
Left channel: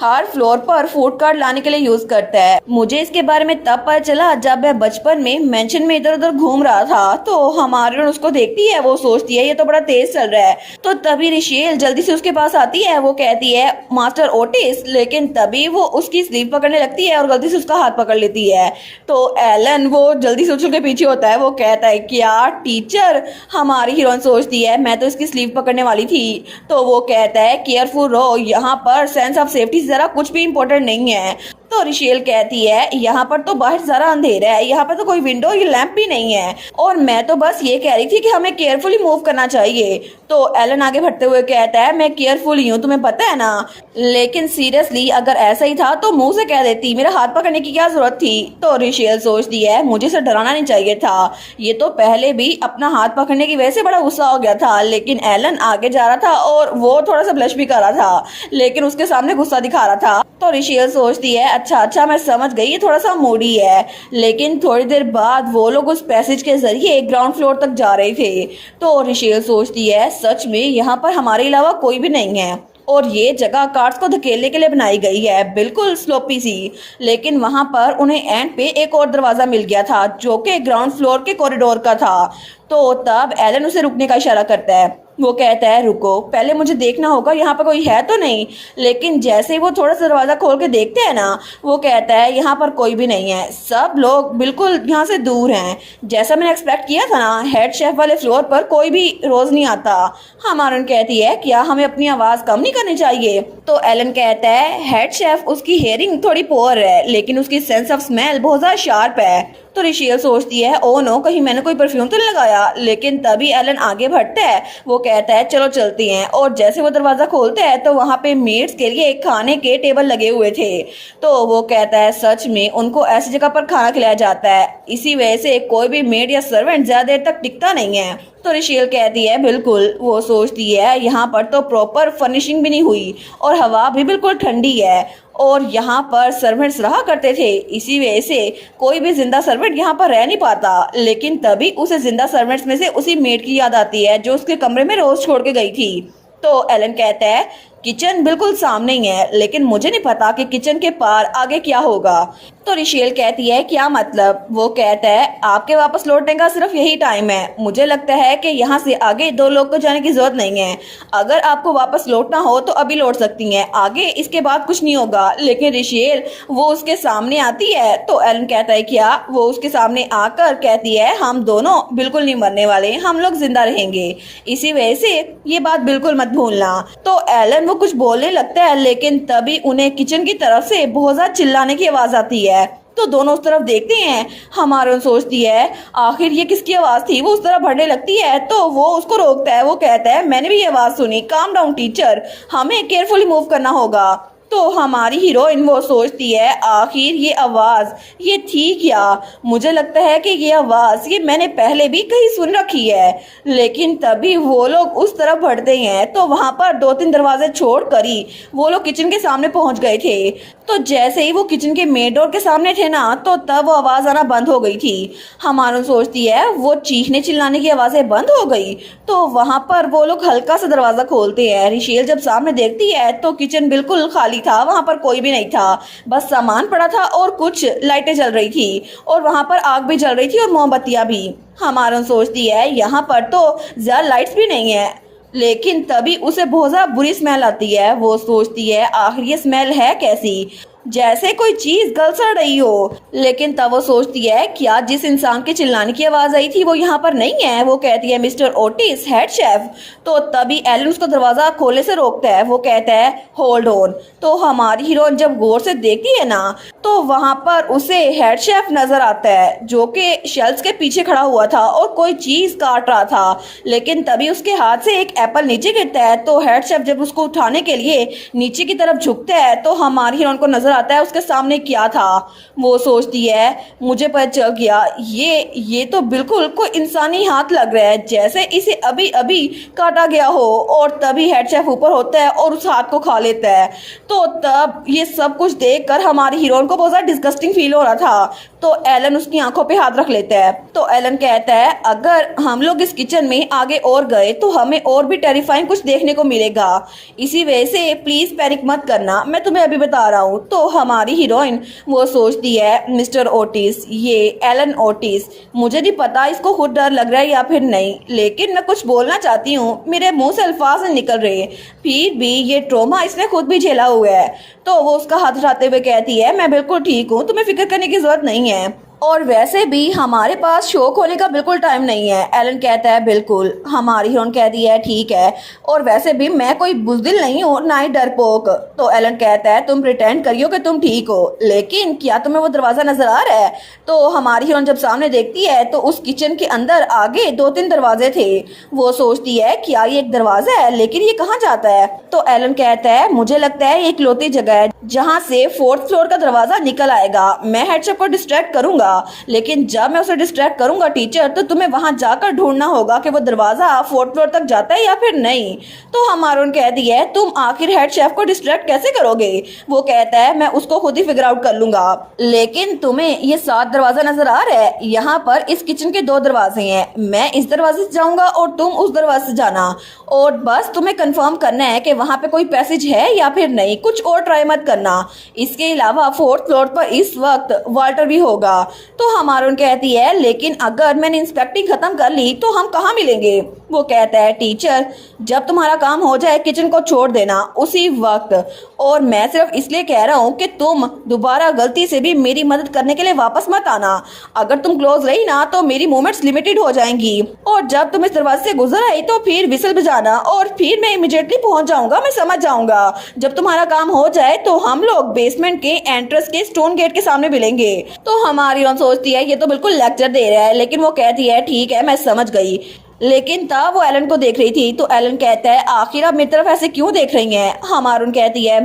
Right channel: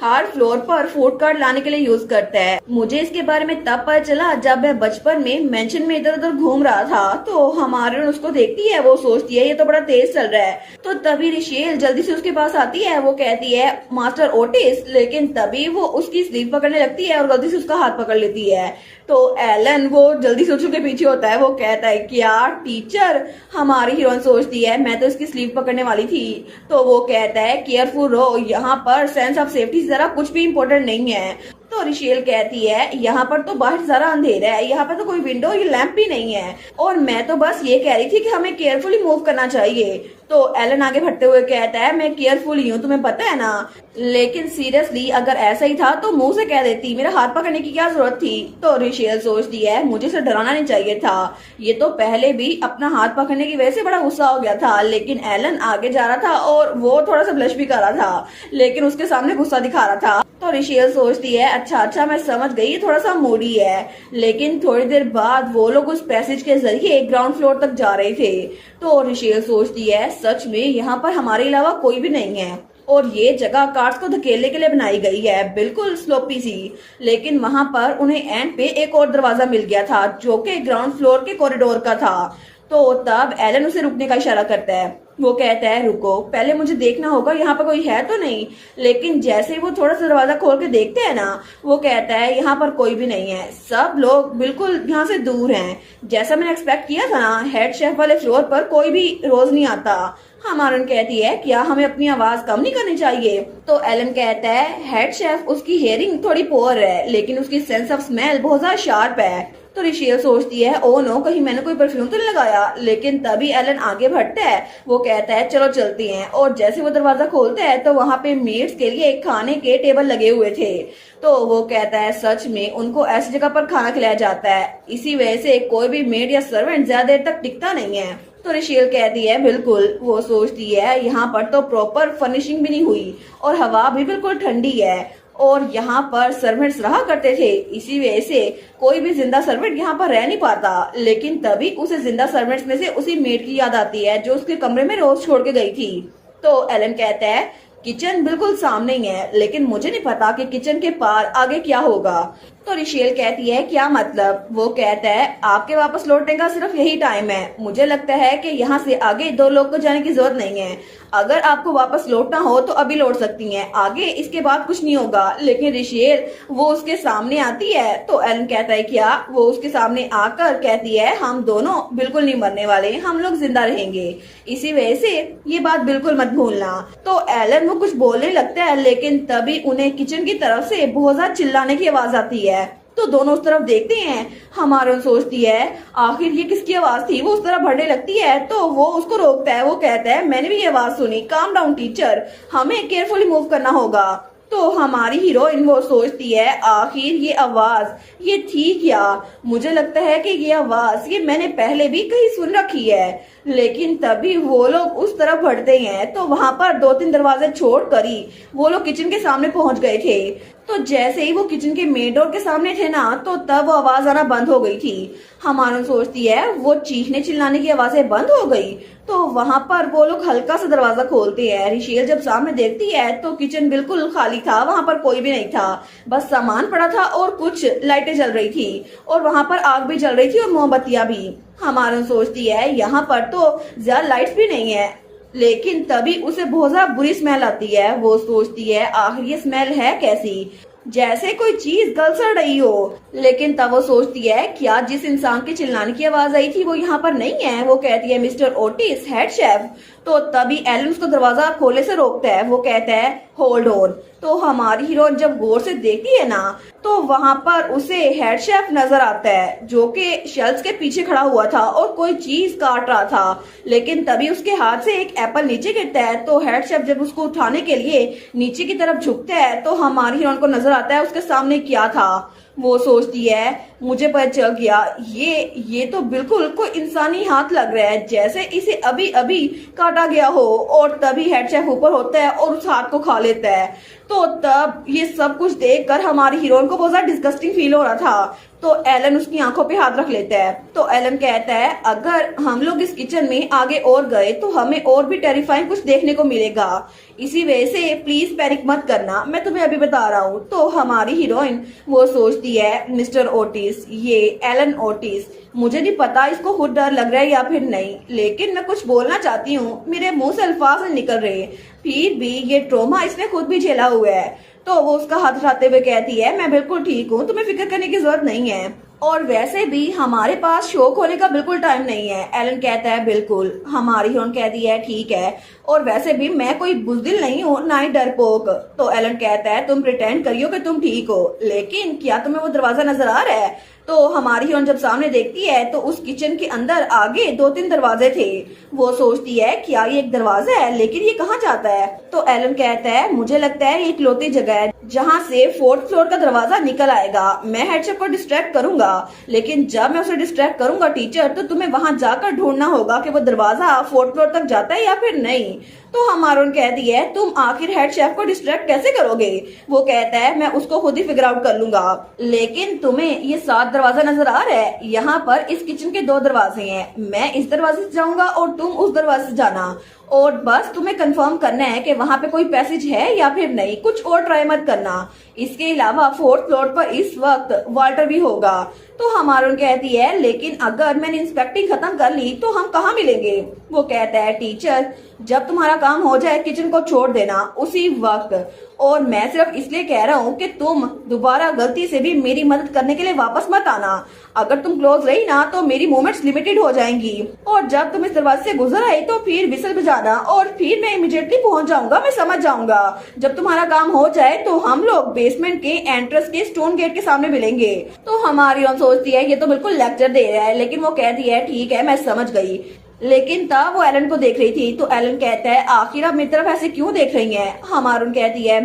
हर फ्लोर पर फूड कार्ट लाने के लिए यूज करता है। मुझे इसके बारे में तब पता चला जब मैं बचपन में मेंशन में इधर उधर घूम रहा था। तो हमारे उसको देखती है, वो सोचती है ये तो बड़ा तेज चल रहा है। तो तभी रिशेल जल्दी से उसके पास आती है। वो कहती है मास्टर ओटिस, लेकिन तभी वो उसकी स्लीव पकड़ने लगती है और गलती से उसका हाथ पकड़ लेती है। तो एलन वो जल्दी से उसके पीछे होता है। वो कहता है क्या टीचर, हमारी हीरोइन सोचती है मैं तो इसकी स्लीव पकड़ने वाली थी। तो वो कहता है केयरफुल रहो, यहाँ पर सेंस ऑफ सेफ्टी जरा कुछ भी इम्पोर्टेंट नहीं है। तो रिशेल कहती है यहाँ पर तो बाहर जरा अंधेरा है, यहाँ पर तो कोई विंडो या लैंप भी नहीं है, और मैं तो बस ये कह रही थी कि हमें केयरफुली मूव करना चाहिए। तो एलन आगे बढ़ते हुए कहता है मैं केयरफुल ही हूँ, तुम्हें पता है ना, लेकिन सीरियसली अगर ऐसा ही था तो मुंह से कह देती, मेरा हाथ पकड़ने की क्या जरूरत थी। तो रिशेल सोचती है मुझे इसे डराना नहीं चाहिए था, ये तो पहले भी अपना हाथ पकड़ने की वजह से बड़ा गुस्सा हो गया था। लेकिन एलन आगे जा रहा था और वो थोड़ा सा ब्लश भी कर रहा था, लेकिन उसके सामने गुस्सा दिखा रहा था। तो रिशेल सोचती है अच्छा मैं समझ गई, ये थोड़ा सा मूडी है। लेकिन थोड़ी देर बाद वो लोग उस पैसेज के जरिए ग्राउंड फ्लोर तक जा रहे थे। तो रिशेल सोचती है सच में यहाँ पर हमारे अलावा कोई भी नहीं है और ये जगह कार्स को धकेलने के लिए बनाई गई है, बिल्कुल स्लोपी सी। लेकिन वहां पर उन्हें एंड पे एक और दरवाजा मिल गया था जो कि ग्राउंड फ्लोर के कॉरिडोर का था। तो तब एलन उसे रुकने का इशारा करता है। वो कहता है रुको, पहले मुझे देखना होगा यहाँ पर कोई है तो नहीं। लेकिन जैसे ही वो थोड़ा सा दरवाजा खोल के देखते हैं ना, वो कहता है यहाँ पर कोई भी नहीं है, सब लोग बिल्कुल यहाँ से दूर हैं। जैसा मैंने एक्सपेक्ट किया था ना, हेड शेफ वाले फ्लोर पर कोई भी रोज नहीं आता। हमारन कहती है क्या हमें अपनी आवाज कम नहीं करनी चाहिए। तो एलन कहता है हेड शेफ उसकी हेयरिंग थोड़ी पुअर है लेकिन उसकी सेंस ऑफ स्मेल बहुत ज्यादा शार्प है। तो रिशेल सोचती है ओ नो, कहीं मैंने कोई परफ्यूम तो नहीं लगाया। लेकिन तभी एलन आगे बढ़ता है। वो कहता है चलो चलती हैं, और जैसे वो दरवाजा खोलता है तो वहां पे मेड्स के लिए खाने के टेबल लगे हुए थे। तो वो कहता है सच में उनको ऐसी जगह पर खाना खिलाया जाता है, इसी वजह से कोई भी मेड या सर्वेंट ज्यादा देर तक टिकता नहीं है। तो रिशेल कहती है बिल्कुल। वो सोचती है यहाँ पर तो प्रॉपर फर्निशिंग भी नहीं हुई और हवा भी बिल्कुल ठंडी है और यहाँ पर सर्वेंट्स रहा करते थे, इसी वजह से कोई भी जिंदा सर्वेंट यहाँ पर रह नहीं पाता। लेकिन तभी उसे जिंदा सर्वेंट्स में से उसी मेड की याद आती है जो उसके कमरे में रोज छोड़ के गई थी। तो एलन कहता है किचन बिल्कुल सामने ही है, लेकिन मुझे नहीं पता कि किचन के पार आगे क्या होगा। तो रिशेल कहती है क्या मतलब। वो कहता है आपके वापस लौटने का सिर्फ यही टाइम है, मुझे लगता है कि यहाँ से आगे 2 लोग को जाने की जरूरत नहीं है। अगर आपको वापस लौटना हो तो अभी लौट सकती हैं, आगे इसके बाद कुछ नहीं होगा। लेकिन रिशेल वो उसके सामने आती है। तो एलन कहता है क्या। वो उसके सामने आकर कहती है हम दोनों बिल्कुल नहीं मरने वाले, हम लोग जिंदा रहेंगे, इसी वजह से ये बात बिल्कुल मत भूलना। तो एलन वो कुछ बोलने लगता है, लेकिन तभी उन्हें किचन की तरफ से बहुत ज्यादा चिल्लाने की आवाज आती है। तो दोनों उस तरफ देखते हैं। हमारे सोचती है आखिर ये किसकी आवाज थी। वो उस तरफ बढ़ने लगती है तो वो उसको रोकता है। वो कहता है मैंने भी ये आवाज सुनी, काम डाउन टीचर, हमें केयरफुली मूव करना होगा। तो हमारी हीरोइन वो सोचती है आखिर ये आवाज ये थी क्या। मुझे लगता है कि ये आवाज ये मैंने पहले भी कहीं सुन रखी है। लेकिन तभी वो लोग उस तरफ बढ़ते हैं तो वहां पर 2-3 दरवाजे छोड़कर ही वो लोग किचन के सामने पहुंच गए थे। तो जैसे ही वो किचन के मेन डोर के सामने थे ना तो तब वो आवाज आना बंद हो गई थी। हमारा सोचती है वो चीखने चिल्लाने की आवाजें बंद हो गई। तो वहां पर वो लोग हल्का सा दरवाजा खोलते हैं। रिशेल जब सामने देखती है तो किचन बिल्कुल खाली था, वहां पर कोई भी नहीं था, बस सामान पड़ा था और कुछ लाइटें जल रही थी और वहां पर आग भी जल रही थी और मोमबत्तियां भी। हमारा सोचती है यहाँ पर तो ज्यादा लाइट्स भी नहीं है। लेकिन तभी उसे बहुत ज्यादा बुरी स्मेल आती है। वो सोचती है आखिर ये स्मेल है कैसी, जैसे कोई चीज गल सड़ रही हो। लेकिन तब वो सोचती है क्या जिस इंसान के चिल्लाने की आवाज आई थी वो यहाँ पर नहीं है। वो कहती है मिस्टर ओटिस हेड शेफ। तो तभी एलन उसका दरवाजा खोले से रोकता है। वो कहता है होल्ड ऑन। तो हमारी हीरोइन जब गौर से देखती है ना तो वहां पर उसे हेड शेफ नजर आता है जो कि शेल्फ्स के पीछे खड़ा हुआ था और कोई चीज काट रहा था। लेकिन तभी उसके हाथ से एक एप्पल नीचे गिरता है। तो हेड शेफ जब उसको उठाने के लिए नीचे की तरफ झुकता है तो हमारी हीरोइन को नजर आता है उसके सामने क्या था। वो सोचती है मुझे पता चल गया ये तो बिल्कुल कोई इंसानी हाथ लग रहा है, जैसे इसे अभी अभी काटा गया हो। और तभी हेड शेफ ऊपर होता है और उस हाथ को खा लेता है। तो तब ये सब कुछ देखकर हमारी हीरोइन को बहुत ज्यादा डिस्गस्टिंग फील हो रहा था। तो एलन उसकी आंखों पे हाथ रख लेता है। तो एलन कहता है अगर हम लोग इस किचन में आगे और गए तो हमें और भी टेरिफाइंग कुछ देखने को मिलेगा। इसी वजह से प्लीज पैनिक मत करना, मैं तुम्हें अभी बता रहा हूँ। तो हमारी हीरोइन वो सोचती है मिस्टर ओटिस, ये एलन ओटिस, मुझे नहीं पता इसको खुद डर लग रहा है या फिर नहीं, लेकिन मैं कुछ बोलना चाहती हूँ, मेरे मुंह से अल्फाज नहीं निकल रहे। फिर भी ये ट्रॉमा इसने खुद भी झेला हुआ है। तो वो उसका हाथ उठाते हुए कहती है मैं बिल्कुल ठीक हूँ, तुम्हें फिक्र करने की जरूरत नहीं है, और वैसे भी हमारे पास शौक होने का बिल्कुल टाइम नहीं है। एलन कहता है बिल्कुल। हमारी हीरोइन कहती है ठीक है, और वैसे भी मैं कोई बुज़दिल नहीं हूँ ना ही डरपोक। तो एलन कहता है तुम प्रिटेंड करियो कि तुम ठीक हो, लेकिन क्या तुम्हें वो दरवाजा नजर आ रहा है। तो हमारी हीरोइन जब सामने देखती है तो उस किचन के अंदर आगे 2-3 दरवाजे थे। वो सोचती है क्या ये एक दरवाजा है, लेकिन ये कहाँ जाता है। तो एलन कहता है मुझे लगता है ये इकलौती जगह है जहाँ से 4th फ्लोर का दरवाजा निकल आएगा। मैं हेडशेफ को डिस्ट्रैक्ट करूंगा, लेकिन जब मैं उसे डिस्ट्रैक्ट करूंगा टीचर, तो तुम्हें वहां जाकर ढूंढना होगा कि वो दरवाजा 4th फ्लोर तक जाता है या फिर नहीं। तो हमारून कहती है तुम आखिर हेड शेफ को डिस्ट्रैक्ट कैसे करोगे। वो कहता है मैं उसको खुद ही फिगर आउट कर लूंगा, लेकिन तुम्हें ये 7 दरवाजा नजर आ रहा है। यहाँ पर इस किचन के 2 दरवाजे हैं, मैं इस दरवाजे से जाऊंगा और तुम उस दरवाजे से जाना, और बस तुम्हें कंफर्म करना है कि वहां पे कोई पैसेज है या फिर नहीं, कुछ और ट्राई मत करना। इसके अलावा 4th फ्लोर पर इस वक्त वाल्टर भी होगा। तो हमारून कहती है लेकिन अगर मैंने इंस्पेक्टिंग खत्म कर ली तो हम कहाँ मिलेंगे। वो कहता है टीचर जब तुम्हारा काम हो जाए किचन को छोड़ देना उसी वक्त, और मैं सिर्फ इसलिए कह रहा हूँ कि तुम दोबारा गलती से भी मेरी मदद करने के लिए वापस मत आना। अगर तुम क्लोज रही ना तो मेरी मूवमेंट्स लिमिटेड हो जाएंगी, और जब तुम इस दरवाजे से गुजर आई तो फिर विसल बजाना और फिर मैं इमीडिएटली पहुंच जाऊंगा, मैं समझ जाऊंगा। जब तुम्हारा काम हो जाए तो हम लोग बेसमेंट के एंट्रेंस के स्टोन गेट के सामने मिलेंगे। तो हमारी सोचती है ये तो बिल्कुल लेक्चर दे रहा है, लेकिन वो कहती है ठीक है मैं समझ गई। लेकिन तब वो एलन को देख रही थी। तो एलन कहता है आखिर आप मेरी तरफ ऐसे क्यों देख रही हैं। हमारून कहती है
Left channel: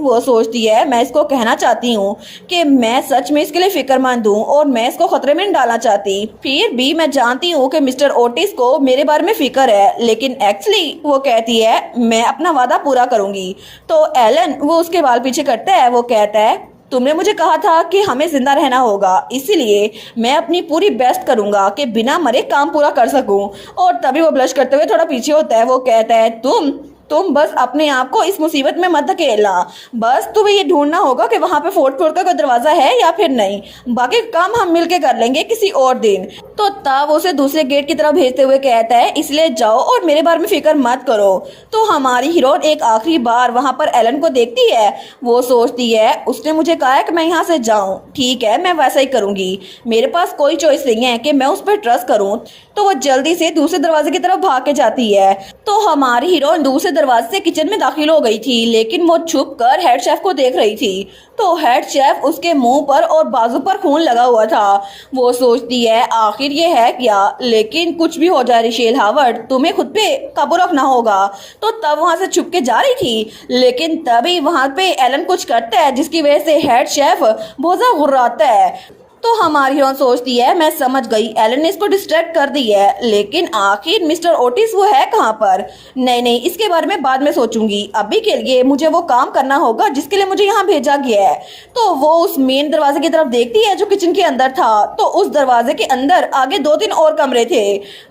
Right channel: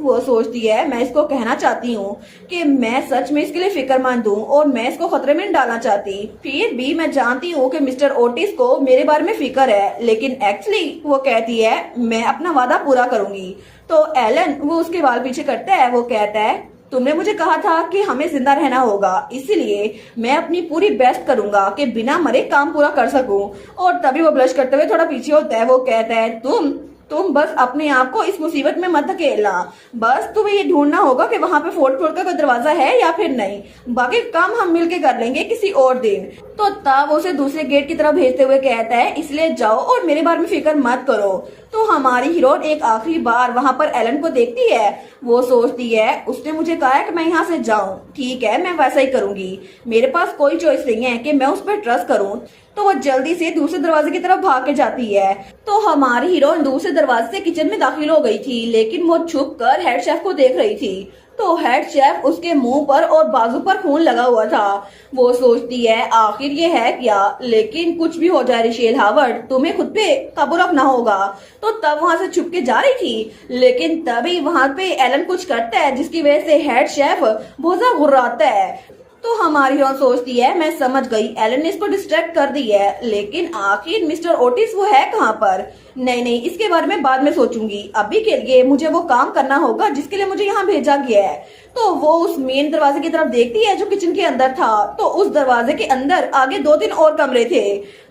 वो सोचती है मैं इसको कहना चाहती हूँ कि मैं सच में इसके लिए फिक्रमंद हूँ और मैं इसको खतरे में नहीं डालना चाहती। फिर भी मैं जानती हूँ कि मिस्टर ओटिस को मेरे बारे में फिक्र है, लेकिन एक्चुअली वो कहती है मैं अपना वादा पूरा करूंगी। तो एलन वो उसके बाल पीछे करता है। वो कहता है तुमने मुझे कहा था कि हमें जिंदा रहना होगा, इसीलिए मैं अपनी पूरी बेस्ट करूंगा कि बिना मरे काम पूरा कर सकूं। और तभी वो ब्लश करते हुए थोड़ा पीछे होता है। वो कहता है तुम बस अपने आप को इस मुसीबत में मत धकेलना, बस तुम्हें ये ढूंढना होगा कि वहां पे 4th फ्लोर का कोई दरवाजा है या फिर नहीं, बाकी काम हम मिलके कर लेंगे किसी और दिन। तो तब उसे दूसरे गेट की तरफ भेजते हुए कहता है इसलिए जाओ और मेरे बारे में फिक्र मत करो। तो हमारी हीरोइन एक आखिरी बार वहां पर एलन को देखती है। वो सोचती है उसने मुझे कहा है कि मैं यहाँ से जाऊं, ठीक है मैं वैसा ही करूंगी, मेरे पास कोई चॉइस नहीं है कि मैं उस पर ट्रस्ट करूं। तो वो जल्दी से दूसरे दरवाजे की तरफ भाग के जाती है। तो हमारी हीरोइन दूसरे दरवाजे से किचन में दाखिल हो गई थी, लेकिन वो छुप कर हेड शेफ को देख रही थी। तो हेड शेफ उसके मुंह पर और बाजू पर खून लगा हुआ था। वो सोचती है आखिर ये है क्या, लेकिन कुछ भी हो जाए रिशेल हावर्ड, तुम्हें खुद पे काबू रखना होगा। तो तब वहां से छुप के जा रही थी, लेकिन तभी वहां पे एलन कुछ करता है जिसकी वजह से हेड शेफ बहुत ज्यादा गुर्राता है। तो हमारी हीरोइन सोचती है मैं समझ गई, एलन ने इसको डिस्ट्रैक्ट कर दी है, लेकिन आखिर मिस्टर ओटिस वो है कहाँ पर। नहीं, इसके बारे में बाद में सोचूंगी, अभी के लिए मुझे वो काम करना होगा जिसके लिए मुझे यहाँ भेजा गया है। तो वो उस मेन दरवाजे की तरफ देखती है जो किचन के अंदर था। तो उस दरवाजे के अंदर आगे 2-3 और कमरे थे।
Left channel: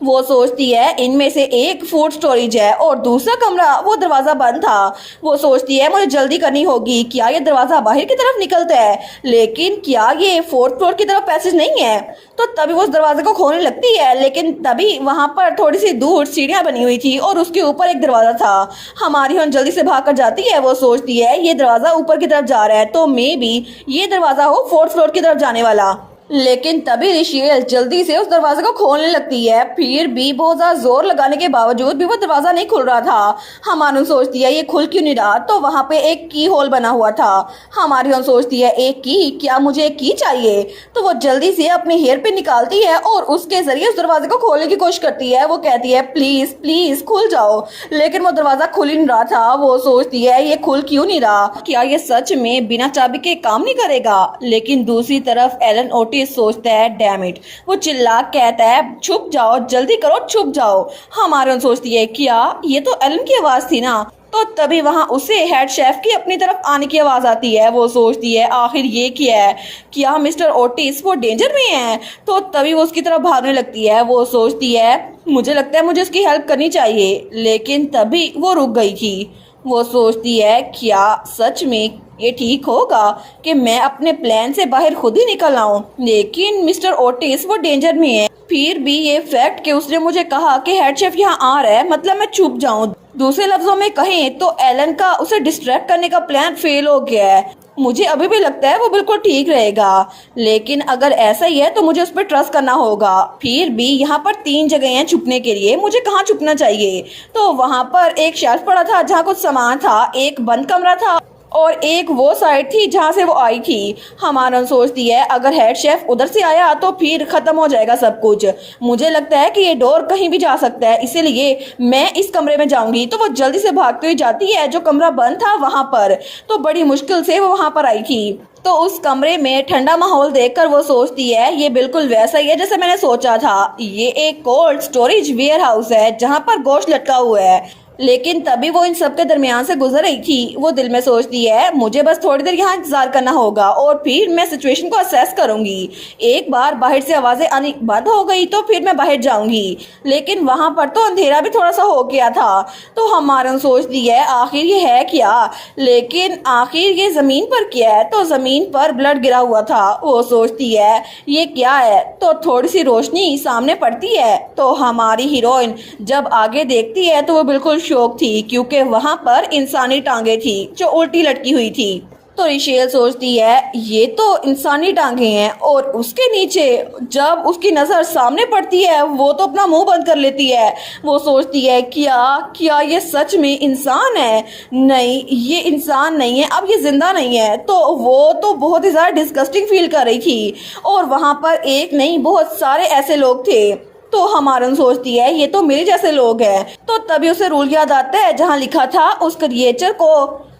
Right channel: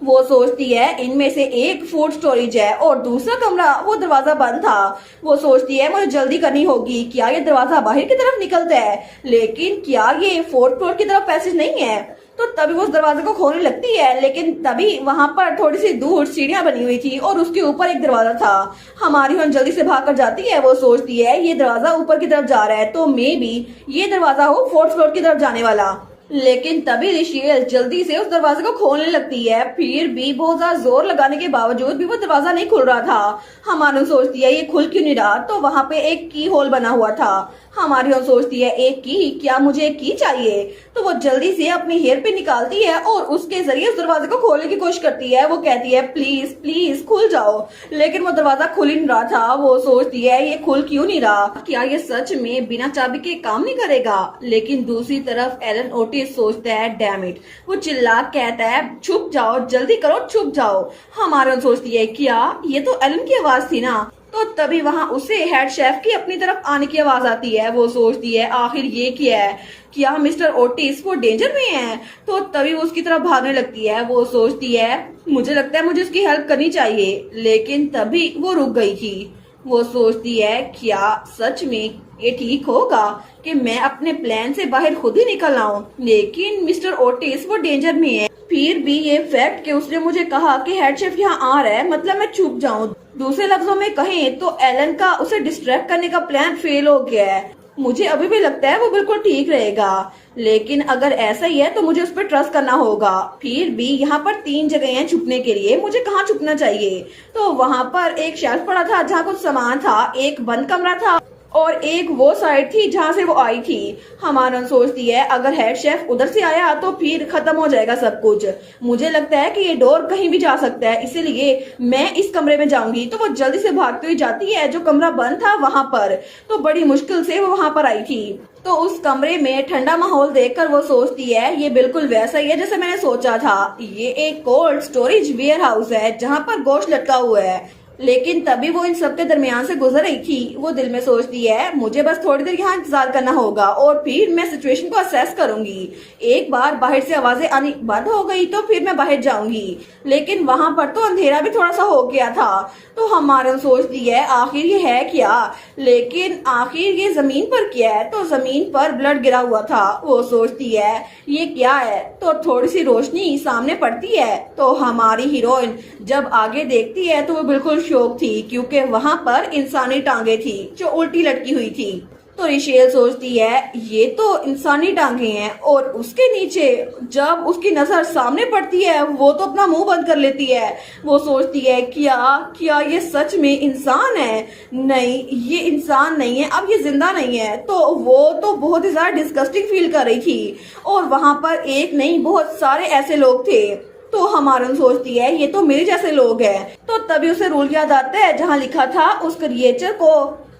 वो सोचती है इनमें से एक फूड स्टोरेज है और दूसरा कमरा वो दरवाजा बंद था। वो सोचती है मुझे जल्दी करनी होगी, क्या ये दरवाजा बाहर की तरफ निकलता है, लेकिन क्या ये 4th फ्लोर की तरफ पैसेज नहीं है। तो तभी वो उस दरवाजे को खोलने लगती है, लेकिन तभी वहां पर थोड़ी सी दूर सीढ़ियां बनी हुई थी और उसके ऊपर एक दरवाजा था। हमारी हीरोइन जल्दी से भाग कर जाती है। वो सोचती है ये दरवाजा ऊपर की तरफ जा रहा है, तो मे बी ये दरवाजा हो 4th फ्लोर की तरफ जाने वाला। लेकिन तभी रिशेल जल्दी से उस दरवाजे को खोलने लगती है, फिर भी बहुत ज्यादा जोर लगाने के बावजूद भी वो दरवाजा नहीं खुल रहा था। हमारी सोचती है ये खुल क्यों नहीं रहा, तो वहां पे एक की होल बना हुआ था। हमारी सोचती है एक की, क्या मुझे एक की चाहिए। तो वो जल्दी से अपनी हेयर पिन निकालती है और उसके जरिए उस दरवाजे को खोलने की कोशिश करती है। वो कहती है प्लीज प्लीज खुल जाओ, लेकिन वो दरवाजा खुल ही नहीं रहा था। वो सोचती है ये खुल क्यों नहीं रहा, क्या ये सच में बिना चाबी के काम नहीं करेगा। लेकिन दूसरी तरफ एलन ओटिस सोचता है डैम इट, वो चिल्ला कहता है छुप जाओ, जल्दी करो छुप जाओ। हमारे सोचती है क्या ये तो एलन की आवाज थी ना। तो तभी वहां उसे हेड शेफ की अपनी तरफ आने की आवाज आती है। वो सोचती है आखिर ये क्या है, क्या मिस्टर ओटिस वो डेंजर में है। तो तभी वो उसकी तरफ भागने लगती है। वो सोचती है मुझे लगता है मुझे उसकी हेल्प करनी चाहिए, लेकिन तभी वो रुक गई थी। वो सोचती है क्या सच में ये ठीक होगा कि मैं अपने प्लान से बाहर खुद ही निकल आऊं, लेकिन मिस्टर ओटिस वो डेंजर में है। फिर भी ये फैक्ट कि उसने मुझे कहा कि हेड शेफ यहाँ आ रहा है, मतलब मैं छुप जाऊं। दूसरे लफ्जों में कहें तो एलन का उसे डिस्ट्रैक्ट करने का प्लान फेल हो गया है। मुझे अभी भी लगता है वो बिल्कुल ठीक रहेगा, लेकिन अगर ऐसा ही है तो मुझे उस पर ट्रस्ट करना होगा। फिर भी यहाँ पर 3 जगह हैं छुपने के लिए, मुझे कहाँ छुपना चाहिए। तो वहाँ पर एक शेल्फ पड़ा था जहाँ कुछ सामान था, एक बंद कमरा था और एक वो साइड थी जहाँ से वो आई थी। हमारा सोचती है अगर हेड शेफ उधर से आया तो फिर खत्म हो जाएगा सब कुछ। मुझे लगता है कि ये डोर कहीं भी जा सकता है, इसीलिए मैं इस कमरे में जाऊंगी। तो वो जल्दी से भागते हुए जाती है जो कमरा बंद था वहां पर। तो बड़ी मुश्किल से वो वहां पर आई थी। तो उस कमरे में ठंडा माहौल देखकर वो सोचती है ये बिल्कुल वैसा ही है जैसे मैंने सोचा था। ये एक कोल्ड स्टोरेज वेयर हाउस है जहाँ पर गोश्त लटका हुआ है। लेकिन तभी वो इन सब के दरमियान से गुजर रही थी। वो दिल में सोचती है मुझे बस थोड़ी देर यहाँ इंतजार करना होगा और फिर मैं सिचुएशन को असेस करूंगी। एक बार बाहर से आवाजें आनी बंद हो गई तो फिर मैं बाहर जाऊंगी। लेकिन वहां पर तो अंधेरा भी थोड़ा सा हो गया था। तो हमारा सोचती है आखिर ये है क्या, लेकिन आखिर ये जमीन पर क्या है। तो जमीन पर ब्लड गिरा हुआ था। वो सोचती है ये क्या है। तो थोड़ी सी रोशनी सामने पड़ती है। तो हमारी हीरोइन जब आगे देखती है तो वो बिल्कुल शौक थी, क्योंकि वहां पर इंसानी टांगे थी जो उल्टी लटकी हुई थी। तो रिशेल सोचती है ये तो इंसानी टांगे हैं, और उसके नीचे जब उसकी नजर सामने पड़ती है वो तो अपना मुंह बंद कर लेती है। वो सोचती है क्या ये सच में इंसान है। नहीं, ये इंसान नहीं है, अब ये जिंदा नहीं है। तो वो तो बहुत ही ज्यादा डिस्गस्टिंग फील कर रही थी, और वहां पर एक नहीं बहुत सारे ऐसे लोग थे। तो हमारन सोचती है ये तो मेरे जैसे लोग हैं। तो तभी उसे रूल याद आता है जहाँ लिखा था उस क्रिएचर को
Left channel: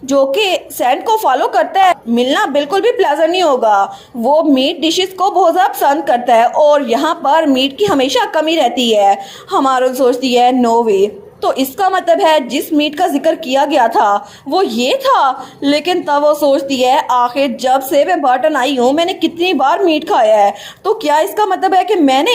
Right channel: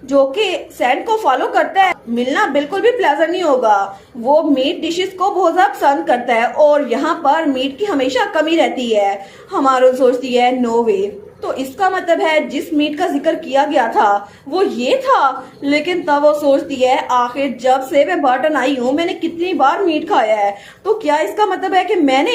जो कि सैंड को फॉलो करता है मिलना बिल्कुल भी प्लेजेंट नहीं होगा। वो मीट डिशेस को बहुत ज्यादा पसंद करता है और यहाँ पर मीट की हमेशा कमी रहती है। हमारन सोचती है नो वे, तो इसका मतलब है जिस मीट का जिक्र किया गया था वो ये था। लेकिन तब वो सोचती है आखिर जब से मैं बर्टन आई हूँ मैंने कितनी बार मीट खाया है, तो क्या इसका मतलब है कि मैंने।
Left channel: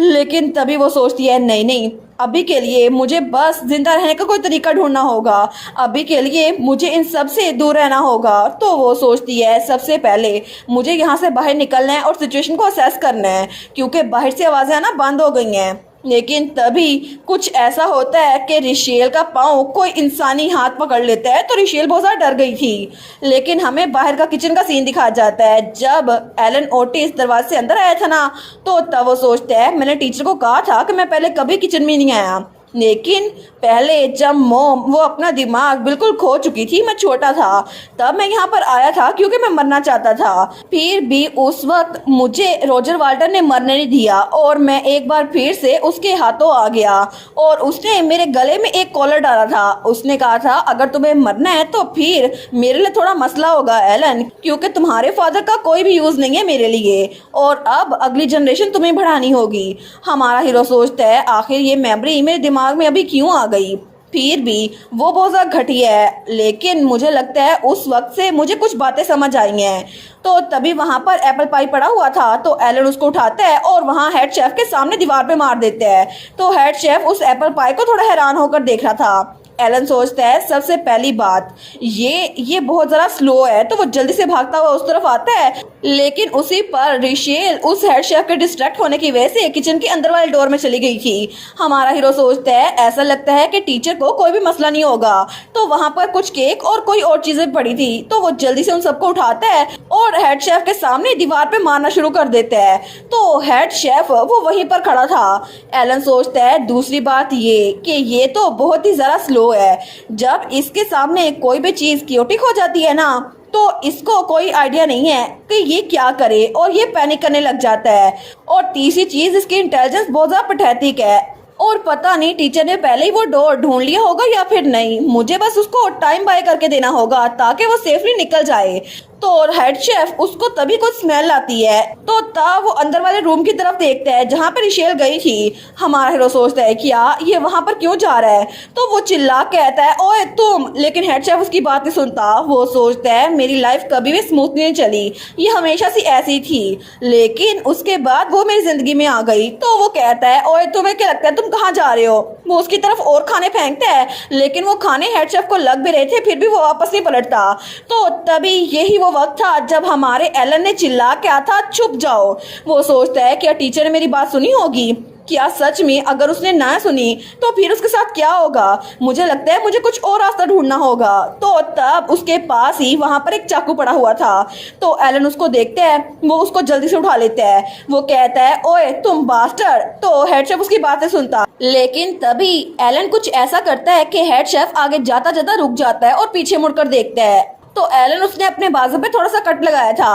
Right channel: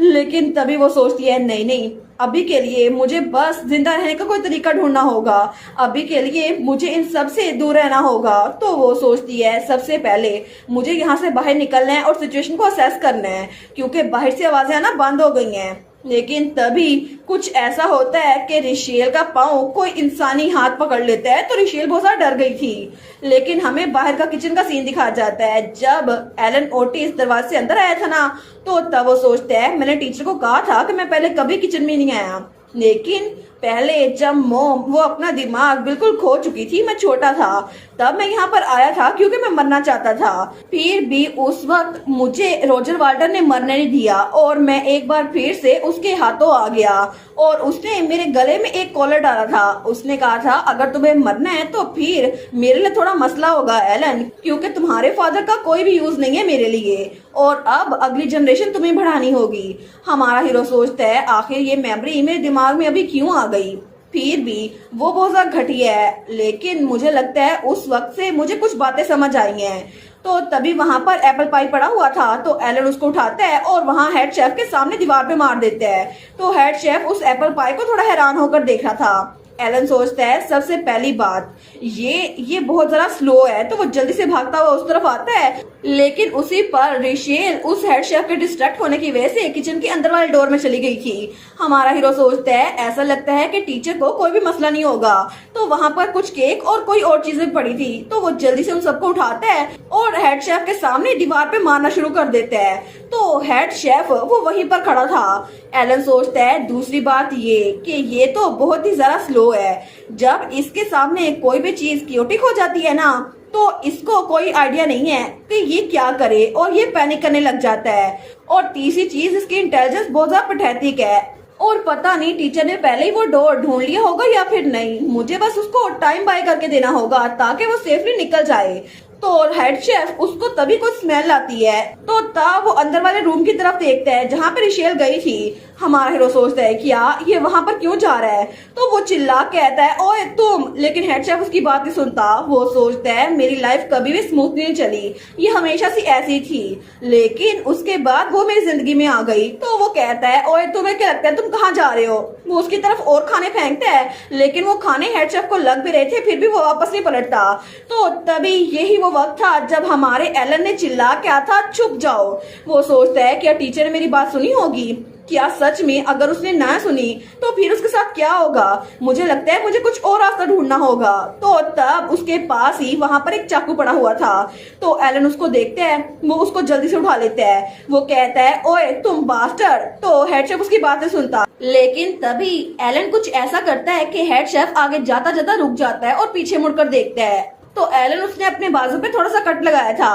लेकिन तभी वो सोचती है नहीं, अभी के लिए मुझे बस जिंदा रहने का कोई तरीका ढूंढना होगा। अभी के लिए मुझे इन सब से दूर रहना होगा। तो वो सोचती है सबसे पहले मुझे यहाँ से बाहर निकलना है और सिचुएशन को असेस करना है, क्योंकि बाहर से आवाजें आना बंद हो गई हैं। लेकिन तभी कुछ ऐसा होता है कि रिशेल का पाँव कोई इंसानी हाथ पकड़ लेता है। तो रिशेल बहुत ज्यादा डर गई थी। लेकिन हमें बाहर का किचन का सीन दिखाया जाता है। जब एलन ओटिस दरवाजे से अंदर आया था ना, तो तब वो सोचता है मैंने टीचर को कहा था कि मैं पहले कभी किचन में नहीं आया, लेकिन पहले जब मॉम वो अपना दिमाग बिल्कुल खो चुकी थी, मैं छोटा था, तब मैं यहाँ पर आया था क्योंकि मैं मरना चाहता था। फिर भी उस वक्त मुझे रॉजर वाल्टर ने मरने नहीं दिया और मैं एक बार फिर से उसके हाथों आ गया और उसने मेरे गले में एक कॉलर डाला था। उसने कहा था अगर तुम्हें मरना है तो फिर मेरे लिए थोड़ा मसला होगा एलन, क्योंकि तुम्हारे फादर का कोई भी यूज नहीं है मेरे लिए और अब अगली जनरेशन तुम्हें बढ़ानी होगी। हमारा हीरो सोचता है आखिर ये मेमोरी मेरे दिमाग में अभी क्यों आ गई। फिर भी वो बहुत ज्यादा घटिया है, लेकिन मुझे लगता है उस वक्त से मुझे कुछ बातें समझ आई हैं। तो तभी वहां पर एप्पल पाई पड़ा हुआ था, तो एलन उसको उठाता है और वहां हेड शेफ के सामने दीवार पे मार देता है। तो हेड शेफ उस एप्पल पाई को थोड़ा हैरान होकर देख रहा था। एलन सोचता है सबसे पहली बात ये बहुत जरा स्लो है, तो वो जल्दी से भागता हुआ उस तरफ आता है, लेकिन उसी पर रिशेल उस हेड शेफ के डिस्ट्रैक्ट होने की वजह से किचन के अंदर वाले डोर में चली गई थी। हमारा हीरो सोचता है ऐसा लगता है कि टीचर को कोई भी मसला नहीं होगा। तो वहां पर कुछ केक और कोई और चीजें पड़ी थी, तो वो जल्दी से उन सबको उठाता है और हेड शेफ के सामने दीवार पे मारना शुरू कर देता है। तो हेड शेफ वो वहीं पर खड़ा था। एलन सोचता है दूसरी बात ये कि ये तो बहुत ही जरा स्लो है। जब इसके सामने कोई भी चीज क्योटिक हो जाती है ना, तो इसको कोई आइडिया नहीं है कि ये क्या करे और ये पैनिक करने लग जाता है। और तीसरी चीज इसकी इंटेलिजेंस बहुत ज्यादा पैथेटिक है और पता नहीं टीचर ने पहले ही वो डोर ढूंढ लिया होगा या फिर नहीं। मुझे बस उसको टाइम बाय करके देना होगा ताकि वो सेफली निकल जाए। तो हेड शेफ उसको तभी कुछ स्मेल आती है, तो तब वो अंदर वाले रूम की तरफ देखता है जहाँ पर रिशेल गई थी। हमारा हीरो सोचता है क्या ये वहां पर क्यों जा रहा है, तो वो चिल्ला कहता है ओए तुम, लेकिन हेड शेफ उसकी बात नहीं सुनता। वो सोचता है मेरी लाइफ कभी भी स्मूथ नहीं चली, ये हमेशा से ऐसी थी, लेकिन उसके बाद वो मेरी जिंदगी में आ गई। तो वो कहता है ओए तुम्हें क्या लगता है तुम कहाँ जा रहे हो। वो उसकी तरफ और खाने फेंकता है, लेकिन वो खाने हेड शेफ को लग भी रहे थे, फिर भी वो वापस नहीं पलटता। तो तभी यही वो वक्त था जब हमारे एलन ने चिल्ला क्या था चुप जाओ। वो सोचता है क्या टीचर ने मेरी बात सुनी होगी, क्या सच में अगर उसने ना सुनी तो फिर उसके साथ क्या होगा। मुझे लगता है मुझे कुछ और रास्ता ढूंढना होगा। तो तब उसके पास ही वहां पर एक चाकू पड़ा हुआ था, तो एलन उसको देखते हैं, वो उसको जल्दी से उठा लेता है। वो कहता है ओए तुम बास्टर। तो हेड शेफ उसकी बातें सुनता, लेकिन तभी एलन कुछ ऐसा करता है कि हेड शेफ आगे जाता जाता रुक जाता है और पीछे मुड़कर देखता है। तो एलन उसने अपने बाजू पे थोड़ा सा कट लगाया था।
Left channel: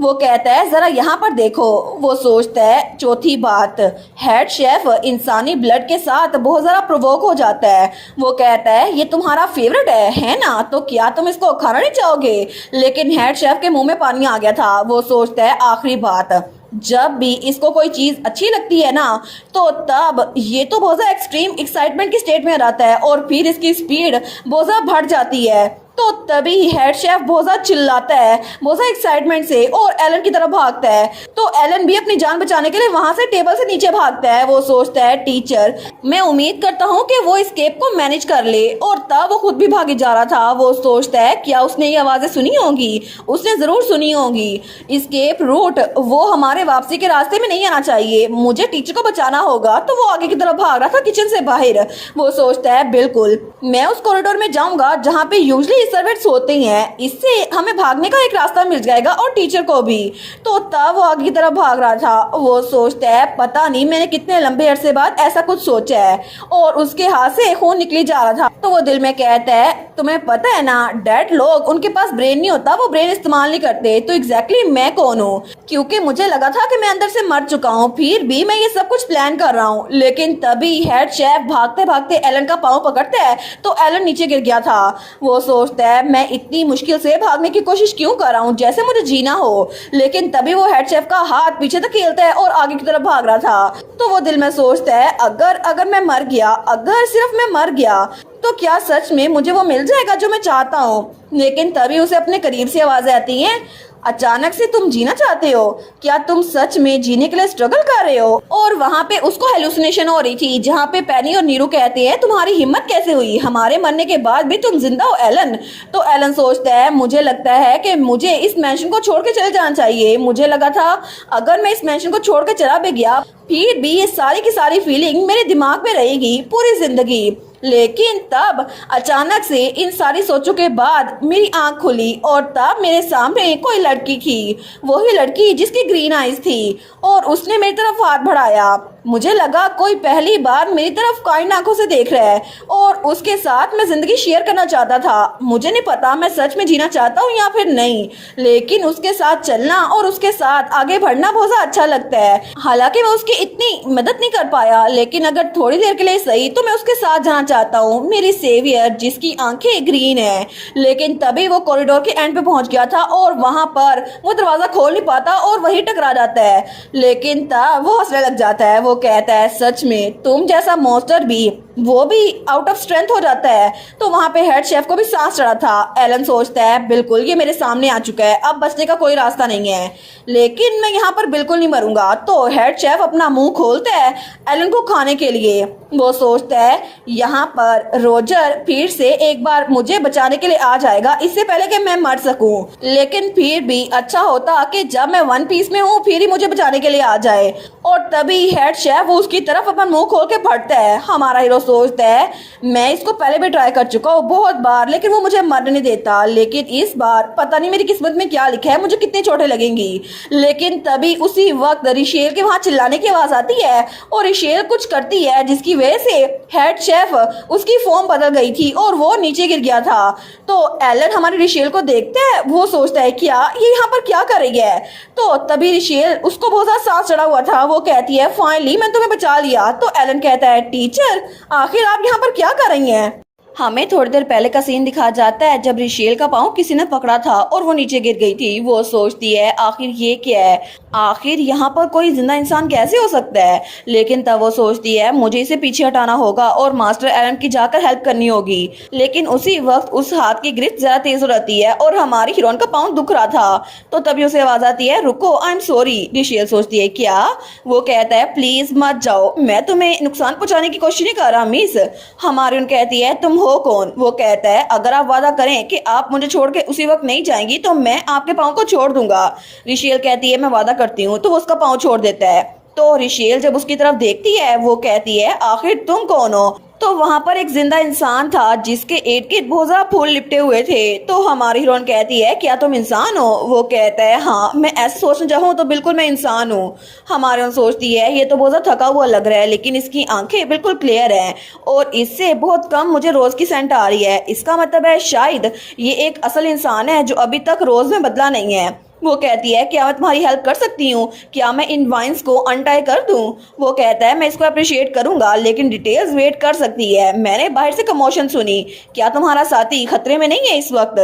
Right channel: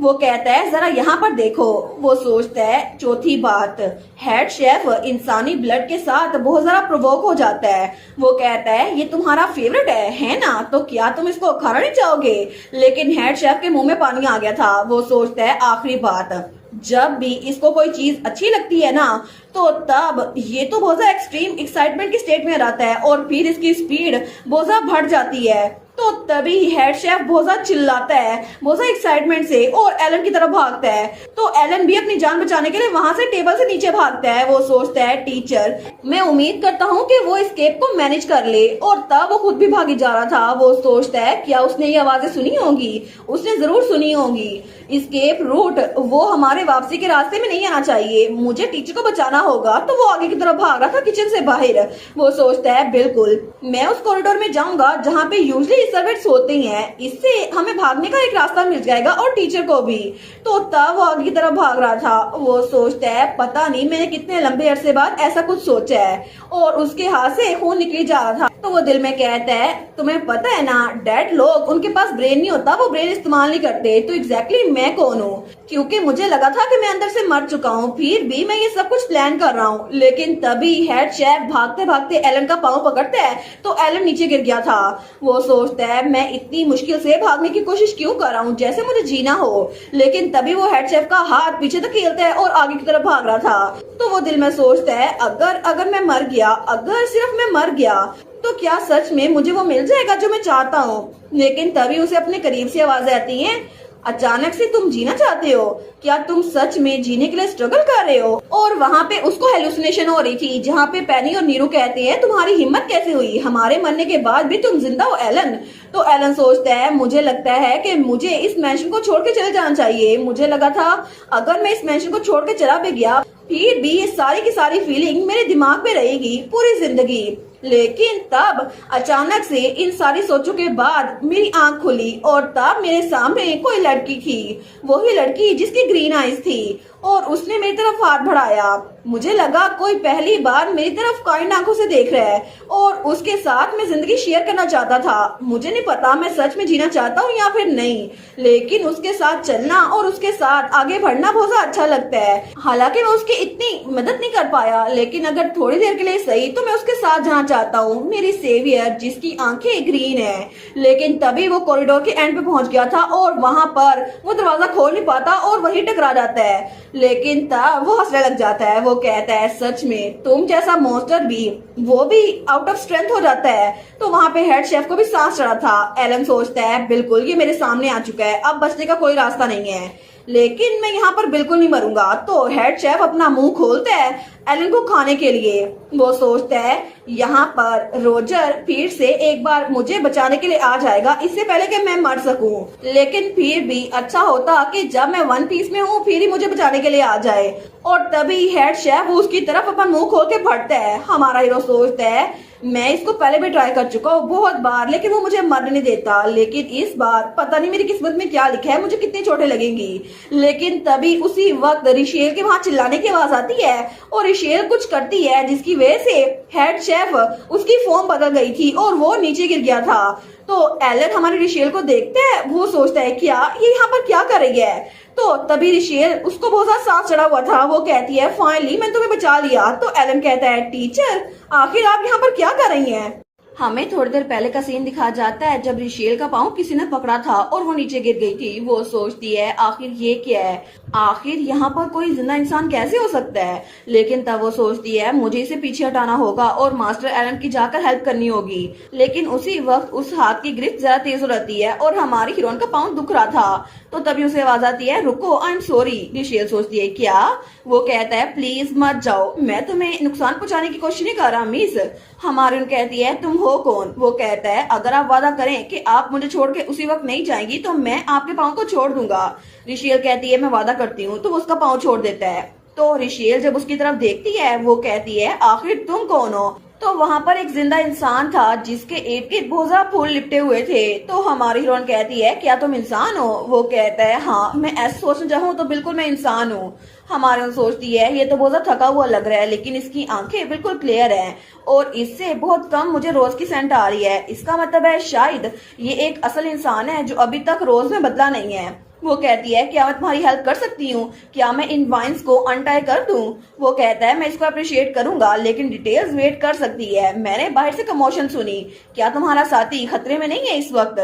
वो कहता है जरा यहाँ पर देखो। वो सोचता है चौथी बात, हेड शेफ इंसानी ब्लड के साथ बहुत जरा प्रोवोक हो जाता है। वो कहता है ये तुम्हारा फेवरेट है ना, तो क्या तुम इसको खाना नहीं चाहोगे। लेकिन हेड शेफ के मुंह में पानी आ गया था। वो सोचता है आखिरी बात, जब भी इसको कोई चीज अच्छी लगती है ना, तो तब ये तो बहुत ज्यादा एक्सट्रीम एक्साइटमेंट की स्टेट में रहता है और फिर इसकी स्पीड बहुत ज्यादा बढ़ जाती है। तो तभी हेड शेफ बहुत ज्यादा चिल्लाता है बहुत ज्यादा एक्साइटमेंट से और एलन की तरफ भागता है। तो एलन भी अपनी जान बचाने के लिए वहां से टेबल से नीचे भागता है। वो सोचता है टीचर मैं उम्मीद करता हूँ कि वो एस्केप को मैनेज कर ले, और तब वो खुद भी भागी जा रहा था। वो सोचता है क्या उसने ये आवाजें सुनी होंगी, उसने जरूर सुनी होगी। एस्केप रूट वो हमारे वापसी के रास्ते में नहीं आना चाहिए, मुझे टीचर को बचाना होगा। तो वो आगे की तरफ भाग रहा था किचन से बाहर। वो सोचता है बिल्कुल मैं उस कॉरिडोर में जाऊंगा जहाँ पे यूजली सर्वेंट्स होते हैं, इससे हमें भागने का एक रास्ता मिल जाएगा और टीचर को भी। तो तब वो आगे की तरफ भाग रहा था। वो सोचता है पता नहीं मैंने कितने लंबे अरसे बाद ऐसा कुछ सोचा है, और उसके हाथ से खून निकली जा रहा था। तो वो दिल में कहता है तुम्हें पता है ना डेड लोग उनके पास ब्रेन नहीं होता, वो ब्रेन इस्तेमाल नहीं करते। तो एग्जैक्टली मैं कौन हूँ, क्योंकि मुझे लगा था कि मैं अंदर से मर चुका हूँ, फिर भी मैं ये सब कुछ प्लान कर रहा हूँ। लेकिन तभी हेड शेफ भागते भागते एलन का पाँव पकड़ता है, तो एलन नीचे गिर गया था। वो सोचता है मैं इतनी मुश्किल से भागने की कोशिश क्यों कर रहा हूँ जैसे मुझे जीना हो। लेकिन तभी वो हेड शेफ का हाथ पीछे तक खेलता है और आगे की तरफ भाग रहा था। तो वो दिल में सोचता है अगर मैं मर गया, अगर सिर्फ मैं मर गया, तो क्या सच में मुझे वो मिल जाएगा जो मैं चाहता हूँ। लेकिन तभी उसे अपने करीब से आवाजें आती हैं, अचानक से तुम जीना चाहते हो, क्या तुम सच में जीने के लिए स्ट्रगल कर रहे हो। और वहाँ पे उसको हेलुसिनेशन हो रही थी, जहाँ पे पेनी और नीरू कहते हैं तुम्हारी हिम्मत कैसे हुई, हमारे मरने के बाद भी तुम जिंदा हो एलन। तो एलन सोचता है मुझे लगता है कि मुझे इस मैंशन को छोड़ के चले जाना चाहिए। मुझे लगा था अगर मैं इस मैंशन को छोड़ के चला भी गया फिर भी ये सारी की सारी फीलिंग मेरे दिमाग में रहेगी पूरी जिंदगी। लेकिन तब अचानक से इन सारी सोचों के बाद मेरी आंख खुली और तब मेरे सामने कोई लड़की थी, वही लड़की जिसकी ग्रीन आईज थी, और उसने मेरी तरफ हाथ बढ़ाया। मुझे लगा कोई पहली बार मेरी तरफ काइंड आंखों से देख रहा है और उसके साथ मैं जिंदगी शेयर करना चाहता था। मुझे नहीं पता मैं सच में जीना चाहता हूँ या फिर नहीं, लेकिन उसके साथ चलना और उसके साथ आगे बढ़ना बहुत अच्छा लगता है। हालांकि मैं उसकी इतनी मदद नहीं कर पाया, लेकिन अगर थोड़ी देर के लिए सही तो मैं उसके साथ जाना चाहता हूँ, मेरी सेवियर जिसकी आंखें ग्रीन है। लेकिन तभी वो कॉरिडोर के एंड पे पहुंच गया था और वहां पर वो दरवाजा खोल नहीं पाता और वही टकरा जाता है। लेकिन तब वो हंसने लग जाता है। वो कहता है, सच में तुम जैसा मॉन्स्टर भी वो भी आउट ऑफ स्ट्रेंथ हो जाता है। तो वहां पे हेड शेफ को भी सांस चढ़ा था। एलन सोचता है, बिल्कुल ये मेरे सामने आ चुका है, अब बचने का कोई रास्ता नहीं है, लेकिन मैं यहाँ पर बिल्कुल नहीं मरूंगा। तो हेड शेफ अपना मुंह खोलता है एलन को खाने के लिए। वो सोचता है यहाँ पर रोजर फिर से एक बार मुझे बचाने के लिए आ जाएगा, इससे पहले कि मैं मर सकूं। लेकिन फिर भी अच्छा होता कि जब मैं वन पीस में हूँ फिर ही मुझे बचाने के लिए आ जाए। और तभी हेड शेफ उसकी तरफ अपन मुंह खोल के फटता है। हमारा हीरो सोचता है, मैं इसको पहले भी ट्राई कर चुका हूँ बहुत बार, लेकिन वो मुझे मरने नहीं देता, लेकिन इस बार पता नहीं मेरी किस्मत में क्या लिखा है, मुझे कितनी चोटें लगेंगी। लेकिन तभी उसी वक्त रिशेल के वहां चिल्लाने की आवाज आती है और रिशेल कुछ करती है जिसकी वजह से हेड शेफ उसकी फॉर्म बदल गई थी और वो नीचे गिर गया था। तो एलन हमारे रिशेल को देखता है। वो सोचता है, क्या ये यहाँ पर क्या कर रही है। तो तभी रिशेल, उसको बहुत सा सांस चढ़ा हुआ था, वो कहती है, फाइनली मैं तुम्हें बचा लिया। तो एलन कहता है, टीचर आखिर आप यहाँ पर क्या कर रही हैं। हमें थोड़ी देर पहले का सीन दिखा जाता है जब रिशेल का पाँव किसी ने पकड़ा था और वो नीचे गिर गई थी। वो सोचती है, आखिर ये क्या है, आखिर यहाँ पर कोई जिंदा इंसान कैसे हो सकता है। लेकिन तब वो सोचती है, मुझे इसे पीछे हटाना होगा और मास्टर एलन की जाकर हेल्प करनी होगी। लेकिन उसी वक्त उस हाथ की ग्रिप ज्यादा तेज हो जाती है और हमारी हीरोइन का पाँव दुख रहा था। तो तभी उसे आवाज आती है, रुको, आई एम सॉरी। रिशेल सोचती है, क्या। वो कहता है, प्लीज मत जाओ, मैं तुम्हें नुकसान पहुंचाने की कोशिश नहीं कर रहा मिस। हमारी कहती है, तुम हो कौन। वो कहता है, अगर आप वादा करें कि आप मुझे छोड़ के उसी वक्त नहीं जाएंगी तो मैं आपके पाँव को छोड़ दूंगा। रिशेल कहती है, मैं वादा करती हूँ। तो वो उसका पाँव छोड़ देता है। तो रिशेल जब उसकी तरफ देखती है, वो कहती है, आखिर तुम कौन हो। तो वहां पर एक जिंदा इंसान था जिसके इर्द गिर्द बहुत ज्यादा फूल लिपटे हुए थे। तो हमारी हीरोइन कहती है, क्या तुम इंसान हो। वो कहता है, हाँ, मैं ऐसे सोचना चाहूँ तो बिल्कुल मैं इंसान हूँ। हमारी हीरोइन सोचती है, ये तो बहुत ज्यादा थका हुआ लग रहा है, लेकिन इसकी आंखें बिल्कुल क्लियर है और इससे बहुत कम मुझे रोज की सेंट आ रही है। इसका मतलब है शायद ये एक असल इंसान है जो अभी तक रोज में बदला नहीं है। वो कहती है, क्या मैं तुम्हारी हेल्प कर सकती हूँ, क्या मैं इन वाइन्स को अनटाई कर दूं। वो कहता है, मैं इसको अप्रिशिएट करूंगा, लेकिन डिटेल्स वेट कर सकती है। मैंने बाहर से कमोशन सुनी, क्या तुम्हारा साथी खतरे में नहीं है इस वक्त।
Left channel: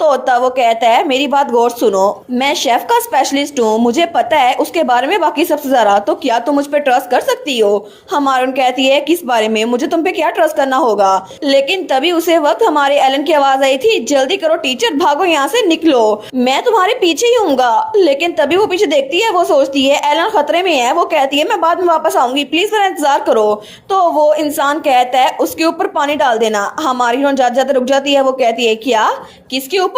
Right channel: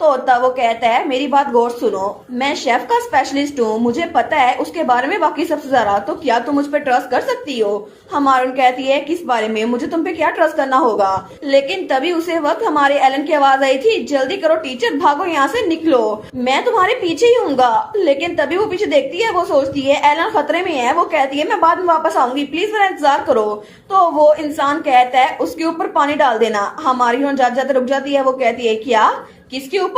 तो तब वो कहता है, मेरी बात गौर सुनो, मैं शेफ का स्पेशलिस्ट हूँ, मुझे पता है उसके बारे में बाकी सबसे ज्यादा, तो क्या तुम मुझ पर ट्रस्ट कर सकती हो। हमारी कहती है, किस बारे में, मुझे तुम पे क्या ट्रस्ट करना होगा। लेकिन तभी उसे वक्त हमारे एलन की आवाज आई थी, जल्दी करो टीचर, भागो यहाँ से, निकलो, मैं तुम्हारे पीछे ही हूँगा। लेकिन तभी वो पीछे देखती है। वो सोचती है एलन खतरे में है। वो कहती है, मैं बाद में वापस आऊंगी, प्लीज मेरा इंतजार करो। तो वो इंसान कहता है, उसके ऊपर पानी डाल देना। हमारी हीरोइन जाते जाते रुक जाती है। वो कहती है, क्या, किसके ऊपर।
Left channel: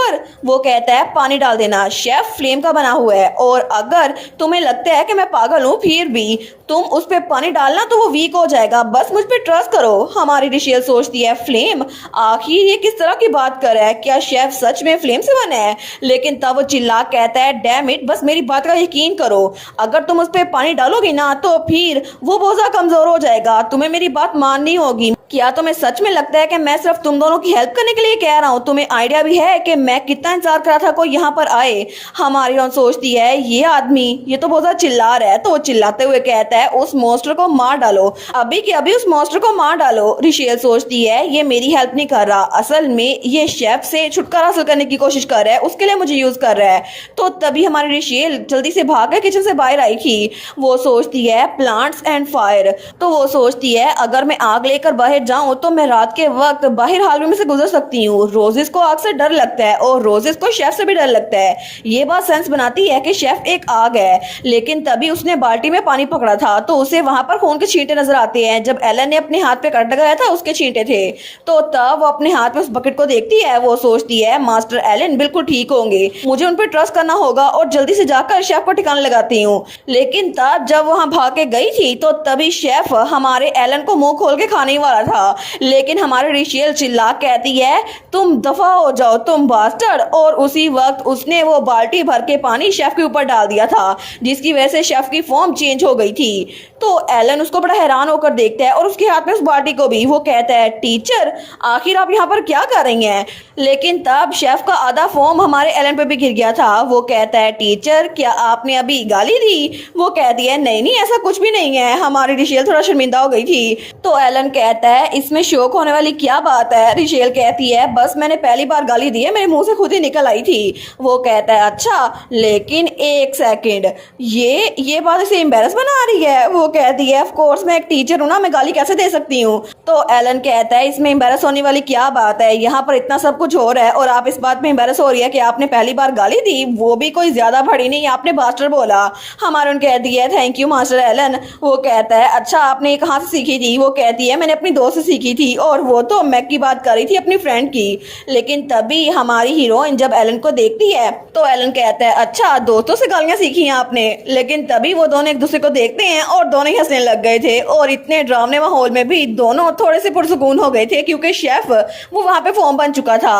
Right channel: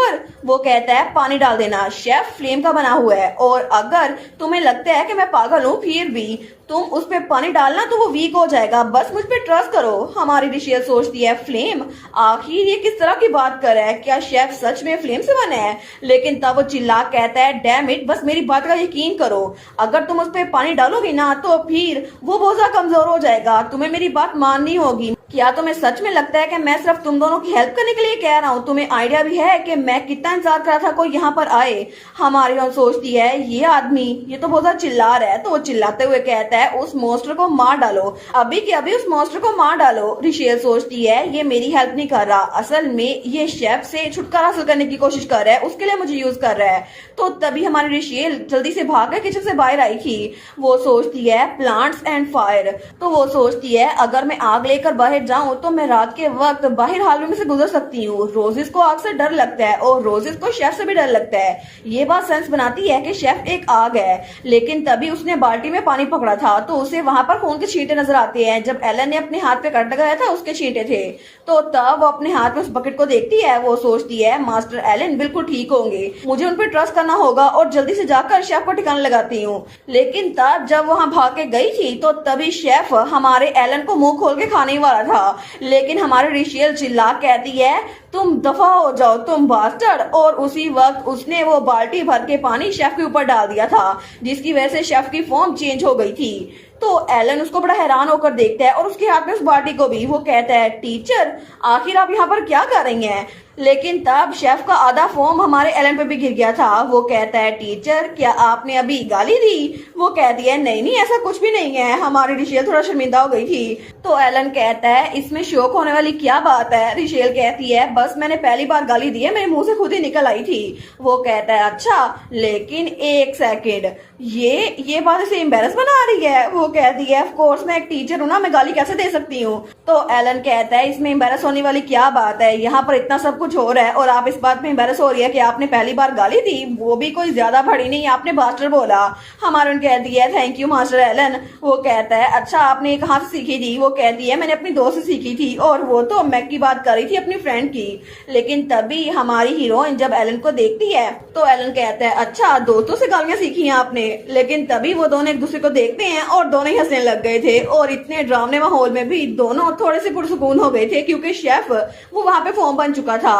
वो कहता है, पानी डाल देना, शेफ फ्लेम का बना हुआ है और अगर तुम्हें लगता है कि मैं पागल हूँ फिर भी तुम उस पर पानी डालना तो वो वीक हो जाएगा, बस मुझ पर ट्रस्ट करो। हमारी रिशेल सोचती है, फ्लेम, आखिर ये किस तरह की बात कर रहा है, क्या शेफ सच में फ्लेम से बना है। लेकिन तब वो चिल्ला कहता है, डैम इट, बस मेरी बात का यकीन करो, अगर तुम उस पर पानी डालोगी ना तो फिर वो बहुत ज्यादा कमजोर हो जाएगा, तुम्हें मेरी बात माननी होगी। क्या तुम्हें सच में लगता है कि मैं सिर्फ तुम दोनों की हेल्प करने के लिए कह रहा हूँ, तुम्हें आइडिया भी है कि मैं कितना इंतजार कर रहा था कोई यहाँ पर आए। हमारी और सोचती है, ये आदमी ये तो बहुत ज्यादा चिल्ला रहा है। तो वो चिल्लाते हुए कहता है, उस मॉन्स्टर को मार डालो, अभी के अभी उस मॉन्स्टर को मार डालो। रिशेल सोचती है, ये मेरी हेल्प नहीं कर रहा, असल में ये शेफ से छुटकारा हासिल करने की कोशिश कर रहा है, उसके लिए मुझे यूज कर रहा है। तो तभी हमारी रिशेल जल्दी से भागकर किचन से बाहर आई थी। वो सोचती है, प्लांट्स एंड फायर। तो वो सोचती है, अगर मैं आग लेकर बाहर बाहर जाऊं तो मैं रात के वक्त बाहर हालवे में से गुजर सकती हूँ। रोजेस को आग से डर लगता है और रोजेस को शेफ से भी डर लगता है। ये बात सेंस बनाती है कि शेफ एक आग है, लेकिन तभी उसने बाल्टी में पानी पकड़ा था तो उसे वहां पर खून के छींटे नजर आते हैं। जब एलन ने अपने हाथ पे कट लगाया था उसके छींटे थे। तो तब वो अपने हाथ में उस बकेट को देखती है। वो सोचती है मास्टर एलन बिल्कुल ठीक होंगे, मुझे उन पर ट्रस्ट करना होगा और जल्दी से जाकर शेफ को ठिकाना लगाती हूँ। लेकिन तब जब वहां भाग के गई थी तो तभी शेफ हमारे एलन को मुंह खोल के खाने ही वाला था, लेकिन हमारे रिशेल चिल्ला कहती है तुम दफा हो जाओ तुम बास्टर्ड, और उसी वक्त उसने वो बाल्टी भर के पानी शेफ के ऊपर डाल दिया था, जिसकी वजह से शेफ की फॉर्म चेंज हो गई थी। तो एलन उसको बड़ा हैरान होकर देखता है और उसके हाथ में उस बाल्टी को भी। वो कहता है टीचर आखिर आप यहाँ पर क्या कर रही हैं? लेकिन तब शेफ का आधा फॉर्म हमारे एलन पे भी गिर गया था। वो कहता है टीचर क्या आपने अभी गाली दी? वो कहती है नहीं नहीं ऐसा कुछ भी नहीं है। हमारी रिशेल थोड़ा शर्मिंदा हो गई थी। तो एलन कहता है इसमें शौक होने वाली क्या बात है? रिशेल कहती है बस मैंने पहली बार गाली दी है, मेरे मुंह से खुद ही निकल आई थी। वो कहता है अच्छा लेकिन एक सेकेंड, ये बात इसे एम्बेरस बना रही है। वो कहती है ऑफ कोर्स मैं एक टीचर हूँ ना, मैं गाली कैसे दे सकती हूँ? तो एलन कहता है इसमें एम्बेरस होने वाली क्या बात है? यहाँ पर इतना सब कुछ हो रहा है और आप इस बात में एम्बेरस हो रही है कि आपने पहली बार गाली दी, वो भी कोई ज्यादा बड़ी नहीं, आपने बास्टर बोला। हमारे कहती है थैंक यू मास्टर एलन। वो कहता है अच्छा आपने ये कहाँ से सीखी थी? वो कहती है मैंने अपनी दोस्त से सीखी थी, और वो तो मैक की बात कर रही थी अपनी फ्रेंड की। लेकिन तभी हमारी हीरोइन जब एलन को देखती है तो एलन कहता है अच्छा दोस्तों से गालियां सीखी हैं आपने? लेकिन तभी वो दोनों एक दूसरे को देखते हैं और दोनों ही हंसने लग गए थे, और इतने ड्रामने माहौल में भी दोनों थोड़े से पुरसुकून हो गए थे क्योंकि शेफ वो वहां पे फॉर्म बन चुका था।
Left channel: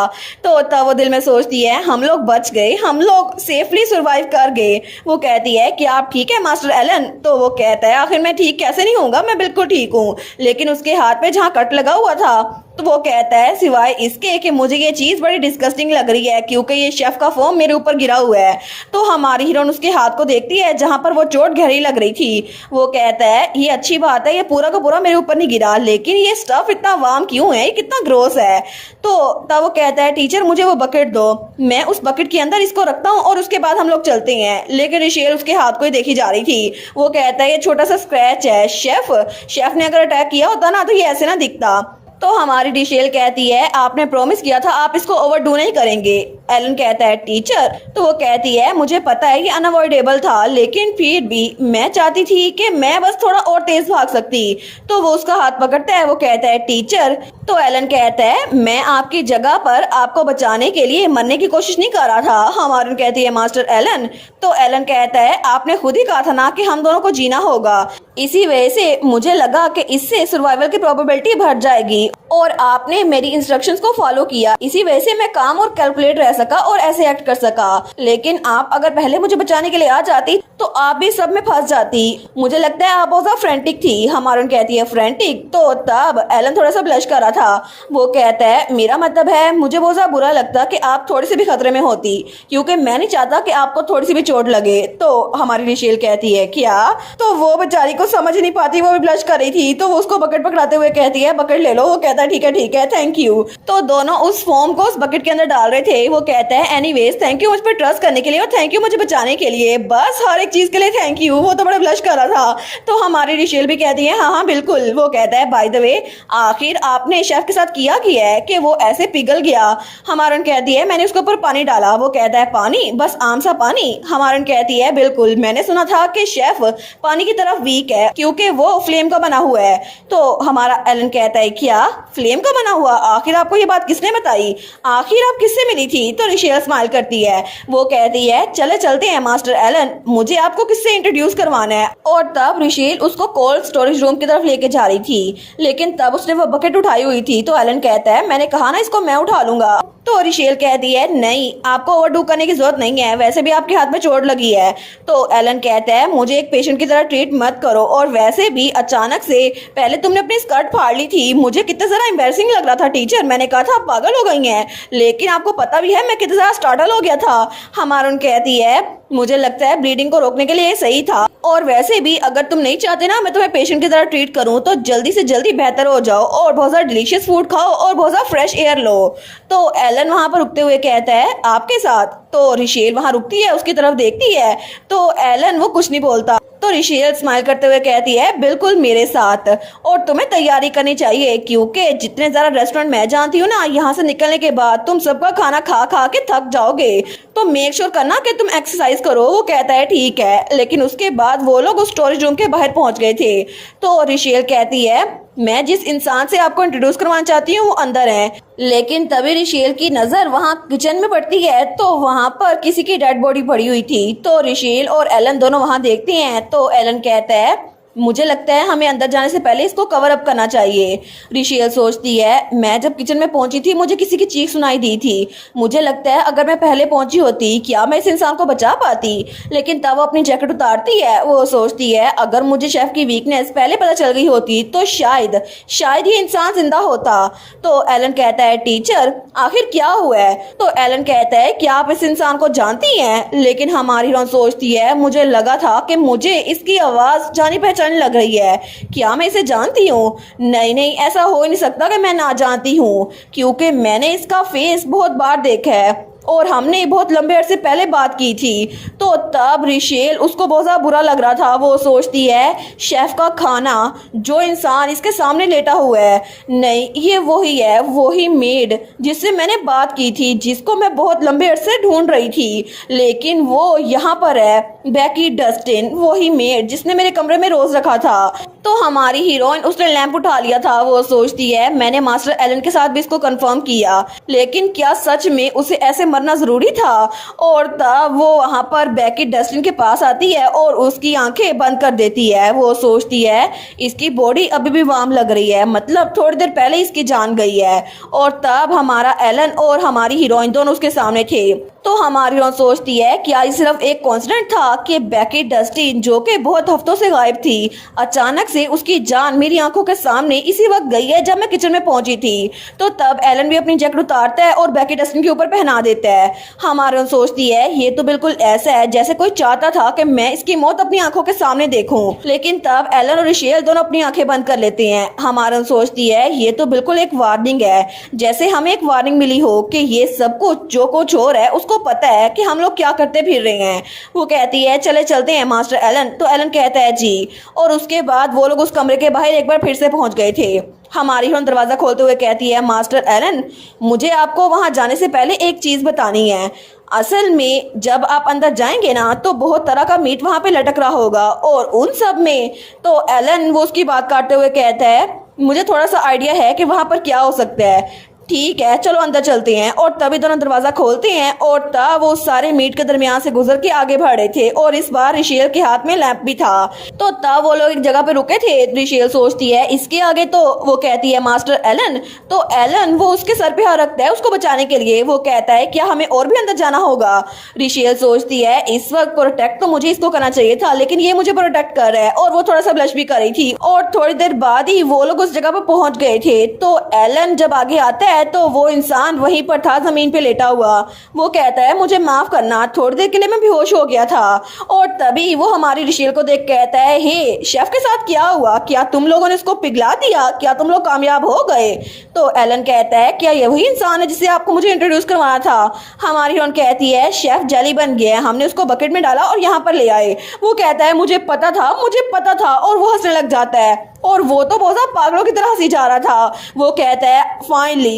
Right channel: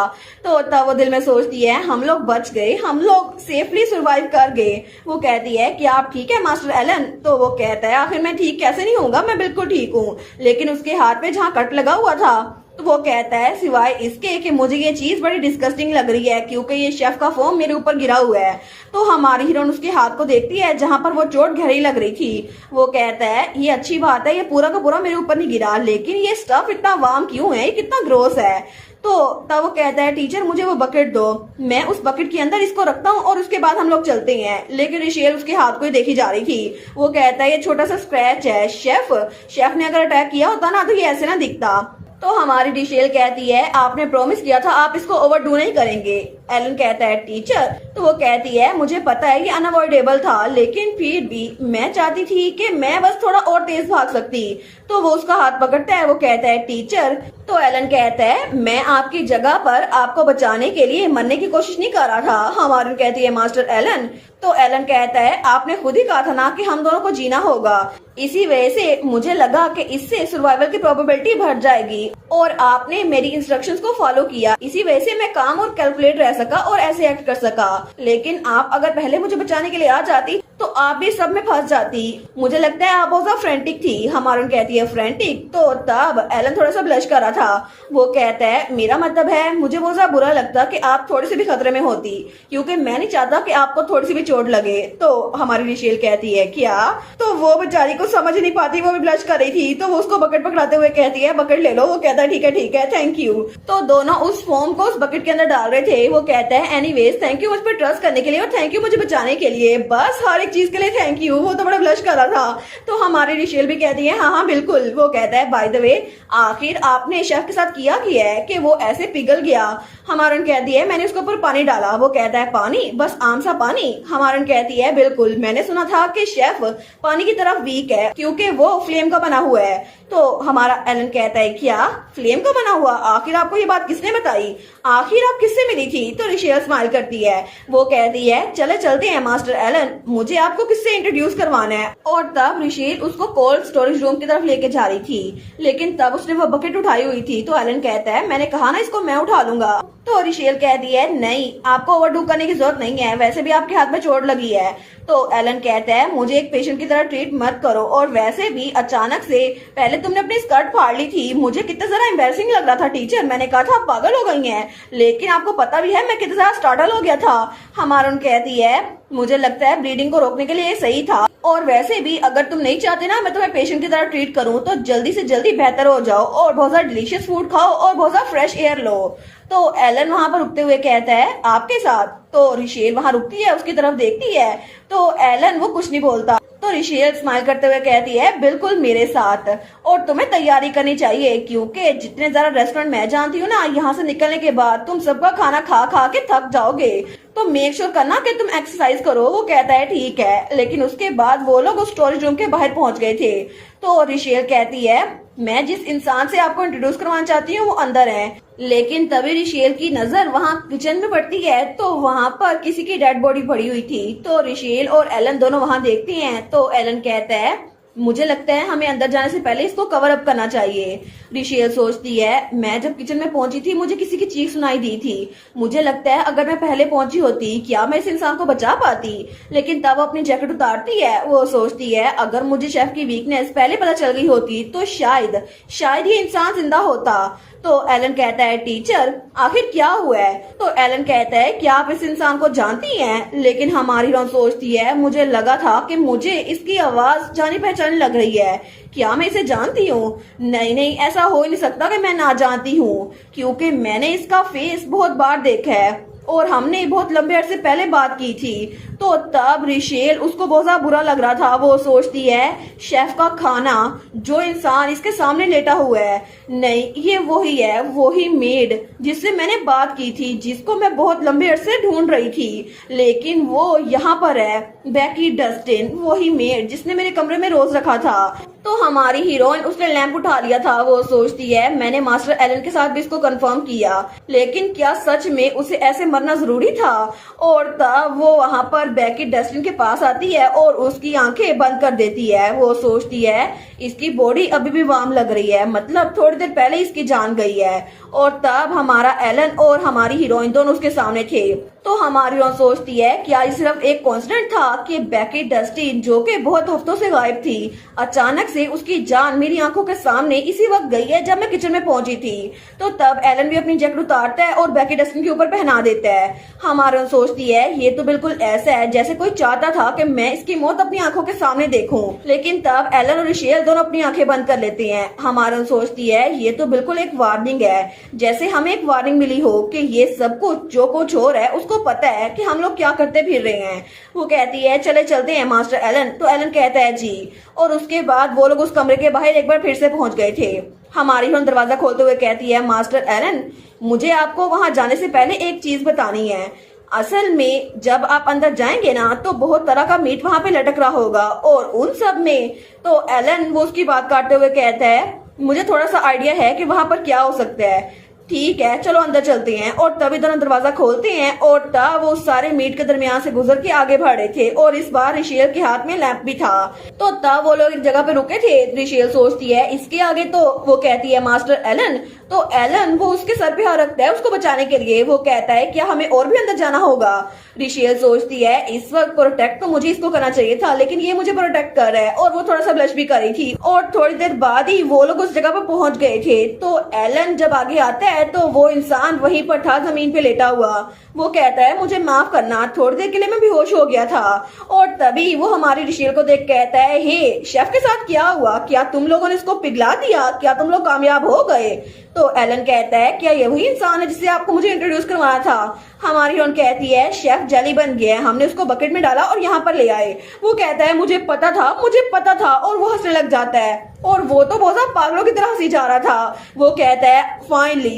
तो तब वो दिल में सोचती है हम लोग बच गए, हम लोग सेफली सर्वाइव कर गए। वो कहती है क्या आप ठीक है मास्टर एलन? तो वो कहता है आखिर मैं ठीक कैसे नहीं होऊंगा, मैं बिल्कुल ठीक हूँ। लेकिन उसके हाथ पे जहाँ कट लगा हुआ था तो वो कहता है सिवाय इसके कि मुझे ये चीज बड़ी डिस्गस्टिंग लग रही है क्योंकि ये शेफ का फोम मेरे ऊपर गिरा हुआ है। तो हमारी हीरोइन उसके हाथ को देखती है जहां पर वो चोट गहरी लग रही थी। वो कहता है ये अच्छी बात है, ये पूरा का पूरा मेरे ऊपर नहीं गिरा, लेकिन ये स्टफ इतना वार्म क्यों है, ये कितना ग्रोस है? तो तब वो कहता है टीचर मुझे वो बकेट दो, मैं उस बकेट के अंदर इसको रखता हूँ और उसके बाद हम लोग चलते हैं। लेकिन रिशेल उसके हाथ को ही देखी जा रही थी। वो कहता है ये छोटा सा स्क्रैच है, शेफ ने अगर अटैक किया होता ना तो ये ऐसे ना दिखता। तो हमारी डिशेल कहती है आपने प्रॉमिस किया था आप इसको ओवरडू नहीं करेंगे। एलन कहता है टीचर, तो वो कहती है मुझे पता है ये अनअवॉइडेबल था, लेकिन फिर भी मैं चाहती थी कि मैं बस थोड़ा और तेज भाग सकती। तो वो उसका हाथ पकड़ता है। वो कहता है टीचर। तो एलन कहता है मैं आपकी जगह पर आपको बचाने के लिए मरने की कोशिश नहीं कर रहा था। हमारी कहती है मास्टर एलन। तो एलन कहता है आपने खुद ही कहा था ना कि हम दोनों को जीना होगा, इसी वजह से मुझे लगा कि इससे सर्वाइवल की प्रोबेबिलिटी बढ़ जाएगी और आपने मेरी इंस्ट्रक्शंस को फॉलो किया, इसी वजह से मैं काम और कैलकुलेट रह सका और ऐसे एक्ट कर सका। लेकिन आप अगर पहले मुझे बचाने के लिए आ जाती तो आप भी सब में फंस जाती। मुझे लगता है आप बहुत ज्यादा फ्रेंटिक थी। हमारन कहती है फ्रेंटिक? तो तब एलन थोड़ा सा ब्लश कर रहा था। वो कहता है मेरा मतलब है मुझे बहुत ज्यादा बुरा लगता कि आप थोड़े से भी खतरे में होती, क्योंकि मैं नहीं चाहता कि आपको थोड़ी सी भी चोट लगे। तो हमारी रिशेल कहती है क्या? तो वो बेचारी को समझ नहीं पाती, वो भी ब्लश कर रही थी। तो वो उसको बकेट पकड़ाते हुए कहती है बकेट ले लो। वो कहता है ठीक है थैंक यू। तो दोनों उस फोम को उस बकेट के अंदर डाल रहे थे। वो कहता है एनीवेज थैंक यू मुझ पर ट्रस्ट करने के लिए और थैंक यू मुझे बचाने के लिए, बस हर एक चीज के लिए थैंक यू। वो तो बड़ा ब्लश कर रहा था। तो हमारी रिशेल भी कहती है हाँ बिल्कुल। वो कहता है बाय द वे आखिर आपने शेफ के साथ किया है कि वो ऐसे पिघल गया? हमारन कहती है मैंने उसके ऊपर पानी डाला। वो कहता है पानी? बस आम सा पानी? हमारन कहती है बिल्कुल, मैंने सुना था कि शेफ पानी की तरफ वीक है क्योंकि वो फ्लेम का बना हुआ है। तो हमारा एलन कहता है क्या फ्लेम का बना हुआ? आखिर आपको ये बात किसने बताई? आखिर आप किससे मिली थी? तो रिशेल स्माइल करती है। वो कहती है चले चलते हैं मास्टर एलन, मुझे आपको किससे इंट्रोड्यूस करवाना है। और तब रिशेल उसको कोल्ड स्टोरेज रूम की तरफ लेके जा रही थी, लेकिन तब उसने वो बकेट उठाई हुई थी। तो एलन कहता है मैंने कहा ना इसको मैं उठा लूंगा। तो रिशेल कहती है नहीं आपको ओवरडू करने की जरूरत नहीं है, वैसे भी आपके हाथ में चोट लगी है। तो एलन कहता है मुझे एक पेशेंट की तरह ट्रीट मत करो, और वैसे भी अचानक से पहले तुमने अपनी स्कर्ट फाड़ ली थी, मुझे कितना जरा एम्बैरसिंग लग रहा था टीचर। मैंने कहा था आप पागल हो गई हैं, लेकिन आपको पता भी है मैं कितना जरा स्टार्टल हो गया था। हमारुन कहती है मुझे लगता है ब्लीडिंग को रोकने के लिए ये सही था, और वैसे भी अगर तुम नहीं चाहते ना मैं तुम्हें पेशेंट की तरह ट्रीट करूं तो जल्दी से जल्दी बेहतर हो जाओ और बहुत ज्यादा डिलीशियस फूड खाओ और बहुत ज्यादा फ्रेश एयर लो। तो एलन वहां पर रुकते हुए कहता है आपके साथ? तो रिशेल वहां रुकती है, उसकी तरफ देखती है। तो एलन वो कुछ नहीं बोलता। तो रिशेल स्माइल करते हुए कहती है बिल्कुल मेरे साथ, और तुम्हें तैयारी करनी चाहिए क्योंकि जितने ज़्यादा रेस्टोरेंट मैं जानती हूँ ना, यहाँ से निकलने के बाद तुम सबका खाना खा खा के थक जाओगे, तो मेक श्योर करना कि तुम एक्सरसाइज करो। वो कहता है ठीक है, लेकिन उसके बाद वो लोग उस स्टोरेज रूम के बाहर पहुंच गए थे। तो रिशेल कहती है मैं जिस इंसान से आपको इंट्रोड्यूस करवाना चाहती हूँ वो अंदर है, लेकिन तभी रिशेल की नजर वहाँ किचन में पड़ती है तो वहाँ पर किसी की डेड बॉडी पड़ी हुई थी। तो रिशेल और एलन दोनों वहाँ देखते हैं। तो एलन कहता है मुझे लगता है हमें अंदर जाने से पहले इसको कवर अप करना चाहिए। रिशेल सोचती है मैं जब किचन में पहुंची थी मुझे किसी की चीख सुनाई दी थी, मुझे लगता है अगर मैं पहले पहुंची होती क्या मैं इस इंसान को बचा पाती। लेकिन तब वो अपनी जैकेट उतारती है। वो सोचती है अगर मुझे शेफ की वीकनेस पहले पता चल गई होती तो शायद ये इंसान जिंदा होता। तो एलन कहता है टीचर आखिर क्या हुआ है। तो एलन कहता है क्या आप इस इंसान को जानती हैं। लेकिन हमारी हीरोइन सोचती है मुझे लगा था कि मुझे इसकी आवाज जानी पहचानी लग रही है, क्या मैं इसे जानती हूँ। नहीं, ऐसा हो ही नहीं सकता कि मैं ना जानती हूँ, क्योंकि मैंने इसका फेस बहुत बार देखा है और हमने बहुत लंबे अरसे पहले बात की थी। तो तब रिशेल उसको बहुत ज़्यादा बुरा लग रहा था। वो सोचती है शेफ का खाना, जो इंसान इसके सामने लेटा हुआ है, नहीं ये वही है, वही मेड जिससे मैंने बात की थी, जिसको मैं बहुत लंबे अरसे ढूंढ रही थी, लेकिन वो यहाँ पर है, बैकी डस्टिन, वही मेड जिसने मेरे कमरे में रोज रखा था। तो हमारी हीरोइन उसने लैंप उठा लिया था। वो सोचती है मैंने मास्टर एलन के साथ भी इसको कंफर्म किया, लेकिन क्या सच में उसे ऐसे मरना जरूरी था। और तब वो वहां पर बैकी डस्टिन के पास आती है और उसकी आंखें बंद कर देती है। वो सोचती है इसकी बॉडी अभी भी वार्म लग रही है, मतलब थोड़ी देर पहले इसकी जान गई है। और तब हमारा एलन और हमारी हीरोइन दोनों उसके सामने थे। तो हमारी हीरोइन सोचती है क्या ये सिर्फ एक कोइंसिडेंस था कि बैकी डस्टिन जो कि बहुत हफ्तों से गायब थी, अचानक से उसकी जान मेरी आंखों के सामने इसी वक्त गई है जब मैं किचन में पहुंची थी। तो तब एलन भी अपनी जैकेट उतारता है और बैकी डस्टिन के ऊपर पहना देता है। हमारी सोचती है ये तो बिल्कुल ऐसा है जैसे कोई चाहता था कि मैं इसकी मौत अपनी आंखों के सामने देखूं। लेकिन तब एलन और रिशेल दोनों अपनी आंखें बंद कर लेते हैं। हमारी सोचती है ये तो बिल्कुल एक वार्निंग है, जैसे हमें एक वार्निंग मिली हो कि ये सब कुछ जो कुछ हो रहा है उसको पता है कि हम लोग क्या करते फिर रहे हैं। वो कहती है चले चलते हैं मास्टर एलन। तो एलन कहता है जी। और उसके बाद वो लोग उस कमरे के बाहर एक बार फिर से पहुंच गए थे। हमारी हीरोइन दरवाजा खोलते हुए कहती है मास्टर एलन मुझे आपको वहां जाने से पहले एक चीज बतानी है। असल में जब आप अंदर जाएंगे ना तो बहुत तरह का मीट वहां पे लटक रहा होगा और उन सब में, तो एलन वो उसकी बात काटते हुए कहता है मुझे थोड़ा सा आइडिया है कि वहां पर क्या हो सकता है। ठीक है चलो अंदर चलते हैं। और तभी दोनों दरवाजा खोलते हैं और तब वो सारे मीट के दरमियान से गुजर के आगे बढ़े थे और इस बार रिशेल के हाथ में लैंप भी था। तो तब वो लोग एक जगह पे रुके थे। रिशेल सोचती है इसके आगे, तो वो कहती है मास्टर एलन। तो एलन वो उसके सर पे हाथ रखता है उसको बचाने के लिए। वो कहता है क्या हमें और भी अंदर जाना होगा। रिशेल सोचती है इस वक्त प्रोटेक्ट तो मुझे इसको करना चाहिए था, लेकिन ये मुझे प्रोटेक्ट कर रहा है। और वो थोड़ा सा ब्लश भी कर रही थी। और थोड़ी देर बाद ही वो लोग उस जगह पे पहुंच गए थे। तो एलन जब आगे आता है तो वो इंसान वहीं पर था जमीन पे लेटा हुआ। वो कहता है मुझे माफ करना, थोड़ी देर के लिए मैं बेहोश हो गया था। और तभी वो हमारी रिशेल को देख कहता है हे शेफ के साथ क्या हुआ, क्या तुम लोगों ने उसको पिघला दिया, क्या तुम लोग कामयाब हो गए। तो एलन कहता है क्या ये वही इंसान है जिसे आपको मुझे इंट्रोड्यूस करवाना था। हमारी हीरोइन कहती है शेफ जेली बन गया, हमने उसको बकेट में डाला और यहाँ पर ले आए। वो कहता है मुझे पता था। और वो हंसने लग जाता है और वो तो बहुत पागलों की तरह हंसी जा रहा था। वो कहता है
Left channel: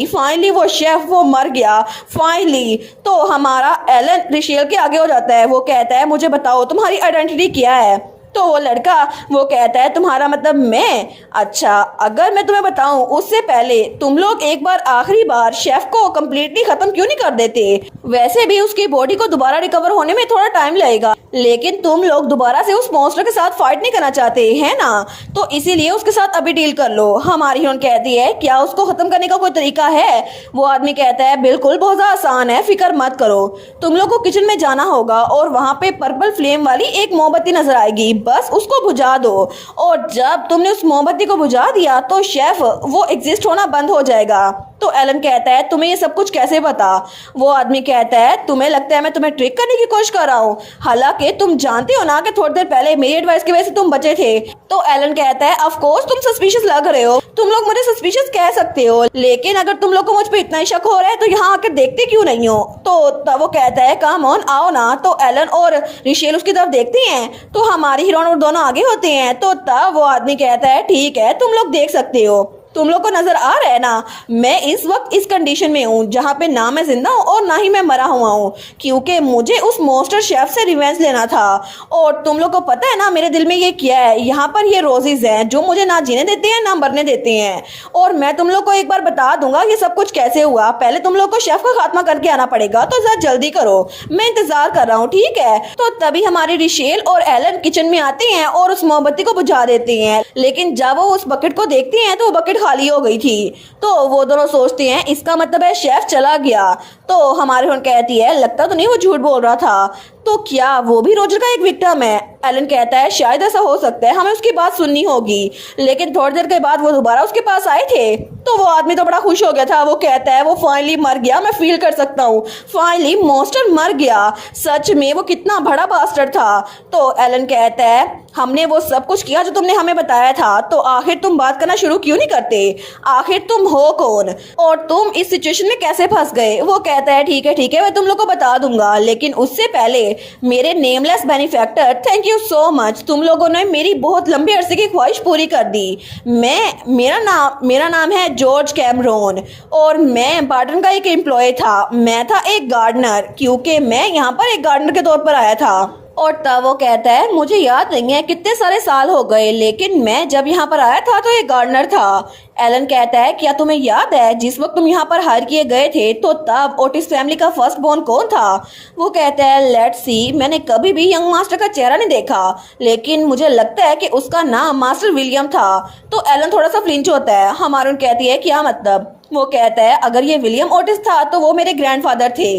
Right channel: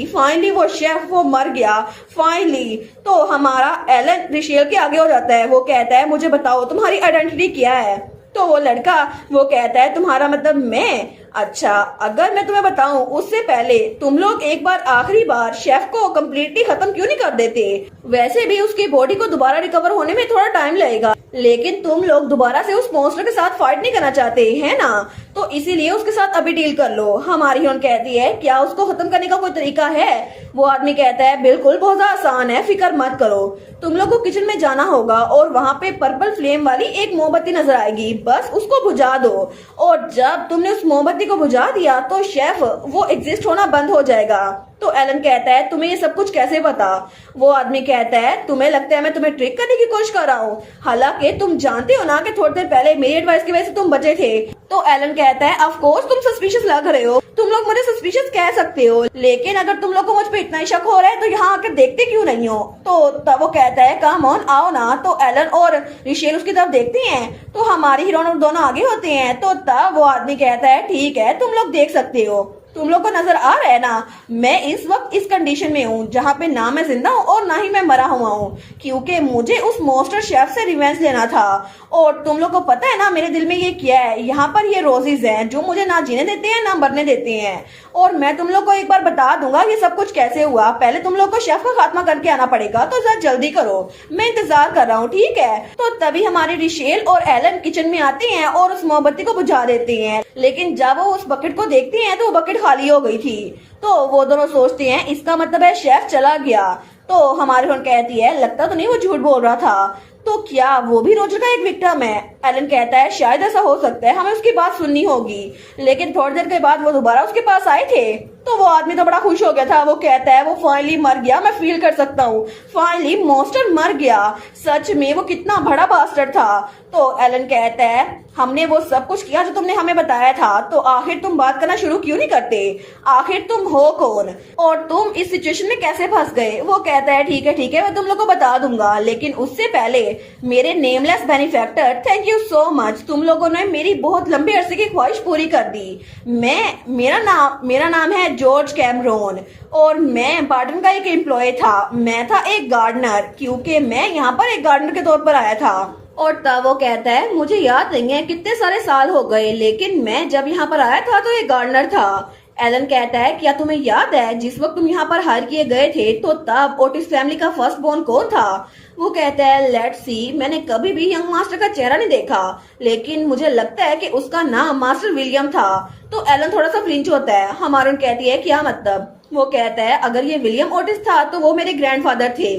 फाइनली वो शेफ वो मर गया फाइनली। तो हमारा एलन रिशेल के आगे हो जाता है। वो कहता है मुझे बताओ तुम्हारी आइडेंटिटी क्या है। तो वो लड़का वो कहता है तुम्हारा मतलब मैं, अच्छा अगर मैं तुम्हें बताऊं उससे पहले तुम लोग एक बार आखिरी बार शेफ को कम्प्लीटली खत्म क्यों नहीं कर देते। वैसे भी उसकी बॉडी को दोबारा रिकवर होने में थोड़ा टाइम लगेगा, लेकिन तुम लोग दोबारा से उस मॉन्स्टर के साथ फाइट नहीं करना चाहते है ना, तो इसीलिए उसके साथ अभी डील कर लो। हमारी हीरोइन कहती है क्या उसको खत्म करने का कोई तरीका है। वो आदमी कहता है बिल्कुल बहुत आसान है, फिक्र मत करो। तुम लोग को किचन में जाना होगा और वहाँ पे पर्पल फ्लेम वाली एक मोमबत्ती नजर आएगी, बस उसको बुझा दो। और जब तुमने उस मोमबत्ती को बुझा दिया तो शेफ वो एग्जिस्ट होना बंद हो जाएगा। तो एलन कहता है तुम्हें ये सब कुछ कैसे पता। वो आदमी कहता है तुम्हें लगता है मैं तुम्हें ट्रिक करने की कोशिश कर रहा हूँ, हालांकि तुम जानते हो ना कि थोड़ी देर पहले मेरी एडवाइस की वजह से तुम बचे थे। तो एलन कहता है ऑफ कोर्स तुम सस्पिशियस लग रहे हो, तुम लोग मुझे सस्पिशियस कह सकते हो, लेकिन अगर तुम लोग को मुझ पे इतना ही शक हो रहा है तो यहाँ आकर देखते क्यों नहीं हो। तो तब वो कहता है कम ऑन आओ ना। तो एलन और रिशेल उसकी तरफ देखती हैं तो हमारी हीरोइन और दोनों आगे होते हैं। तो तब वो आदमी कहता है ठीक है तुम लोग देख सकते हो, तुम लोग को नजर आ रहा है ना मैं इस वक्त इस कंडीशन में हूँ जहाँ पे ना मैं जिंदा हूँ और ना ही मैं मरा हुआ हूँ, क्योंकि मुझे उस मॉन्स्टर शेफ से रिवेंज लेना था। और तुम लोग को पता है ना मेरे दिल में ये क्या है, यहाँ पर ये रोजेज हैं जो मुझे ना जीने देते हैं ना मरने देते हैं। और मैं तुम लोग को एक बार बता दूंगा ये सब कुछ कैसे हुआ। पहले तुम लोग को शेफ का खात्मा करके आना पड़ेगा, तो जरा जल्दी करो, मैं इंतजार कर रहा हूँ, ठीक है। तो तभी हमारे रिशेल और एलन किचन में आते हैं और उस मोमबत्ती को बुझा देते हैं, लेकिन जब वो उस बकेट को देखते हैं तो वो बकेट खाली हो गई थी। तो वो दोनों सोचते हैं इसका मतलब है शेफ चला गया। तो हमारी बहन कहती है लगता तो नहीं वो झूठ बोल रहा था, तो क्या वो भी रोजर का एक विक्टिम है। एलन कहता है शायद ऐसा हो सकता है, हमें उसकी बात सुननी होगी। लेकिन थोड़ी देर के बाद वो दोबारा उसके पास आए थे तो वो आदमी तो बड़ा खुश हो गया था। वो कहता है वो फाइनली मर गया, मैं फील कर सकता हूँ, फाइनली मॉन्स्टर मर गया, सच में वो कितना बड़ा बास्टर्ड था। तो एलन कहता है हमने वो सब कुछ किया जो तुमने हमें बताया था, तो आखिर तुम बात करना शुरू क्यों नहीं करते, आखिर तुम हो कौन और तुम इस सिचुएशन में कैसे फंस गए। वो कहता है ठीक है मैं तुम लोग को बता दूंगा, लेकिन उससे पहले मेरे nameless benefactor thank you so much, तुम लोगों ने मेरी बहुत लंबे अरसे की ख्वाहिश पूरी कर दी। मेरा नाम है जॉर्ज कैमरोन और मैं बार्टन का एक एम्प्लॉय था, मैं था एक गार्डनर, क्योंकि मैं यहाँ पर एक गार्डनर के तौर पर आया था। और तब वो कहता है मुझे याद नहीं है कितने सारे साल हो गए, लेकिन मैं जब यहाँ पर आया था तो एक गार्डनर था। एलन कहता है क्या तुम्हें याद है जिस वक्त तुम यहाँ पर हायर किए गए थे तो तब ओटिस फैमिली का फर्स्ट बोर्न कौन था। वो कहता है लेट्स सी, मैंने कभी भी यंग मास्टर का चेहरा नहीं देखा, लेकिन मुझे लगता है कि उसका नाम मास्टर विलियम था। तो एलन थोड़ा सा फ्लिंच होता है। हमारून कहती है क्या मतलब। वो कहता है अगर ये विलियम ओटिस था तो वो मेरे ग्रैंडफादर थे।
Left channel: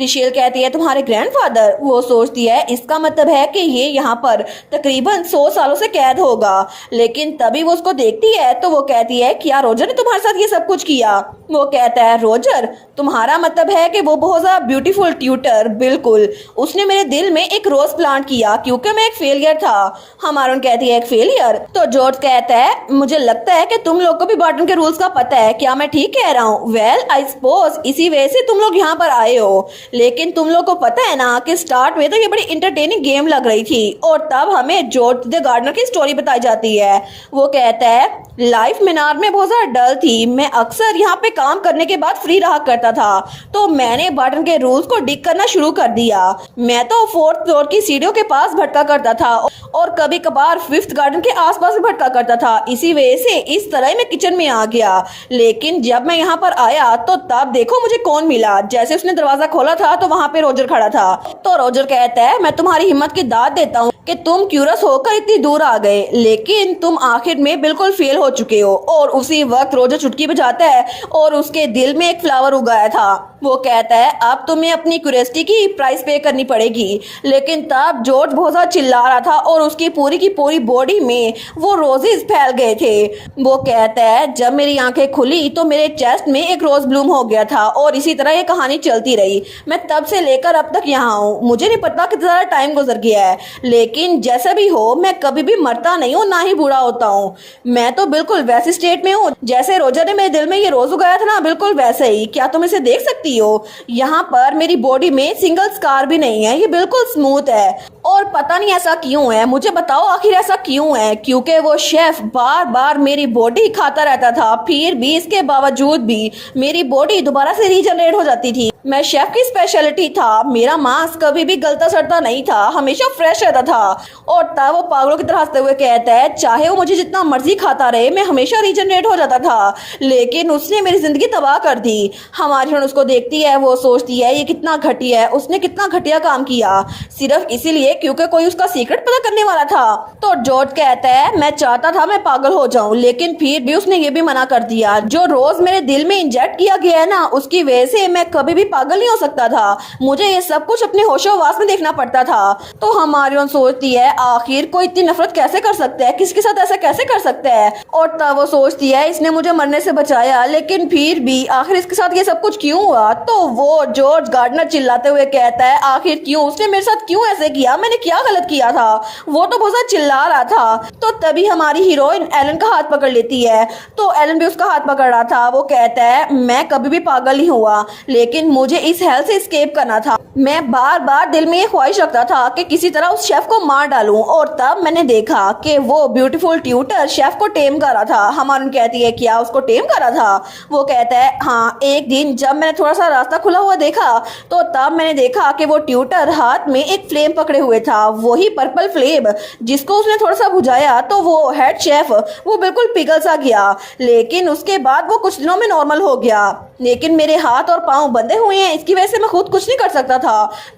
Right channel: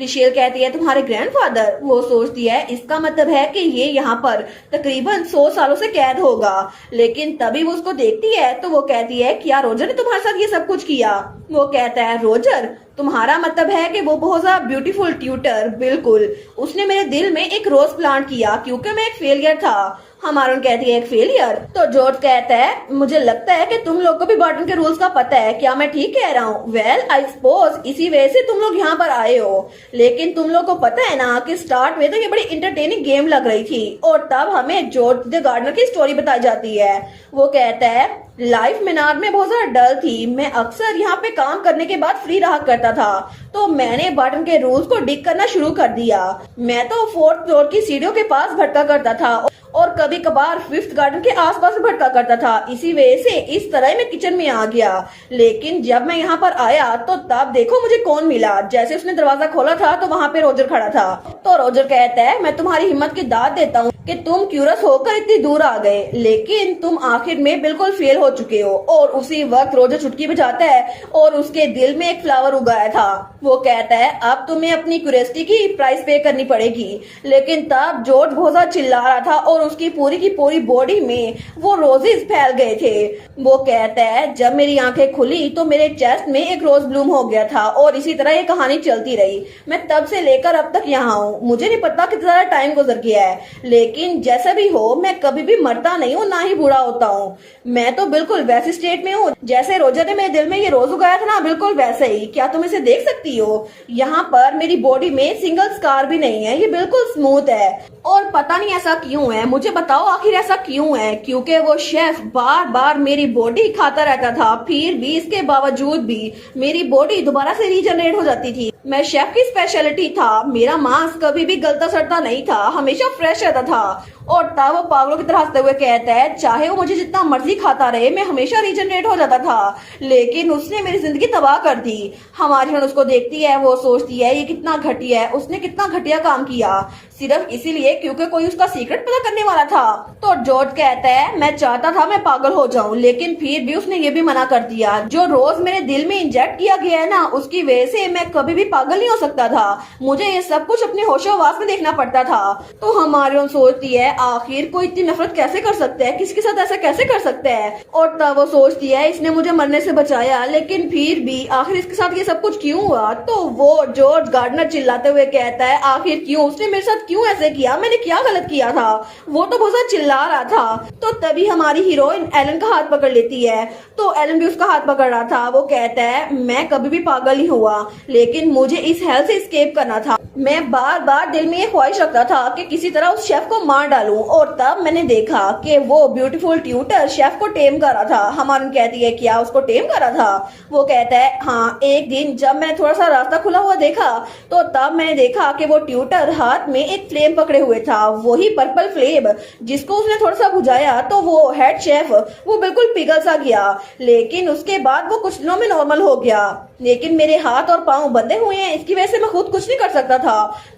रिशेल कहती है तुम्हारे ग्रैंडफादर। वो सोचती है इसका मतलब है कि ये यहाँ पर तकरीबन 100 सालों से कैद होगा, लेकिन तभी वो उसको देखती है तो वो कहती है क्या रोजर ने तुम्हारे साथ ये सब कुछ किया। वो कहता है रोजर, तुम्हारा मतलब है कि वो बहुत ज्यादा ब्यूटीफुल ट्यूटर, बिल्कुल, उसने मेरे दिल में एक रोज प्लांट किया क्योंकि मैं एक फेलियर था। हमारून कहती है एक फेलियर। तो जॉर्ज कहता है मुझे लगता है कि तुम लोग को भी बार्टन के रूल्स का पता है, क्या मैं ठीक कह रहा हूँ। वेल आई सपोज इसी वजह से तुम लोग यहाँ पर आए हो, लेकिन तुम लोग को पता है ना कि स्टार्ट में तो ये बड़ी इंटरटेनिंग गेम लग रही थी और तब हमें जॉर्ज द गार्डनर की स्टोरी बताई जाती है। वो कहता है लाइफ मीनार में बहुत ज्यादा डल थी, मैं अक्सर यहाँ पे काम करने के बाद फ्री रहा करता था, तो मैंने बार्टन के रूल्स को डिग करना शुरू कर दिया। मैं तो 4th फ्लोर की सीढ़ियों के पास भटका करता था और कभी कभार 5th गार्डन के आसपास भी भटका करता था, इसी वजह से इस तरह मैं किचन में आ गया। लेकिन जब मैं यहाँ पर आया तो तब देखो मुझे कौन मिला। जैसे उसने दरवाजा खोला था तो वहाँ पे रोजर खड़ा था। तो रोजर कहता है मैं तुम्हारी हिम्मत की दाद देता हूँ कि तुम क्यूरस होकर इतनी दूर आ गए, लेकिन तुम आखिर में बिल्कुल फेल हो चुके हो। और उसी वक्त रोजर चुटकी बजाता है और उसके दिल में एक फ्लावर उगाया था। वो कहता है अब तुम्हें अपनी क्यूरियोसिटी की प्राइस पे करनी पड़ेगी। लेकिन तब जॉर्ज बहुत ज्यादा चिल्ला रहा था और उसकी पूरी की पूरी बॉडी में वो रोजेस फैल गए थे। वो कहता है जब मेरी आंखें खुली तो मेरे चेस्ट में एक रोज ब्लूम हो गया था और इसी तरह ये कहानी चलती रही। मैं तब से लेकर अब तक यहाँ हूँ, मुझे नहीं पता कितना सारा टाइम गुजर गया है, लेकिन जैसा भी हो मैं कभी भी मरता नहीं हूँ ना ही बूढ़ा होता हूँ। मैं तो बिल्कुल वैसे स्टेट में हूँ जैसे रोजर ने मेरे दिल में ये रोज उगाया था ना, बिल्कुल वैसे ही। क्या तुम इसे देख सकती हो? यहाँ पर मेरी बॉडी में सिंगल स्कार भी नहीं है, ये बिल्कुल स्मूथ है। और पता नहीं ऐसा क्यों है, मुझे बताओ आखिर ऐसा क्यों है। क्योंकि वो शेफ बार बार मेरी बॉडी खाता रहता था, फिर भी इसके बावजूद भी मेरी बॉडी दोबारा से रीजनरेट हो जाती थी। मैं शेफ की स्पेशलिटी था, मेरा मांस कभी भी गलता सड़ता नहीं था, हमेशा फ्रेश रहता था। और तब वो पागलों की तरह हंसते हुए कहता है चाहे वो मुझे जितना मर्जी खाता रहे मैं हमेशा रीजनरेट हो जाता था, लेकिन उसने मेरी जिंदगी तबाह कर दी। हमारी बहन उसको देखती है, वो सोचती है ये कितना घटिया है, उसने कितना घटिया काम किया सिर्फ इसीलिए क्योंकि कोई उसका सीक्रेट पता करने वाला था। तो जॉर्ज कहता है मैं चाहता था मैं पागल हो जाऊं, लेकिन फिर भी उसने ये भी मना कर दिया। जो रोज मेरे दिल में इंजेक्ट किया गया है ना, उसकी वजह से मैं कभी भी पागल नहीं हो सकता था, मुझे ये सब कुछ अपने होशोहवास में देखना पड़ता था। तो हमारी बहन सोचती है आखिर कोई इतनी नफरत कैसे कर सकता है, किसके साथ ऐसा कैसे कर सकता है। और तब वो सोचती है इसने मुझे मरने से बचाया, लेकिन फिर भी आखिर इसके साथ ये सब कुछ क्यों हुआ। तो वो जॉर्ज गार्डनर चिल्लाते हुए कहता है आखिर क्यों, उसने मेरे साथ क्यों ऐसे किया, मैंने क्या क्या गलत किया था? वो तो बहुत चिल्ला रहा था। तो तभी हमारी हीरोइन एलन का हाथ पकड़ लेती है। तो एलन भी उसका हाथ पकड़ रहा था। वो कहता है मैं कभी भी पागल नहीं हुआ, लेकिन मुझे इस हेल से एस्केप करना था। मैं बार बार दिल में ये ख्वाहिश रखता था कि किसी तरह उस शेफ को मार डालूं, और तब मैंने देखा कि वो ब्यूटीफुल ट्यूटर शेफ को टेम कर रहा था। हमारून कहती है क्या उसको टेम कर रहा था? वो कहता है हाँ, एक दिन जब मैंने थोड़ा सा रास्ता खुला हुआ देखा तो तब मैंने देखा कि वो ट्यूटर हाथ में एक फ्लेम पकड़े हुए था, वही पर्पल फ्लेम जिसको उसने थोड़ा सा बुझाया तो वो हेड शेफ वो बिल्कुल पिघल सा गया। लेकिन उसके बाद वो कुछ दिनों में नॉर्मल हो गया, लेकिन मेरे हाथ और पांव बंधे हुए हैं, इसकी वजह से मैं खुद कुछ नहीं कर सकता था।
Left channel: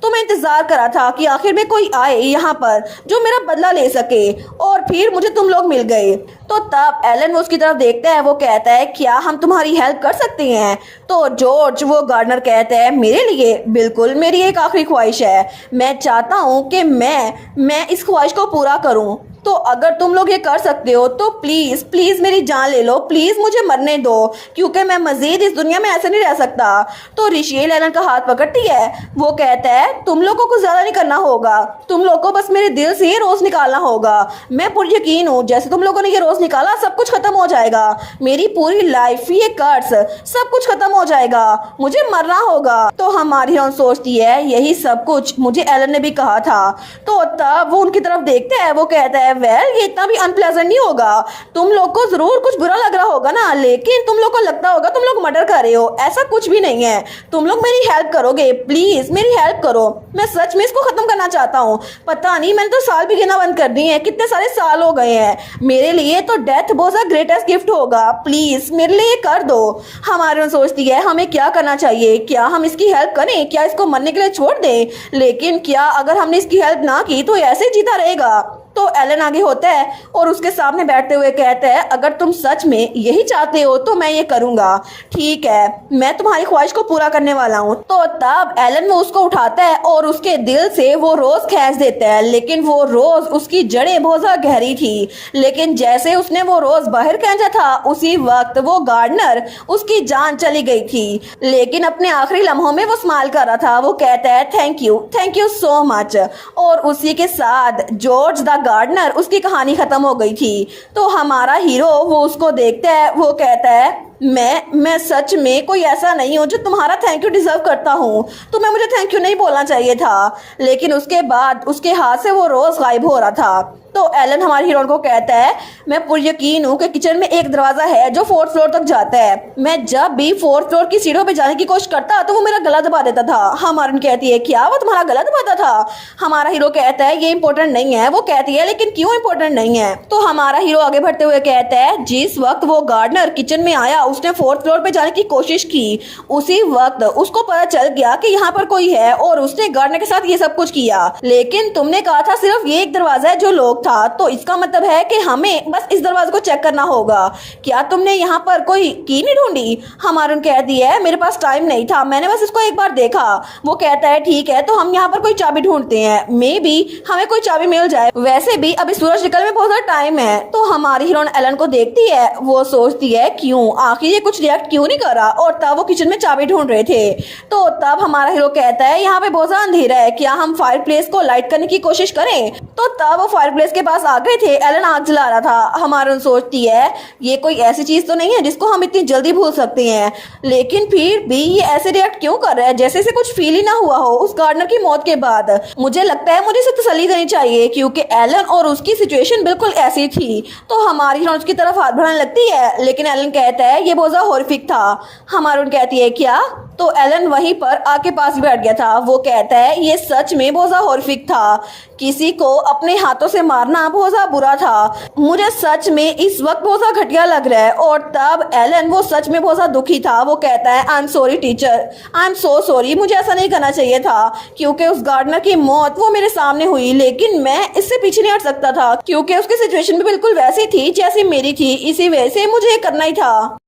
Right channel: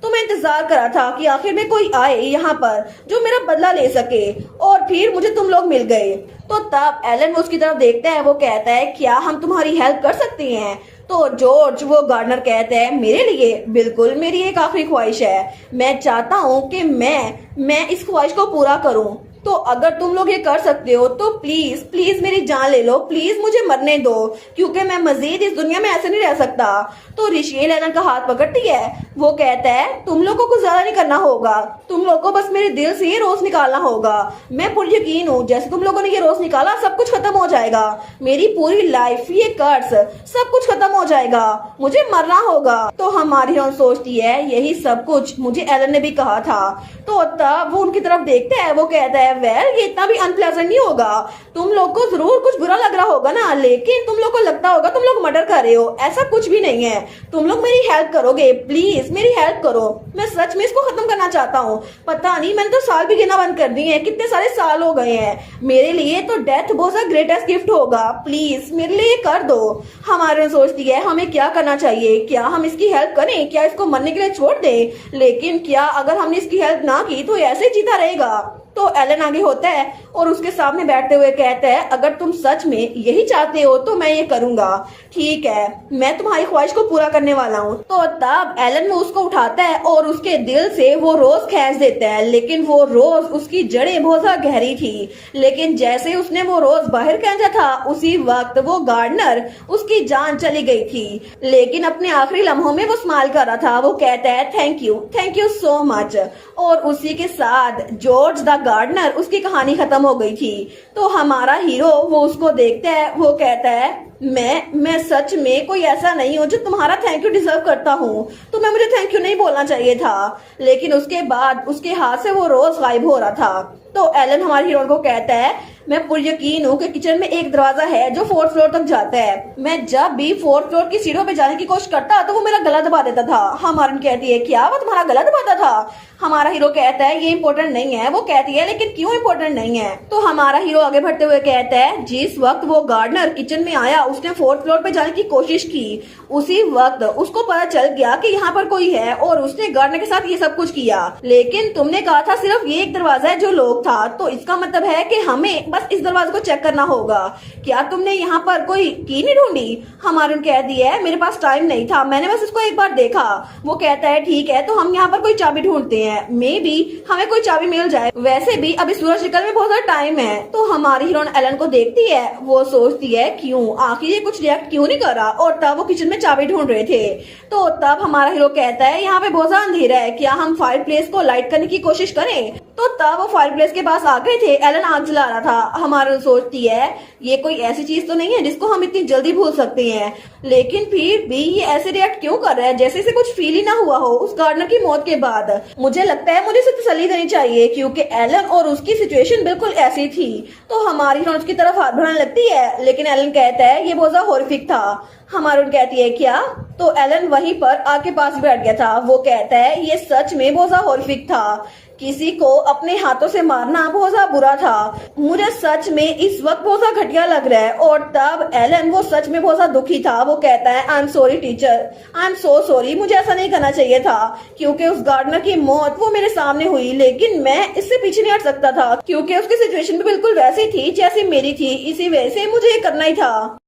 तो मैं इंतजार करा था कि आखिर में कोई आए यहाँ पर जो मेरा बदला ले सके, और फिर मुझे तुम लोग मिल गए। तो तब एलन उसकी तरफ देखता है। वो कहता है क्या हम तुम्हारी हेल्प कर सकते हैं? तो जॉर्ज वो गार्डनर कहता है मेरे लिए बिल्कुल, मेरी एक आखिरी ख्वाहिश है। मैं चाहता हूँ कि मैं इस ख्वाहिश को पूरा करूँ। तो अगर तुम लोग ये कर सकते हो तो प्लीज प्लीज मेरी जान ले लो, प्लीज मुझे मरने दो, क्योंकि मैं मजीद इस दुनिया में ऐसे नहीं रह सकता। तो रिशेल एलन का हाथ पकड़ती है। वो कहता है तुम लोगों को ज्यादा नहीं करना होगा, तुम लोगों को बस मेरे दिल से ये रोज निकालना होगा। मैं पूरी यकीन हूँ जैसे तुम लोगों ने ये रोज निकाला सब कुछ खत्म हो जाएगा, मेरी पूरी लाइफ ये कर्स सब कुछ खत्म हो जाएगा, मुझे मरना होगा। तो हमारी हीरोइन सोचती है यही सब कुछ मुझे एलन ने भी कहा था। तो तब वो उनकी तरफ देखते हैं। वो कहता है वेल ये इतना भी अनप्लेजेंट नहीं होगा, तुम लोग को जरूर कुछ बुरा लग रहा होगा ना, लेकिन तुम लोग को लगता होगा तुम लोग मर्डर कर रहे हो, ऐसा कुछ भी नहीं है। तुम लोग मेरी हेल्प करोगे, प्लीज मेरी हेल्प करो, मैं सच में इसको खत्म करना चाहता हूँ। पता नहीं मैंने तो साल भी गिना बंद कर दिए हैं, कितने सारे साल हो गए हैं, मेरे लिए तो डेथ बहुत सा ग्रेटेस्ट गिफ्ट होगा, प्लीज मेरे लिए कर दो। हमारे सोचती है हमें क्या करना चाहिए, क्या हम इसकी हेल्प करें, क्या इसको मरने के लिए छोड़ दें? लेकिन क्या अगर हमने इसकी हेल्प ना की तो ऐसे जीता रहेगा? तो एलन आगे होता है और उसके सामने बैठते हुए कहता है अगर तुम सच में यही चाहते हो तो मैं ये करूंगा, ठीक है, मैं तुम्हारी ख्वाहिश को पूरा करने वाला हूँ। तो तब एलन वो उसको उठाता है और उसके दिल से वो रोज खींच देता है, लेकिन वो रोज उसकी जड़ें बहुत ज्यादा गहरी थी। लेकिन जैसे उसने वो रोज बाहर खींचा था उसी वक्त वो गार्डनर उसकी जान चली गई थी, लेकिन अपने आखिरी लम्हों में वो स्माइल कर रहा था। वो कहता है थैंक यू सो मच। और उसी के साथ जॉर्ज द गार्डनर उसकी कहानी खत्म हो गई थी। तो हमारा हीरो वो उसको देखता है। वो कहता है मैं सच में कोई ऐसा नहीं हूँ जो तुम्हारा थैंक यू डिजर्व करता हूँ, तुम्हें मुझे थैंक यू नहीं बोलना चाहिए था। लेकिन उसके बाद उसके हाथ से वो रोज गायब हो रहा था। तो एलन हमारे हीरो को कहता है मैं पूरी यकीन हूँ कि किचन में एक दरवाजा है जो 4th फ्लोर तक जाता है, मैं जब भी 4th फ्लोर की सीढ़ियों पे जाने की कोशिश करता तो वो मेरा गला दबा देता था। हमारन कहती है क्या वो तुम्हारा गला दबाता था? हमारा हीरो कहता है ये इंपॉर्टेंट नहीं है। वो कहती है लेकिन क्यों इंपॉर्टेंट नहीं है? तो हमारा हीरो आगे बढ़ते हुए कहता है जिस वक्त वो गार्डनर किचन में आया उसने 4th फ्लोर पे जाने की कोशिश की, उसी वक्त उसको पता चल गया कि यहाँ पर कोई है और उसने गार्डनर के साथ ये सब कुछ किया। लेकिन तुमने कहा था सिर्फ ये एक दरवाजा है जो लोग था, तो इसका मतलब है कि हमें बस इस दरवाजे को चेक करना होगा। क्या तुमने यहाँ पर कोई की नहीं ढूंढी? हमारे कहती है मेरे पास टाइम नहीं था, मैंने बस इसको एक बार देखा। वो कहता है ठीक है तो हम यहाँ पर कोई चाबी ढूंढते हैं, मे बी हमें कोई चाबी मिल जाए, वैसे भी अभी सूरज निकलने में बहुत ज्यादा टाइम है। तो हमारी हीरोइन एलन को देखती है। वो सोचती है क्यों आखिर ये कुछ रिएक्ट क्यों नहीं करा, और तब वो किचन में चाबी ढूंढ रहे थे। तो तब हमारा हीरो कहता है यहाँ पे बहुत ज्यादा अंधेरा है, क्या हम फायर प्लेस को लाइट करने की कोशिश करें? तो तब वो फायर प्लेस के पास आ गए थे। एलन आग जला रहा था। हमारा सोचती है ये कोई ऐसी चीज तो नहीं है जिसको हम इतनी जल्दी भूल सकते हैं, लेकिन फिर भी ये ऐसे रिएक्ट क्यों कर रहा है जैसे इसे कुछ फील ही ना हुआ हो उस गार्डनर की मौत के बाद। मुझे लगता है मुझे इसे तसल्ली देनी चाहिए क्योंकि एलन और उसकी सिचुएशन बिल्कुल ऐसी थी। तो हमारी हीरोइन उसकी तरफ हाथ बढ़ाने लगती है, लेकिन एलन कहता है ये बहुत ज्यादा हॉरिफिक था। हमारी कहती है क्या? तो एलन वहीं पर आके पास बैठ गया था। वो कहता है ये सच में बहुत ज्यादा हॉरिफिक था, किसी को अपने हाथों से मारना बहुत ज्यादा बुरा था, मुझे सच में इस वक्त बहुत ज्यादा घटिया लग रहा है। और तब एलन वो सच में बहुत ज्यादा दुखी था। वो कहता है I am sorry teacher, I am so sorry, मुझे ऐसा नहीं करना चाहिए था क्योंकि उस गार्डनर की मौत वो मेरे सामने हुई, लेकिन मैं इससे पीछे नहीं हट सकता था क्योंकि उसकी सिचुएशन भी बिल्कुल वैसी थी जैसी मेरी थी, इसी वजह से मुझे ये करना ही था।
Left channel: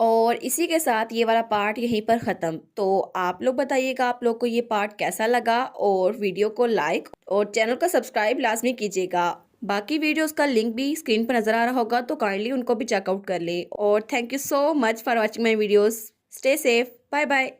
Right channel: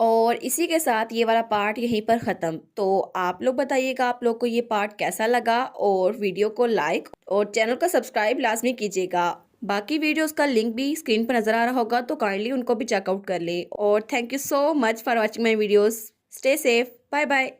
और इसी के साथ ये वाला पार्ट यहीं पर ख़त्म। तो आप लोग बताइएगा आप लोग को ये पार्ट कैसा लगा, और वीडियो को लाइक और चैनल को सब्सक्राइब लाजमी कीजिएगा। बाकी वीडियोस का लिंक भी स्क्रीन पर नज़र आ रहा होगा तो काइंडली उनको भी चेकआउट कर ले। और thank you so much for watching my videos. Stay safe, bye bye.